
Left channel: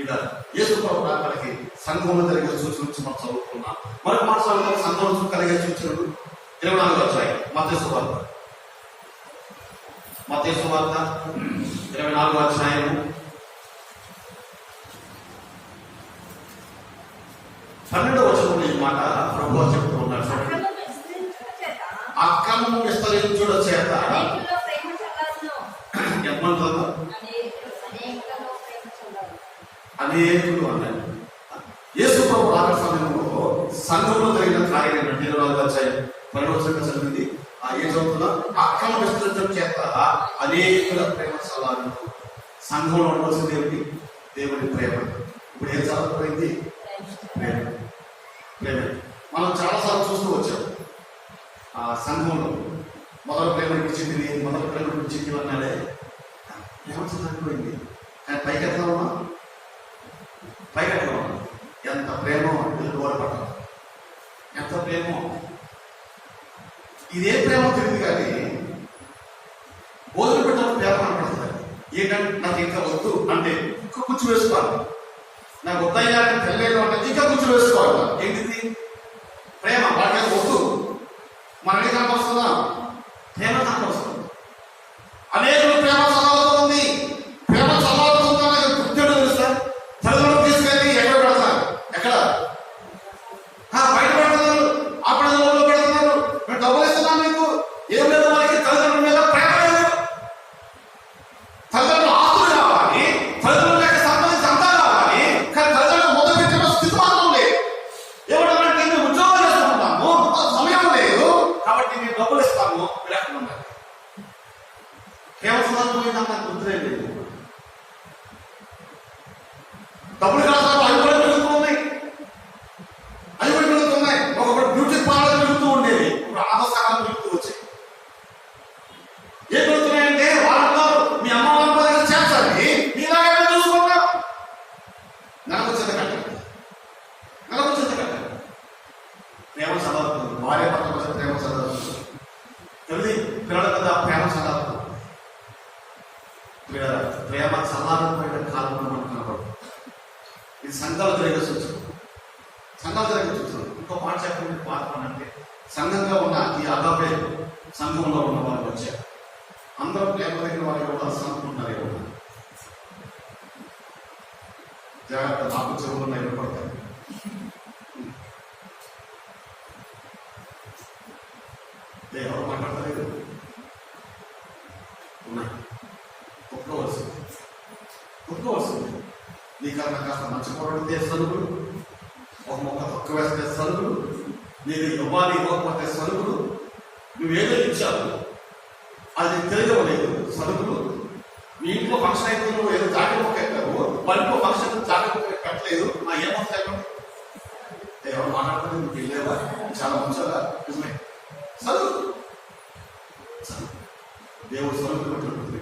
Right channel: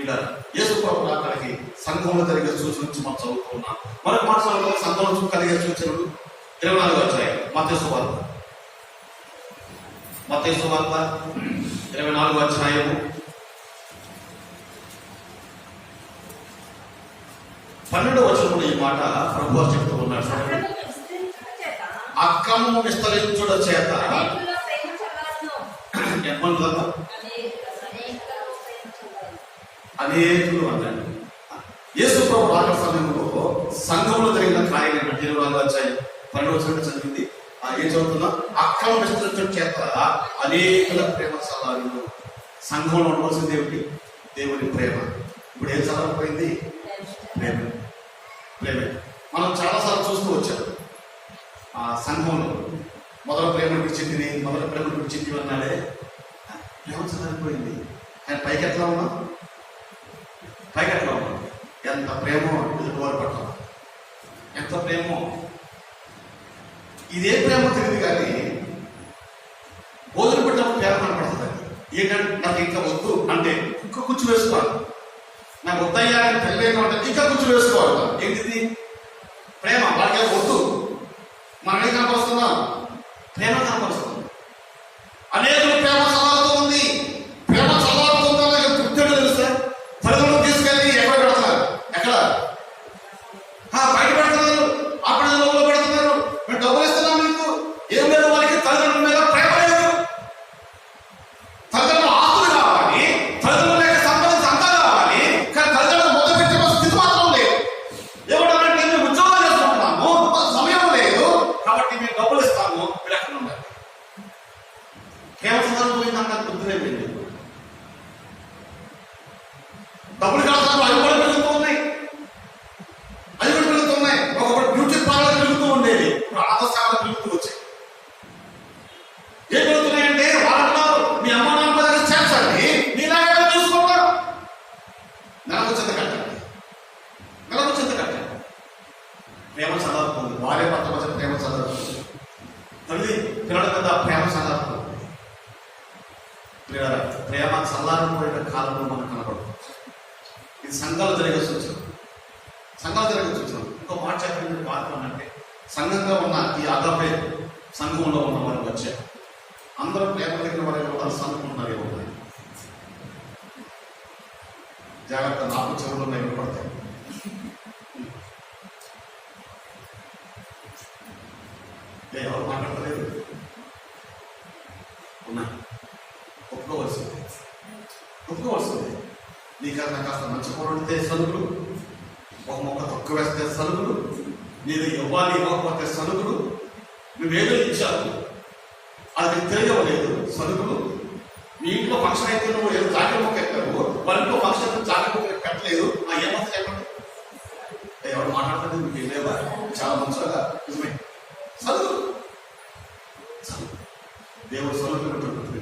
ఇలా యేసు ప్రభు రాకడకి సంఘంలో జరిగే సూచనలు నుంచి మనం చదువుకున్నాం. మరొక మాట చదువుతారు, సంఘంలో కలిగే సూచనలు 24వ అధ్యాయం మత్తయి సువార్త 24వ అధ్యాయము 12వ వచనంలో ఈ మాట ప్రభువు చెప్తూ ఉన్నాడు. చూడండి, అక్రమము విస్తరించుట చేత ఎంతమంది అనేకులు అన్నాడు. యేసు ప్రభు రాకడ సమయంలో సంఘంలో జరిగిన కార్యం ఏంటంటే 24వ అధ్యాయం 12వ వచనం చదివింది. ఏం చదువుతున్నా? అక్రమ విస్తరించడం చేత అనేకుల ప్రేమ సలాలు. సంఘంలో ఉండవలసింది ఏమిటి? దేవుడి ప్రేమ. ఇప్పుడు ఏం చదవకపోయింది? ప్రేమ. ప్రేమ మనం చాలాసార్లు చూస్తూ వచ్చాం. ఆ సంఘంలో మొదల ప్రేమ విడిచింది, మొదల ప్రేమ విడిచింది అన్నాడే. ప్రేమ చదవకపోయింది. కానీ పైకి ఎట్లా ఉన్నా? పైకి ఎట్లా ఉన్నా? ఎంత ప్రేమ ఎదురువాడు పట్ల ఎంత ప్రేమో. ఇదే ప్రేమ తెలియదు కానీ భోజనం పెట్టినప్పుడు ప్రేమ కనపడుతుంది. ఏంటంటే నాకు ఇంకా వద్దు అంటే ఇంకా కూర్చు వేసుకోవాలి. నాకు వద్దయ్యా అని తెలియదు అంటే ఇంకా కూర్చు వేసుకోవాలి. ఏంటిది? ప్రేమ. వాళ్ళకి వద్దు. మనం ఏం కనపరుస్తుందా? ప్రేమ కనపరుస్తుంది. అనేకులు ప్రేమ చల్లారుతుంది. ప్రేమ చల్లారుతుందా గుర్తుడు తెలుసా? తల్లిదండ్రులు తీసుకెళ్ళి ఎక్కడ పెడుతున్నారు? ఎక్కడ? బయట పెడుతున్నారు. అక్కడ లోపల పెడుతున్నారు. మేము డబ్బులు ఇస్తున్నాం మీకు. ఏం లేదు, వాళ్ళకి తల్లిదండ్రుల మీద ప్రేమ లేదు. తల్లిదండ్రులు ఆస్తులు కావాలి, తల్లిదండ్రుల యొక్క సంబంధించి అంతా కావాలి, కానీ తల్లిదండ్రులు మొదలు పెట్టే స్థితి మాత్రం లేదు. ఏమంటారంటే మేము ఉద్యోగం చేసుకుంటున్నాము, సమయం లేదు కాబట్టి మేము డబ్బులు ఇస్తాము. మీరు ఎక్కడ ఉండాలి? ప్రేమ సందర్భం పోయిందా? నాకు గుర్తులే లేదు. డబ్బులు కాదు, అవి కూడా పెరుగుతూ ఉన్నాయి. అవి కూడా పెరుగుతున్నాయి. ఒకప్పుడు బ్యూటీ పార్లర్ పెరుగుతూ ఉండేది, ఇప్పుడు ఆదర్శాలు పెరుగుతూ వచ్చాయి. ఏం పెరుగుతున్నాయంటే వాళ్ళలో మీ అమ్మ వాళ్ళ చేర్చాలి, మీలాగే చూసుకుంటాం. నెలకు చెత్త కట్టాలి, నెలకు చెత్త కట్టాలి. ప్రేమ చదవుతుంది. భార్య భర్త మధ్య ప్రేమ చదవుతుంది. తల్లి పిల్లల కదా ప్రేమ చదవుతుంది. ప్రేమ చల్లారిపోయిన కాలంలో మనకు కనపడదు. ఇది సంఘాలు జరిగే సూచన. సంఘాలు జరిగే సూచన. ఇంకో మాట చెప్పండి. పాత్ర అంటే సంఘంగా ఉన్న ఈ అగాపే సంఘంలో ఉన్న వారికి వచ్చారు. అందరూ ప్రేమ దగ్గర వారికి వాళ్ళు సంఘుకుంటున్నారు. జాగ్రత్త, నాకు చెవులు నిలబడతాయి. ఎవరు మాట్లాడలేదు. ఒప్పుకోవాల్సింది, ఒప్పుకోవాల్సింది. నీకన్నా కాస్త మంచి పొరడితే సరుకులు, ఒక మొక్క తక్కువ వేస్తే సరుకులు, నీకు ఇవ్వాలి ఇవ్వకపోతే సరుకులు, నువ్వేదో ఇచ్చావు అది తెలియలేదు. సరుకులు మీ ఇంట్లో ఫంక్షన్ అయితే నువ్వు ఏదో జాకెట్ మొక్క ఎక్కావు, వాళ్ళ ఇంట్లో ఫంక్షన్ అయితే జాకెట్ మొక్క పెట్టలేదు. ఏమో చెప్పండి. ఎవరు మాట్లాడుతుంది? మీకు వెళ్ళేవా? చాలా మంచిగా నిజమే. సరుకులు, దేవుడు సరుకులు పెట్టుకుంటుంది.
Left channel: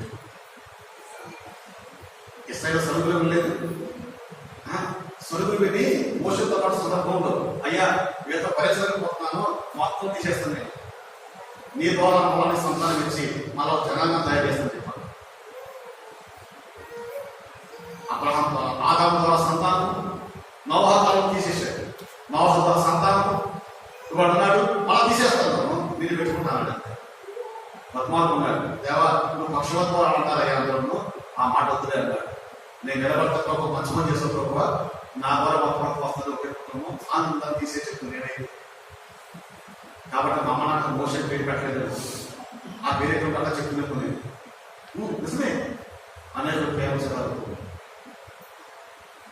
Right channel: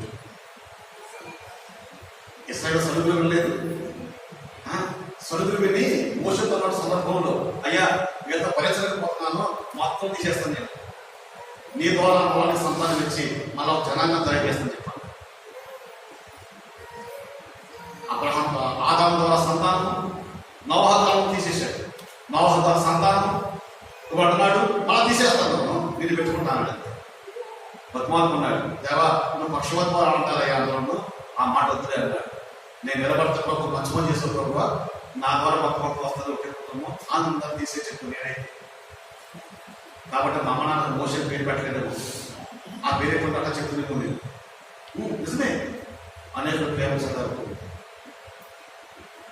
ఇస్రాయేల్ సరుకులు వెళ్ళలేదు. సరుకులు పెట్టి మోసంతో పాటు సందర్భంలో, అయ్యా వీళ్ళ పరిచయపోతున్నాను, మొత్తం తీసేస్తాను నేను, నీ ద్వారా వాళ్ళని సంతానం ఇచ్చి మరో జనాంగం తయారు చేస్తాను చెప్పాను. అబ్రహాం ఆదాము ద్వారా సంతానం, నోవహు ద్వారా తీసేసాడు. నోవహు ద్వారా సంతానం ఇప్పుడు అంటున్నాడు అలా తీసేస్తాను, నేను పెట్టుకుంటాను. బతుమాలుకున్నాడు. దేవా నువ్వు పక్షవత్వాలు అంటారయ్యా అందరూ, ఆ మాట వద్దులే అన్నాడు. నేను నిలబడతా ప్రభు, మంచి పని చేసే ప్రభు, నా ద్వారా ఒక ప్రభు వస్తుంది, ఒకే కుటుంబం, అందరం తీసే చెప్పు నేనైతే. కాబట్టి మా అమ్మ నాకు మోషన్ పేరు పెట్టలేదు. ఆ పేరు ఎక్కడ పట్ల చెప్తున్నట్టు నిజమే. అనేక ప్రేమ చదవకు,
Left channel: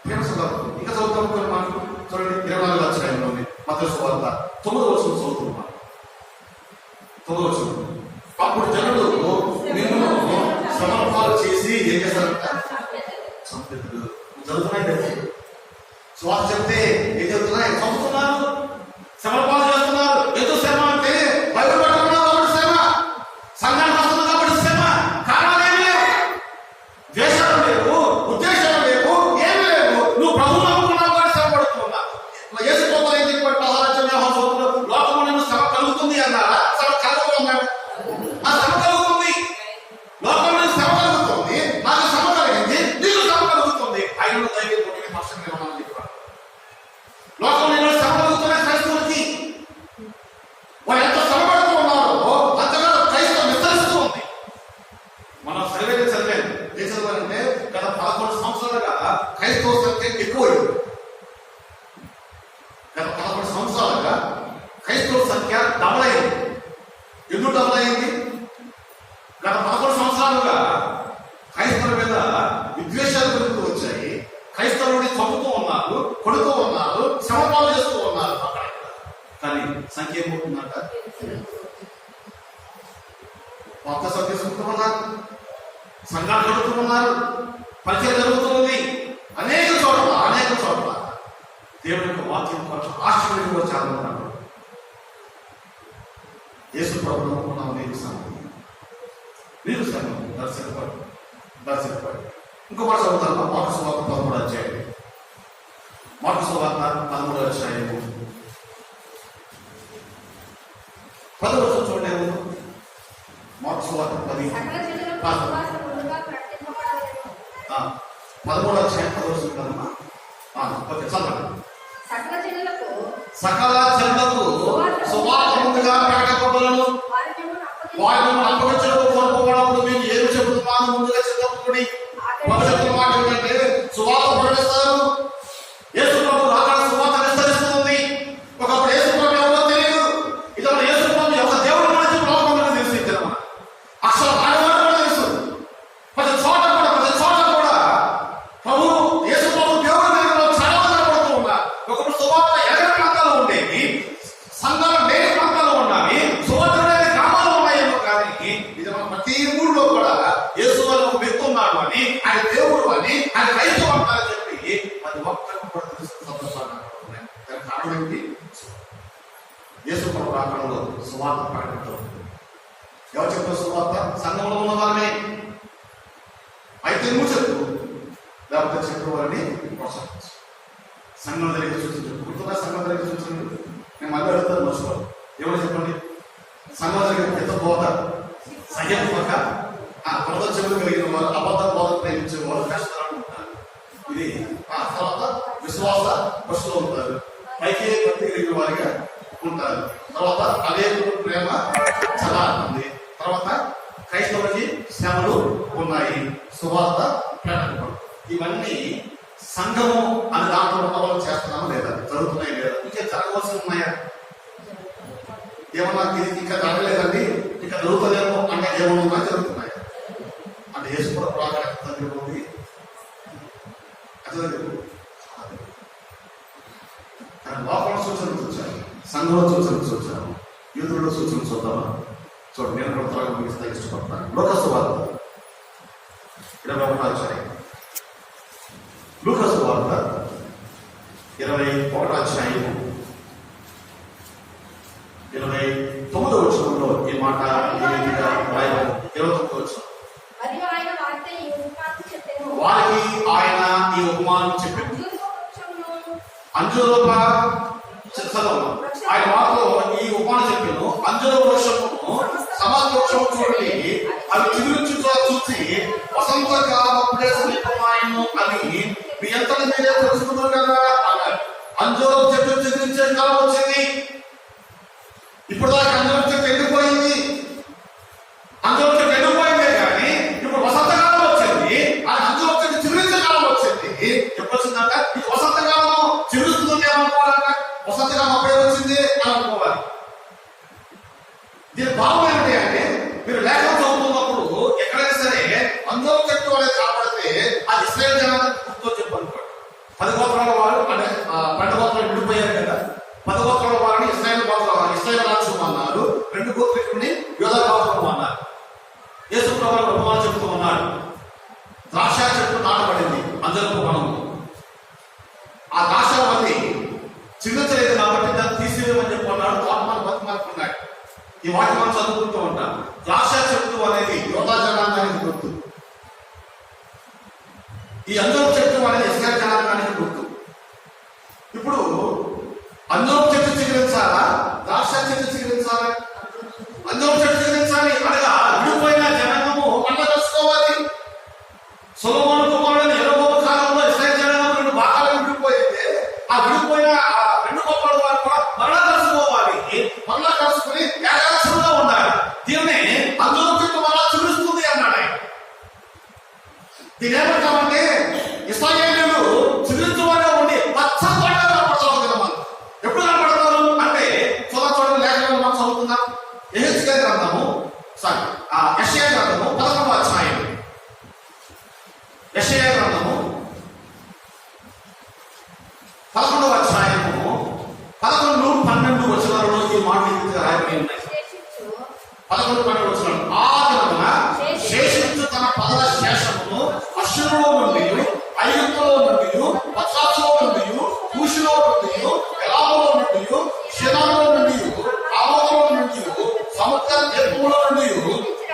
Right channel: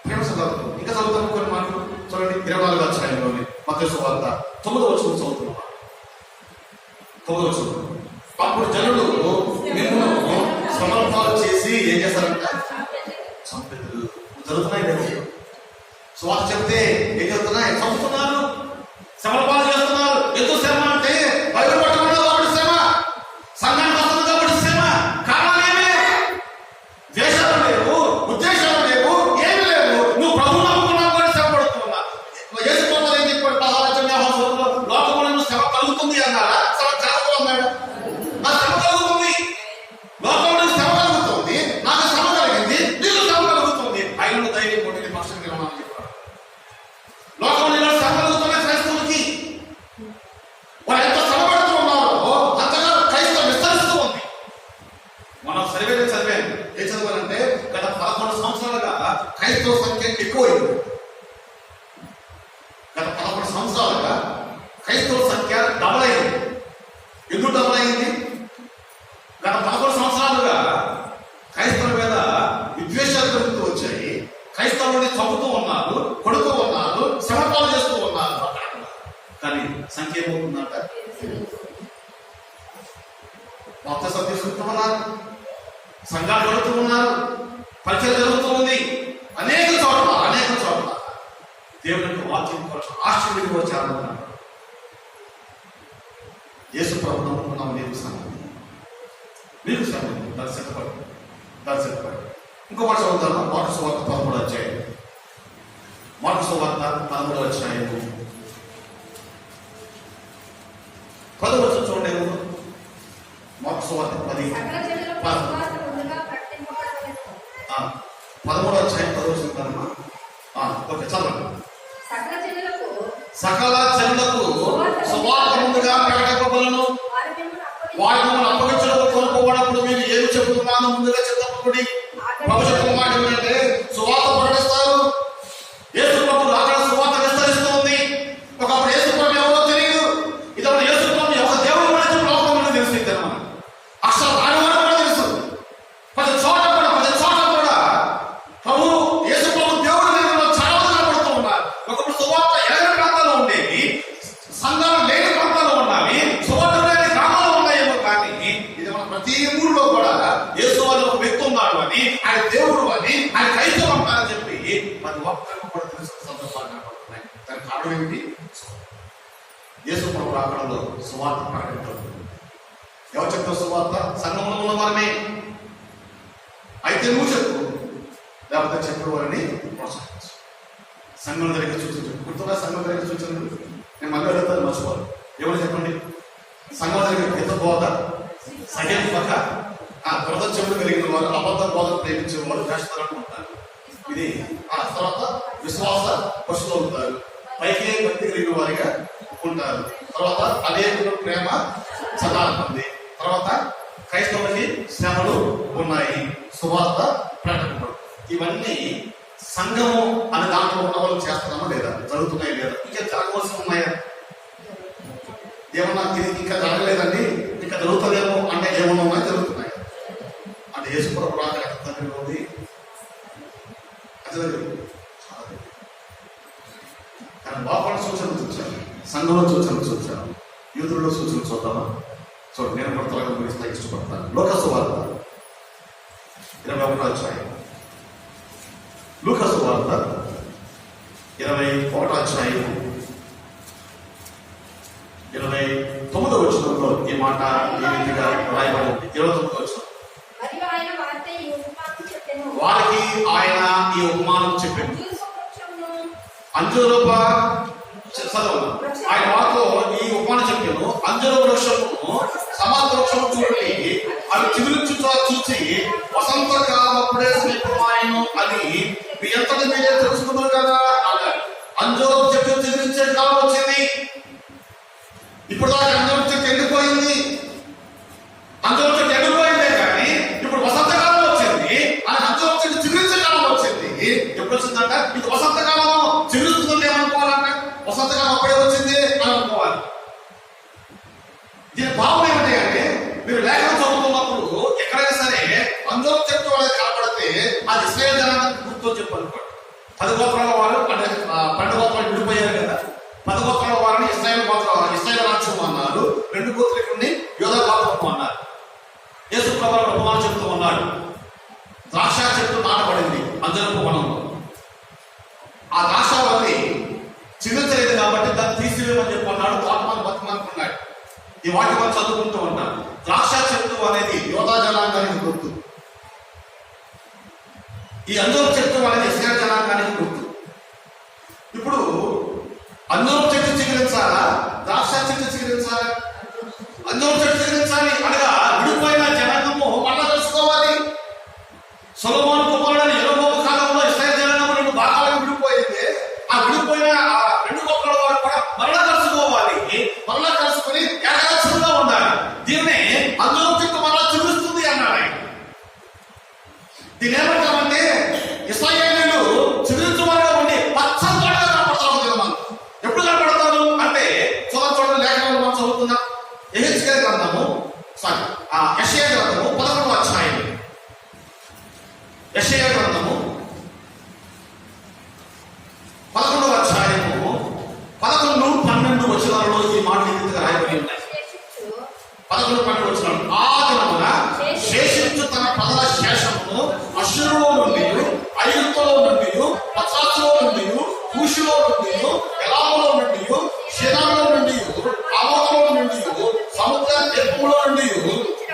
ప్రేమ చదవకు. ఇంకా చదువుతాము కొన్ని మాటలు చూడండి. 24 అధ్యాయంలోని మత్తయి సువార్త 9వ వచనం చదువుతున్నా. 9వ వచనం. అప్పుడు జనులు నిన్ను శ్రమపాలు చేసి ఏం చేస్తారంట? చంపుతారు. జరుగుతున్నాయి. స్వాత చెప్తే ఏం జరుగుతున్నాయి? చంపుతున్నారు, శ్రమపాలు చేస్తున్నారు. ఎందుకు శ్రమ అంటే బైబిల్ పట్టుకున్నావు కాబట్టి శ్రమ, సంఘానికి వస్తుంది కాబట్టి శ్రమ. కారణాలు ఏమి లేవు, ద్వేషాలు లేవు, ఉద్దేశాలు లేవు, ఏమి లేవు. నువ్వు ప్రభువు నమ్ముకున్నావు కాబట్టి శ్రమ పడుతున్నా. యేసు ప్రభువు ఏం చెప్పాడు? 16 లోకంలో శ్రమ కలుగుతుంది అన్నారా? శ్రమ కలగదు అన్నాడు. నా శ్రమ కలుగుతుంది, లోకంలో శ్రమ కలుగుతుంది, నాకు శ్రమ కలిగింది, నీకు శ్రమ కలుగుతుంది. ఆయన ధైర్యం కొట్టిన పక్షం నిర్మాణం చెప్పాడు. లోకంలో శ్రమ కలుగుతున్న క్రైస్తవులకి వాళ్ళు ఎంత శ్రమ పడుతూ ఉన్నారో అంతగా క్రైస్తవం విస్తరిస్తూ ఉంది. మనం సర్వేలు చదివాను. ఏం చదివానంటే గత 11 సంవత్సరాలుగా క్రైస్తవ సంఖ్య ఎక్కువైంది. గత 11 సంవత్సరాలుగా క్రైస్తవ సంఖ్య డబల్ అయింది. ఎందుకు డబల్ అయింది? గత 11 సంవత్సరాలుగా క్రైస్తవుల మీద విద్వేషాలు జరుగుతూ వచ్చాయి. క్రైస్తవులని చంపుతూ ఉన్నారు, కొడుతూ ఉన్నారు, శ్రమపాలు చేస్తూ ఉన్నారు. కానీ సంఖ్య ఏమవుతుందంట? కొత్త సభ్యులు తీసుకుంటూ ఉన్నారు, సంఘాలు జరుగుతూ ఉన్నారు, పరిచయం జరుగుతూ ఉంది. అనేక చోట్ల దేవుని యొక్క వాక్యం ఆశ్చర్యంగా వచ్చారు. యేసు ప్రభువు నమ్ముకున్నాము, నీకు శ్రమ, నీకు శ్రమ, దర్శకపడు. ఇంకో మాట చదువుతాను. మార్కు సువార్త 13వ అధ్యాయం. మార్కు సువార్త 13వ అధ్యాయము 10 వచనం చూడండి. మార్కు సువార్త 10. సకల జనులకు సువార్త ముందుగా ప్రకటింపబడెను. 13వ అధ్యాయం 10వ వచనం కదమ్మా. ఓకే, చదవండి. సకల జనులకు సువార్త ముందుగా ప్రకటింపబడెను. వారి మిమ్మల్ని అప్పగించడం కోరుకోవడప్పుడు మీరు ఏమి చెబుతున్నాను ముందుగా చెప్తపడి భవిష్యత్తు మాట ఏమిటంటే సువార్త ప్రకటిస్తారు. యేసు ప్రభు అక్కడ సువార్త విస్తరిస్తుంది. ఒకప్పుడు యేసు ప్రభు ఎవరో తెలియదు. ఇతడు యేసు ప్రభు ఒక దేవుడు గురించి లోకంలో తెలుసు. ఇద్దరు అక్షర రాయవాడు కూడా తెలుసు. ప్రతి చోట కూడా ప్రభు యేసు ప్రభు దేవుడు దేవుడు చాలా కనబడుతూ ఉన్నారు. ఒకప్పుడు సువార్త ఎలాంటి ప్రాంతాల్లో ఉండేవి, సంఘాలు లేని ప్రాంతాల్లో ఉన్నవి, సువార్త లేని గ్రామాలు ఉన్నాయేమో కానీ ఇది మన ప్రతి ఊళ్ళో కూడా యేసు అని ఒక వ్యక్తి ఉన్నాడు అని, ఆయన దేవుడు అని, ఆయన క్రైస్తవం అంటారని చెప్పి అది ఒక్కరికి కూడా తెలుసుకున్న సందర్భాలు కనబడుతున్నాయి. దానికి కారణం ఏంటి? యేసు ప్రభు రాకడలో సువార్త ప్రకటించడం. ఎవరు చెప్తారు సువార్త? సంఘంలో ఉన్న వారమే. అయితే నువ్వు చెప్పు, లేకపోతే చెప్పిన వారిని ప్రోత్సహించు. సంఘం జరిగే సూచనలు గుర్తున్నా. సంఘం జరిగే సూచనలు నేను మళ్ళీ అడుగుతాను, మర్చిపోవాలి. ఎవరు చెప్పండి? సంఘం జరిగే పెద్ద బోధ, సహేతుక, కొరత చెవులు కలిగిన వారు, అబద్ధ బోధ ప్రేమించే వారు వేస్తారని ఉంటారు. ఇది తర్వాత విశ్వాస పశువులు ఉంటారు. పైకి భక్తి కలిగిన వారిగా ఉంటారు. తర్వాత అనేకులు ప్రేమ సదా ఉంది. తర్వాత క్రైస్తవులకి శ్రమలు ఉన్నాయి. సువార్త ప్రకటన. ఇవన్నీ సంఘము అనే దాంట్లో ఉన్న వాళ్ళు చేస్తున్నామా లేదా? జరుగుతున్నాయి లేదా? ఇంకా జరగవలసి ఉన్నాయా? ఏమన్నా ఇంకా జరగలేదండి, ఇంకా జరుగుతుందేమో అంటే ఏమన్నా జరుగుతున్నాయా? అంటే యేసు కూడా ప్రాధాన్యత ఉంది. అది కానీ లోపల సూచనలు చూచాను, సంఘంలో సూచనలు చూచాను, యూతుల్లో సూచనలు చూద్దామా? చూడండి, నేను కూడా త్వరగా ముగిస్తా ఇష్టపడతాను. లోకసు వార్త 21వ అధ్యాయం. లూకాసు వార్త 21వ అధ్యాయం 29వ వచనంలో ఈ మాట ఈ రీతిగా రాయబడింది. 29వ వచనం. వారికి ఆయన ఈ ఉపమానం చెప్పాడు. అంజూరపు చదవను ఆయన వారితో ఈ ఉపమానం చెప్పాను. అంజూర వృక్షమును సమాధి వృక్షం చూడండి, అవి చిగురించు చూసి వసంత కాలప్పుడే సమీపమాయను అని మీ ఎంతటి మీరే తెలుసుకున్నారు కదా అన్నారు. అంజూరపు చెట్టు చిగురించే కాలం వచ్చింది. ఇప్పుడు దాకా అంజూరపు చెట్టు ఎండిపోయింది. అంజూరపు చెట్టు ఎండిపోయిందే కానీ ఇప్పుడు వసంత కాలం వచ్చింది. అంజూరపు చెట్టు చిగురించే కాలం వచ్చింది. ఎప్పుడు వచ్చిందంట? ఇది వసంత కాలము. చిగురుస్తుందంటే ఏమనుకోవాలంట? వసంత కాలం అప్పుడే వచ్చింది అని అనుకోవాలి. దీని భావం ఏమిటి అంటే, మీరు లేఖనం చదువుతున్నప్పుడు ఎక్కడైనా సరే అంజూరపు చెట్టు అనేది కాపాడితే అది ఇశ్రాయేలు జనాంగానికి గుర్తు చెప్పు అనుకోండి. 10 గోత్రాల వారు అంటే 12 గోత్రాలు విడిపోయారు కదా. 10 గోత్రాల వారిని ఇశ్రాయేలు రాజ్యం అన్నారు. 2 గోత్రికుల్ని యోధా గోత్రం అన్నారు. యేసు ప్రభువు ఉపమానం చెప్తూ ఉన్నాడు. ద్రాక్ష చెట్టు నాటబడింది అంజూరపు వనంలో. ఆ ద్రాక్ష వల్లి చిగురించలేదు కాబట్టి దాన్ని తీసివేయమని చెప్పి అన్నాడు. తాపమాన బతిమానుకున్నాడు. ఈ వాటి మనం చదువుకుంటూ ఉంటాం. ద్రాక్ష చెట్టు అనేది యోధా జనాంగానికి గుర్తు. ఈ అంజూరపు చెట్టు అనేది ఇశ్రాయేలు జనాంగానికి గుర్తు. ఇప్పుడు అంజూరపు చెట్టు చిగురించాలా, ద్రాక్ష చెట్టు చిగురించాలా? అంజూరపు చెట్టు చిగురించాలి అనగా విడిపోయిన జనాంగము మళ్ళా తెలుసుకోవాలి. సొలొమోను కుమారుడైన యెరొబోము కాలంలో ఇశ్రాయేలు జనాంగం 2 భాగాలుగా విడిపోయింది. ఆ విడిపోయిన 2 గోత్రాల వారు కూడా మరలా కలుసుకోవాలి. మరలా కలుసుకుని ఏకరాజ్యంగా ఉండాలి. దీన్ని అంజూరపు చెట్టు మరలా చిగురిస్తుంది అన్నాడు ఆయన. దీని ఏమంటామంటే ఇశ్రాయేలీయులు చిగురించువారుగా ఉండి పచ్చని తోటగా కనపడతారు జనాలు. ఎప్పుడు కనపడతారు అంటే చూడండి లేఖనంలో మనం చదువుకుందాం. యెహెజ్కేలు గ్రంథము యెషయా గ్రంథము 11వ అధ్యాయం. యెషయా గ్రంథము 11వ అధ్యాయము 11, 12 వచనాలలో ఈ మాటలు ఇంతగా రాయబడి ఉన్నాయి. 11, 12 వచనాలు. ఆ దినమున శేషించు తన ప్రజల శేషమును అష్షూరులో నుండి, ఐగుప్తులో నుండి, పత్రాసులో నుండి, కూషులో నుండి, ఎలాములో నుండి, షినాలో నుండి, ఆమోకులో నుండి, సముద్ర తీర్పులో నుండి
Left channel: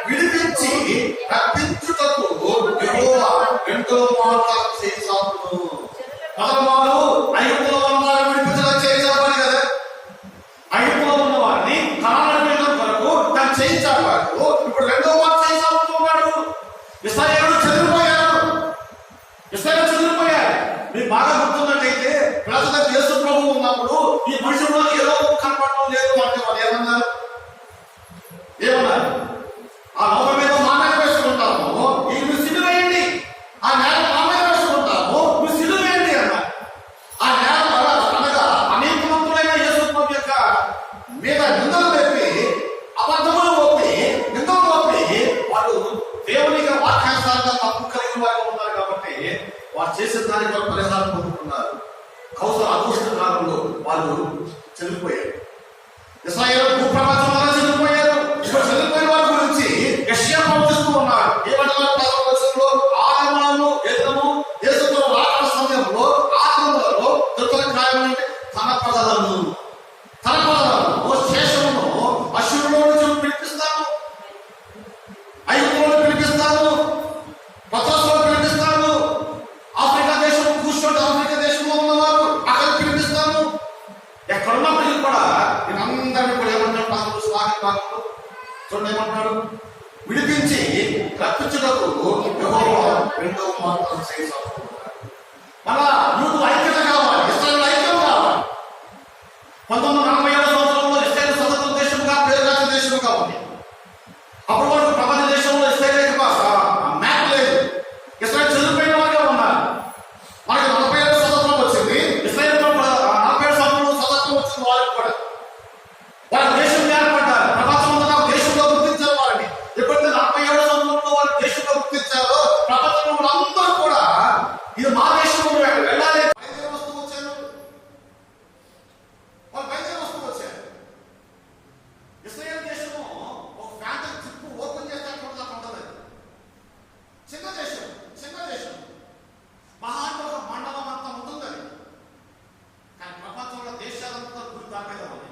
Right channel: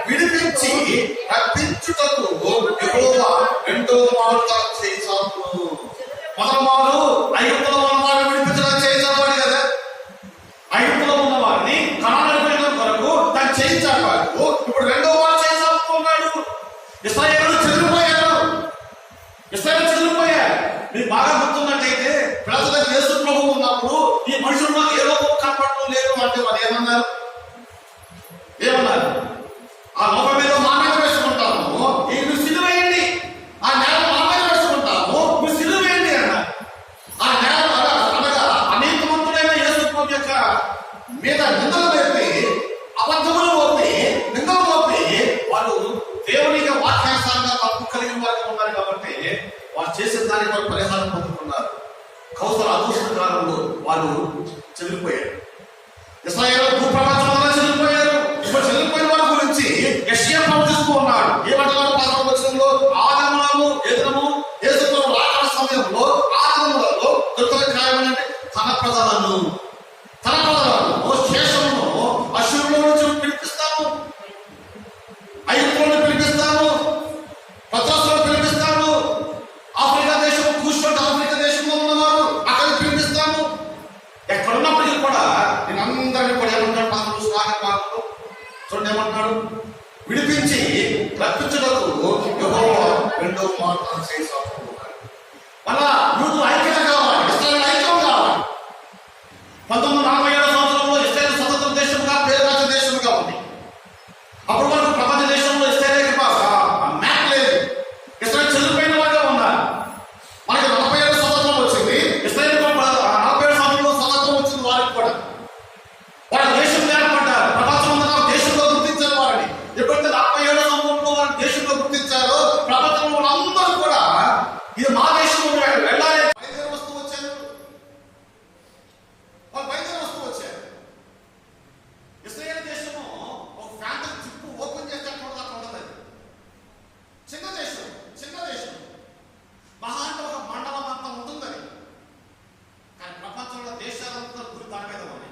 విడిపించి రప్పించుటకు యెహోవా రెండో మారుగా చేశాను. మొదటి మారు ఐగుప్తులో ఉన్న వారిని విడిపించడం చేసేవాడు కదా. ఐగుప్తులో ఉన్న వారిని కనాను ఇశ్రాయేలు చెదిరిపోయారు. ఇశ్రాయేలు చెదిరిపోయారు. మీకు బాగా గుర్తున్నట్టయితే ప్రజల దగ్గర యేసు ప్రభువు ఉన్నప్పుడు ఈ మనుషుల్లో ఏ లోపం కనపడటం లేదు అంటే వాళ్ళు ఏమన్నారు? ఆ లోపం మీద మా మీద వేసుకుంటాము, నువ్వు సిలువ వేయండి. ఆ నేల మా మీద వేసుకుంటాము, నువ్వు సిలువ వేయండి అన్నారు. ఆ నేల అనగా అనేకవంతుడైన యేసు ప్రభు యొక్క మీద నిందలు వేపి, అబద్ధములు మోపి, నిందలు మోపి వాళ్ళు దేవుని వాక్యానుసారంగా తప్పు కలిగిన వారిగా ఉన్నారు కాబట్టి వారు చేసిన దానికి వాళ్ళు పరిహారం పొందుతున్నారు. కౌసల అదృష్ట కాలంలో వాళ్ళు చెదిరిపోయారు. ఇశ్రాయేలు భూప్రపంచంలో చెదిరిపోయారు. ఇప్పుడు చెదిరిపోయిన వారి గురించి యెషయా ప్రవచిస్తూ ఉన్నాడు. ఏమంటున్నారు? 11వ వచనంలో ఆదిమములను ఎదురము యేసుతో రాకడ సమయంలో ఆదిమములలో తొలి కార్యం అంటే తన ప్రజలను శేషమును అశ్షూరులో నుంచి పిలిపిస్తాను, ఐగుప్తులో పిలిపిస్తాను, పత్రస్లో పిలిపిస్తాను, ఆఫ్రికా దేశం కూర్చోండి, ఆఫ్రికా దేశంలో ఉన్నవారు అక్కడ పిలిపిస్తాను. ఎక్కడున్నప్పటికీ కూడా నేను అందరినీ కూడా ఏమన్నాడు? భాగంలో చూడండి ఏమంటున్నాడు? విడిపించి రప్పించుటకు యెహోవా రెండవ మాత్రం చేశాడు. మళ్ళా యూదులు ఐక్యత కావాలి, ఇశ్రాయేలు ఐక్యం కావాలి. 1947 సంవత్సరంలో ఇశ్రాయేలు స్వతంత్ర దేశముగా పేరుగాంచిన దేశముగా ఉంది. అప్పుడు వరకు ప్రపంచ దేశంలో ఇశ్రాయేలు మ్యాప్ లేదు. ఇశ్రాయేలు చెదిరిపోయిన వారిగా ఉన్నారు. మనకి 47 స్వతంత్రం వచ్చింది. ఇశ్రాయేలు 47 సంవత్సరంలో స్వతంత్రం వచ్చింది. వారికి కూడా వారి దేశం ఏర్పడ్డారు. ప్రపంచంలో దేశంలో గుర్తించారు వారిని. ఎప్పుడైతే 47 సంవత్సరంలో వారి దేశంలో గుర్తించారో ప్రపంచంలో అందరూ కూడా ఇది మా దేశంలో వెళ్ళాలి. బయలుదేరి వస్తూ వచ్చారు. వాళ్ళు బయలుదేరి వస్తూ వచ్చారు. ఇశ్రాయేలు దేశము ఒక ఫ్యాంటసీ చిప్పు ఓపెన్ చేస్తే అక్కడ ఉండదు. చిన్న దేశం మహా అంటే ఒక మండలం అంతా ఉంటుంది. కానీ ప్రపంచంలో దేశాలంతా గురి దాని మీద ఉంది.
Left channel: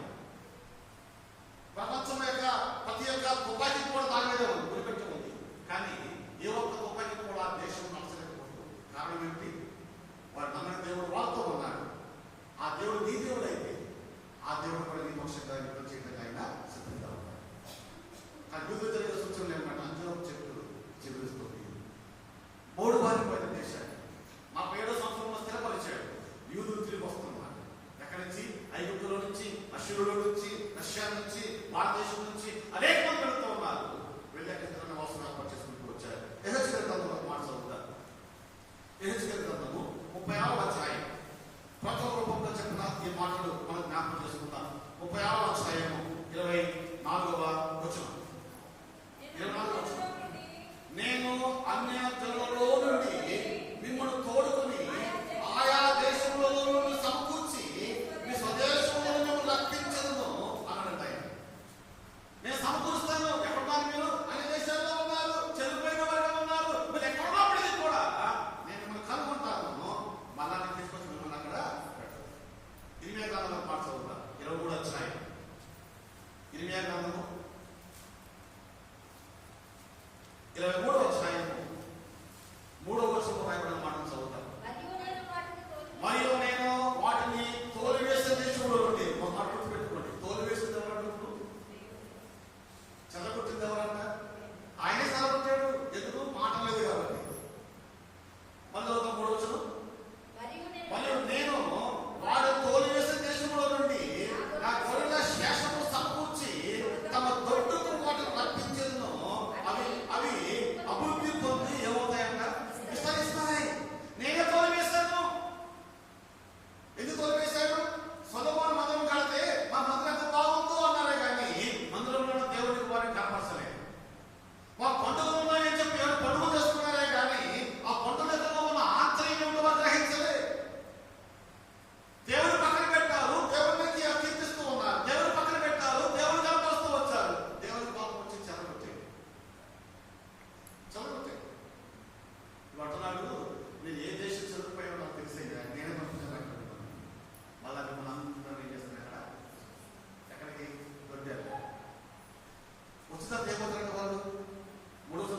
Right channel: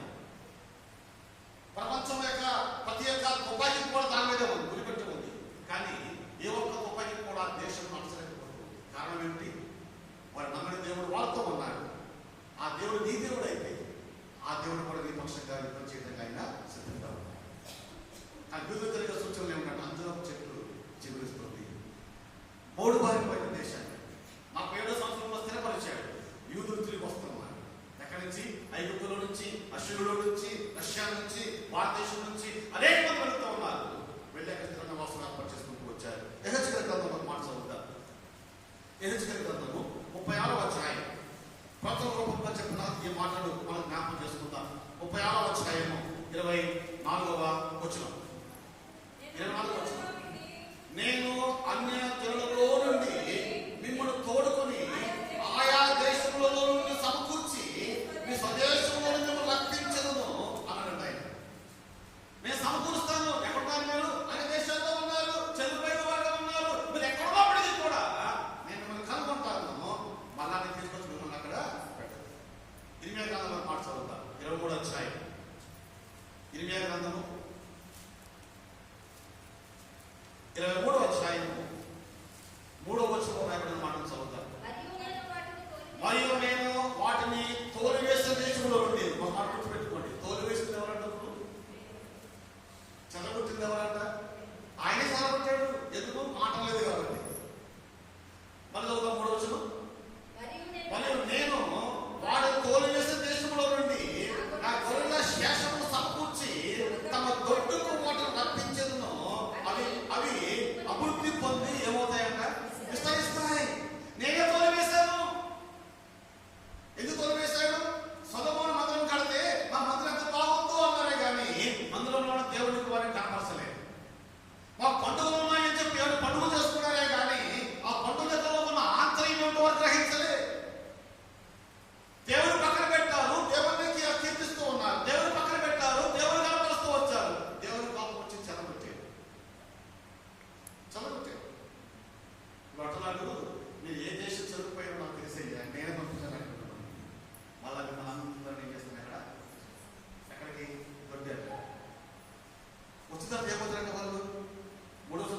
ప్రపంచం యొక్క ప్రతి ఒక్క తుపాకీ కూడా దాని మీద ఉంది, గురిపెట్టి ఉంది. కానీ ఏ ఒక్క తుపాకీ కూడా దేశం నచ్చలేకపోతుంది. కారణం ఏమిటి? వారు నమ్మని దేవుడు వాళ్ళతో ఉన్నాడు. ఆ దేవుడు నీ దేవుడు అయితే ఆ దేవుడు కూడా నీ పక్షంగా యుద్ధం చేయడానికి ఆయన సిద్ధంగా ఉన్నాడు. కానీ యుద్ధం జరిగే సూచనలు ఏమిటంటే అంజనపు చెట్టు చిగురిస్తుంది. 3 బారిపోయిన దేశాన్ని 47 సంవత్సరంలో స్థిరపరిచాడు. యూదులు తిరిగి వస్తున్నారు. ఎక్కడి నుంచి? ఐగుప్తులో నుంచి, అశ్షూరులో నుంచి, రష్యా నుంచి, భారతదేశం నుంచి అనేక మంది వెళుతూ ఉన్నారు. వెళ్ళాక స్థిరమైన వాసం ఏర్పాటు చేసుకుంటూ వచ్చారు. యెహెజ్కేలు గ్రంథంలో మాట చదువుతారు. యెహెజ్కేలు గ్రంథము 36వ అధ్యాయం. ప్రతి రూపంలో చెప్పిన ఈ మాటలు మనం జ్ఞాపకం చేసుకుందాం. 36వ అధ్యాయము 24వ వచనం. 24వ వచనం. నేను అన్య జనులలో నుండి మిమ్మల్ని తోడుకొని ఆయా దేశములలో నుండి సమకూర్చి మీ స్వదేశంలో మిమ్మల్ని రప్పించను అన్నాడు ఆయన. నేను సమకూరుస్తాను. ఎక్కడున్నారు మీరు? అన్ని దేశాల్లో ఉన్నారు, చెదిరిపోయిన వారిగా ఉన్నారు. మీరు ఎక్కడున్నప్పటికీ కూడా నేను మిమ్మల్ని కనుగొంటాను. మళ్ళా నేను తీసుకొచ్చి మిమ్మల్ని అక్కడ పెట్టాను. ఇర్మియా గ్రంథంలో మాట చదువుతాం. 23వ అధ్యాయం. ఇర్మియా గ్రంథము 23వ అధ్యాయము 3వ వచనంలో రాయబడిన మాటను చదువుతాం. మరియు నేను వాటిని తోలివేసిన దేశంలో నుండి ఒక మాట గుర్తుపెట్టుకోండి. తోలివేసింది ఎవరంటే చల్లగొట్టింది ఎవరంట? ఆయనే చల్లగొట్టాడు. ఎందుకు? మాట లేదు కాబట్టి. మళ్ళీ చదువుతాం 3వ వచనం. మరియు నేను వాడు తోలివేసిన దేశంలో నుండి నా గొర్రెల శేషము సమకూర్చి తమ దొడ్డుకు వాటిని రప్పించదును. అవి అభివృద్ధి పొంది ఏమవుతాయంట? విస్తరిస్తాయి. నేనే తోలివేశాను. ఎందుకు తోలివేశాడు? సొలొమోను మందిరం కడితే మా మందిరం ఎంత బాగుందో అన్నారే కానీ మందిరంలో దేవుడికి వారిని కనపరచలేదు. మా పండుగలు ఉన్నాయని చెప్పి ఎవరు పండుగలు చేసుకున్నారే కానీ ఆ పండుగలో ఉన్న ఆంతర్యం వారు గ్రహించలే. దేవుడు పక్కన పెట్టారు, దేవుడికి కీర్తిస్తూ ఉన్నారు. దేవుడు పక్కన పెట్టారు, దేవుడు కనపరుస్తూ వచ్చారు. దేవుడి కోపం వచ్చి చెదగొట్టాడు. అంటున్నాడు, మీరు ఏ దేశం చదువుపోయినా నాకు తెలిసేది నేనే పంపించాను. మళ్ళీ మిమ్మల్ని అందరూ ఏం చేస్తున్నారా? ఎక్కడికి దొడ్డారు. ఉచిత ఏమవుతారంటే వాళ్ళు 3వ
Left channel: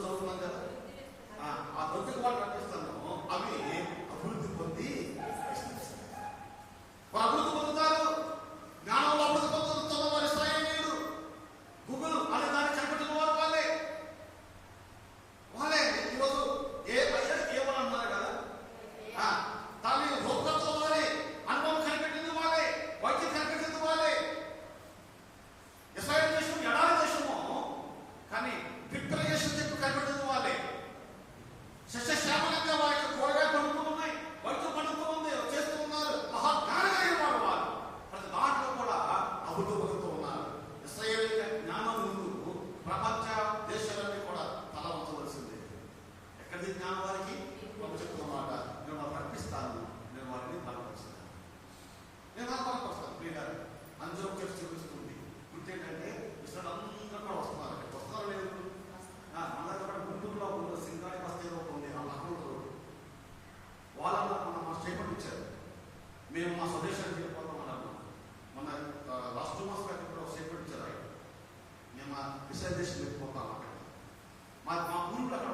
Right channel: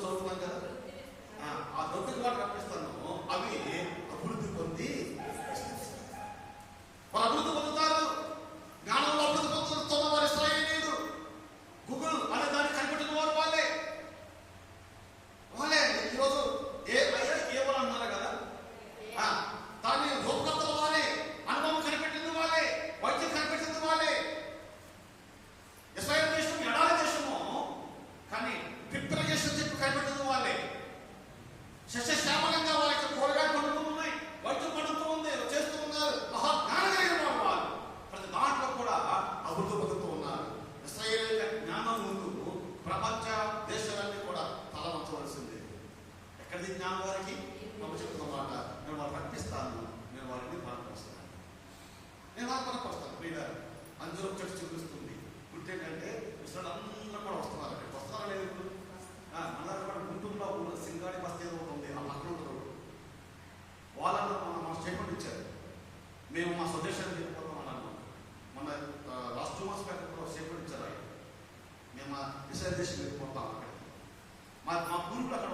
ఇస్రాయల్ దేశం వెళ్ళిపోతాం అక్కడ మా పూర్వీకులు అక్కడ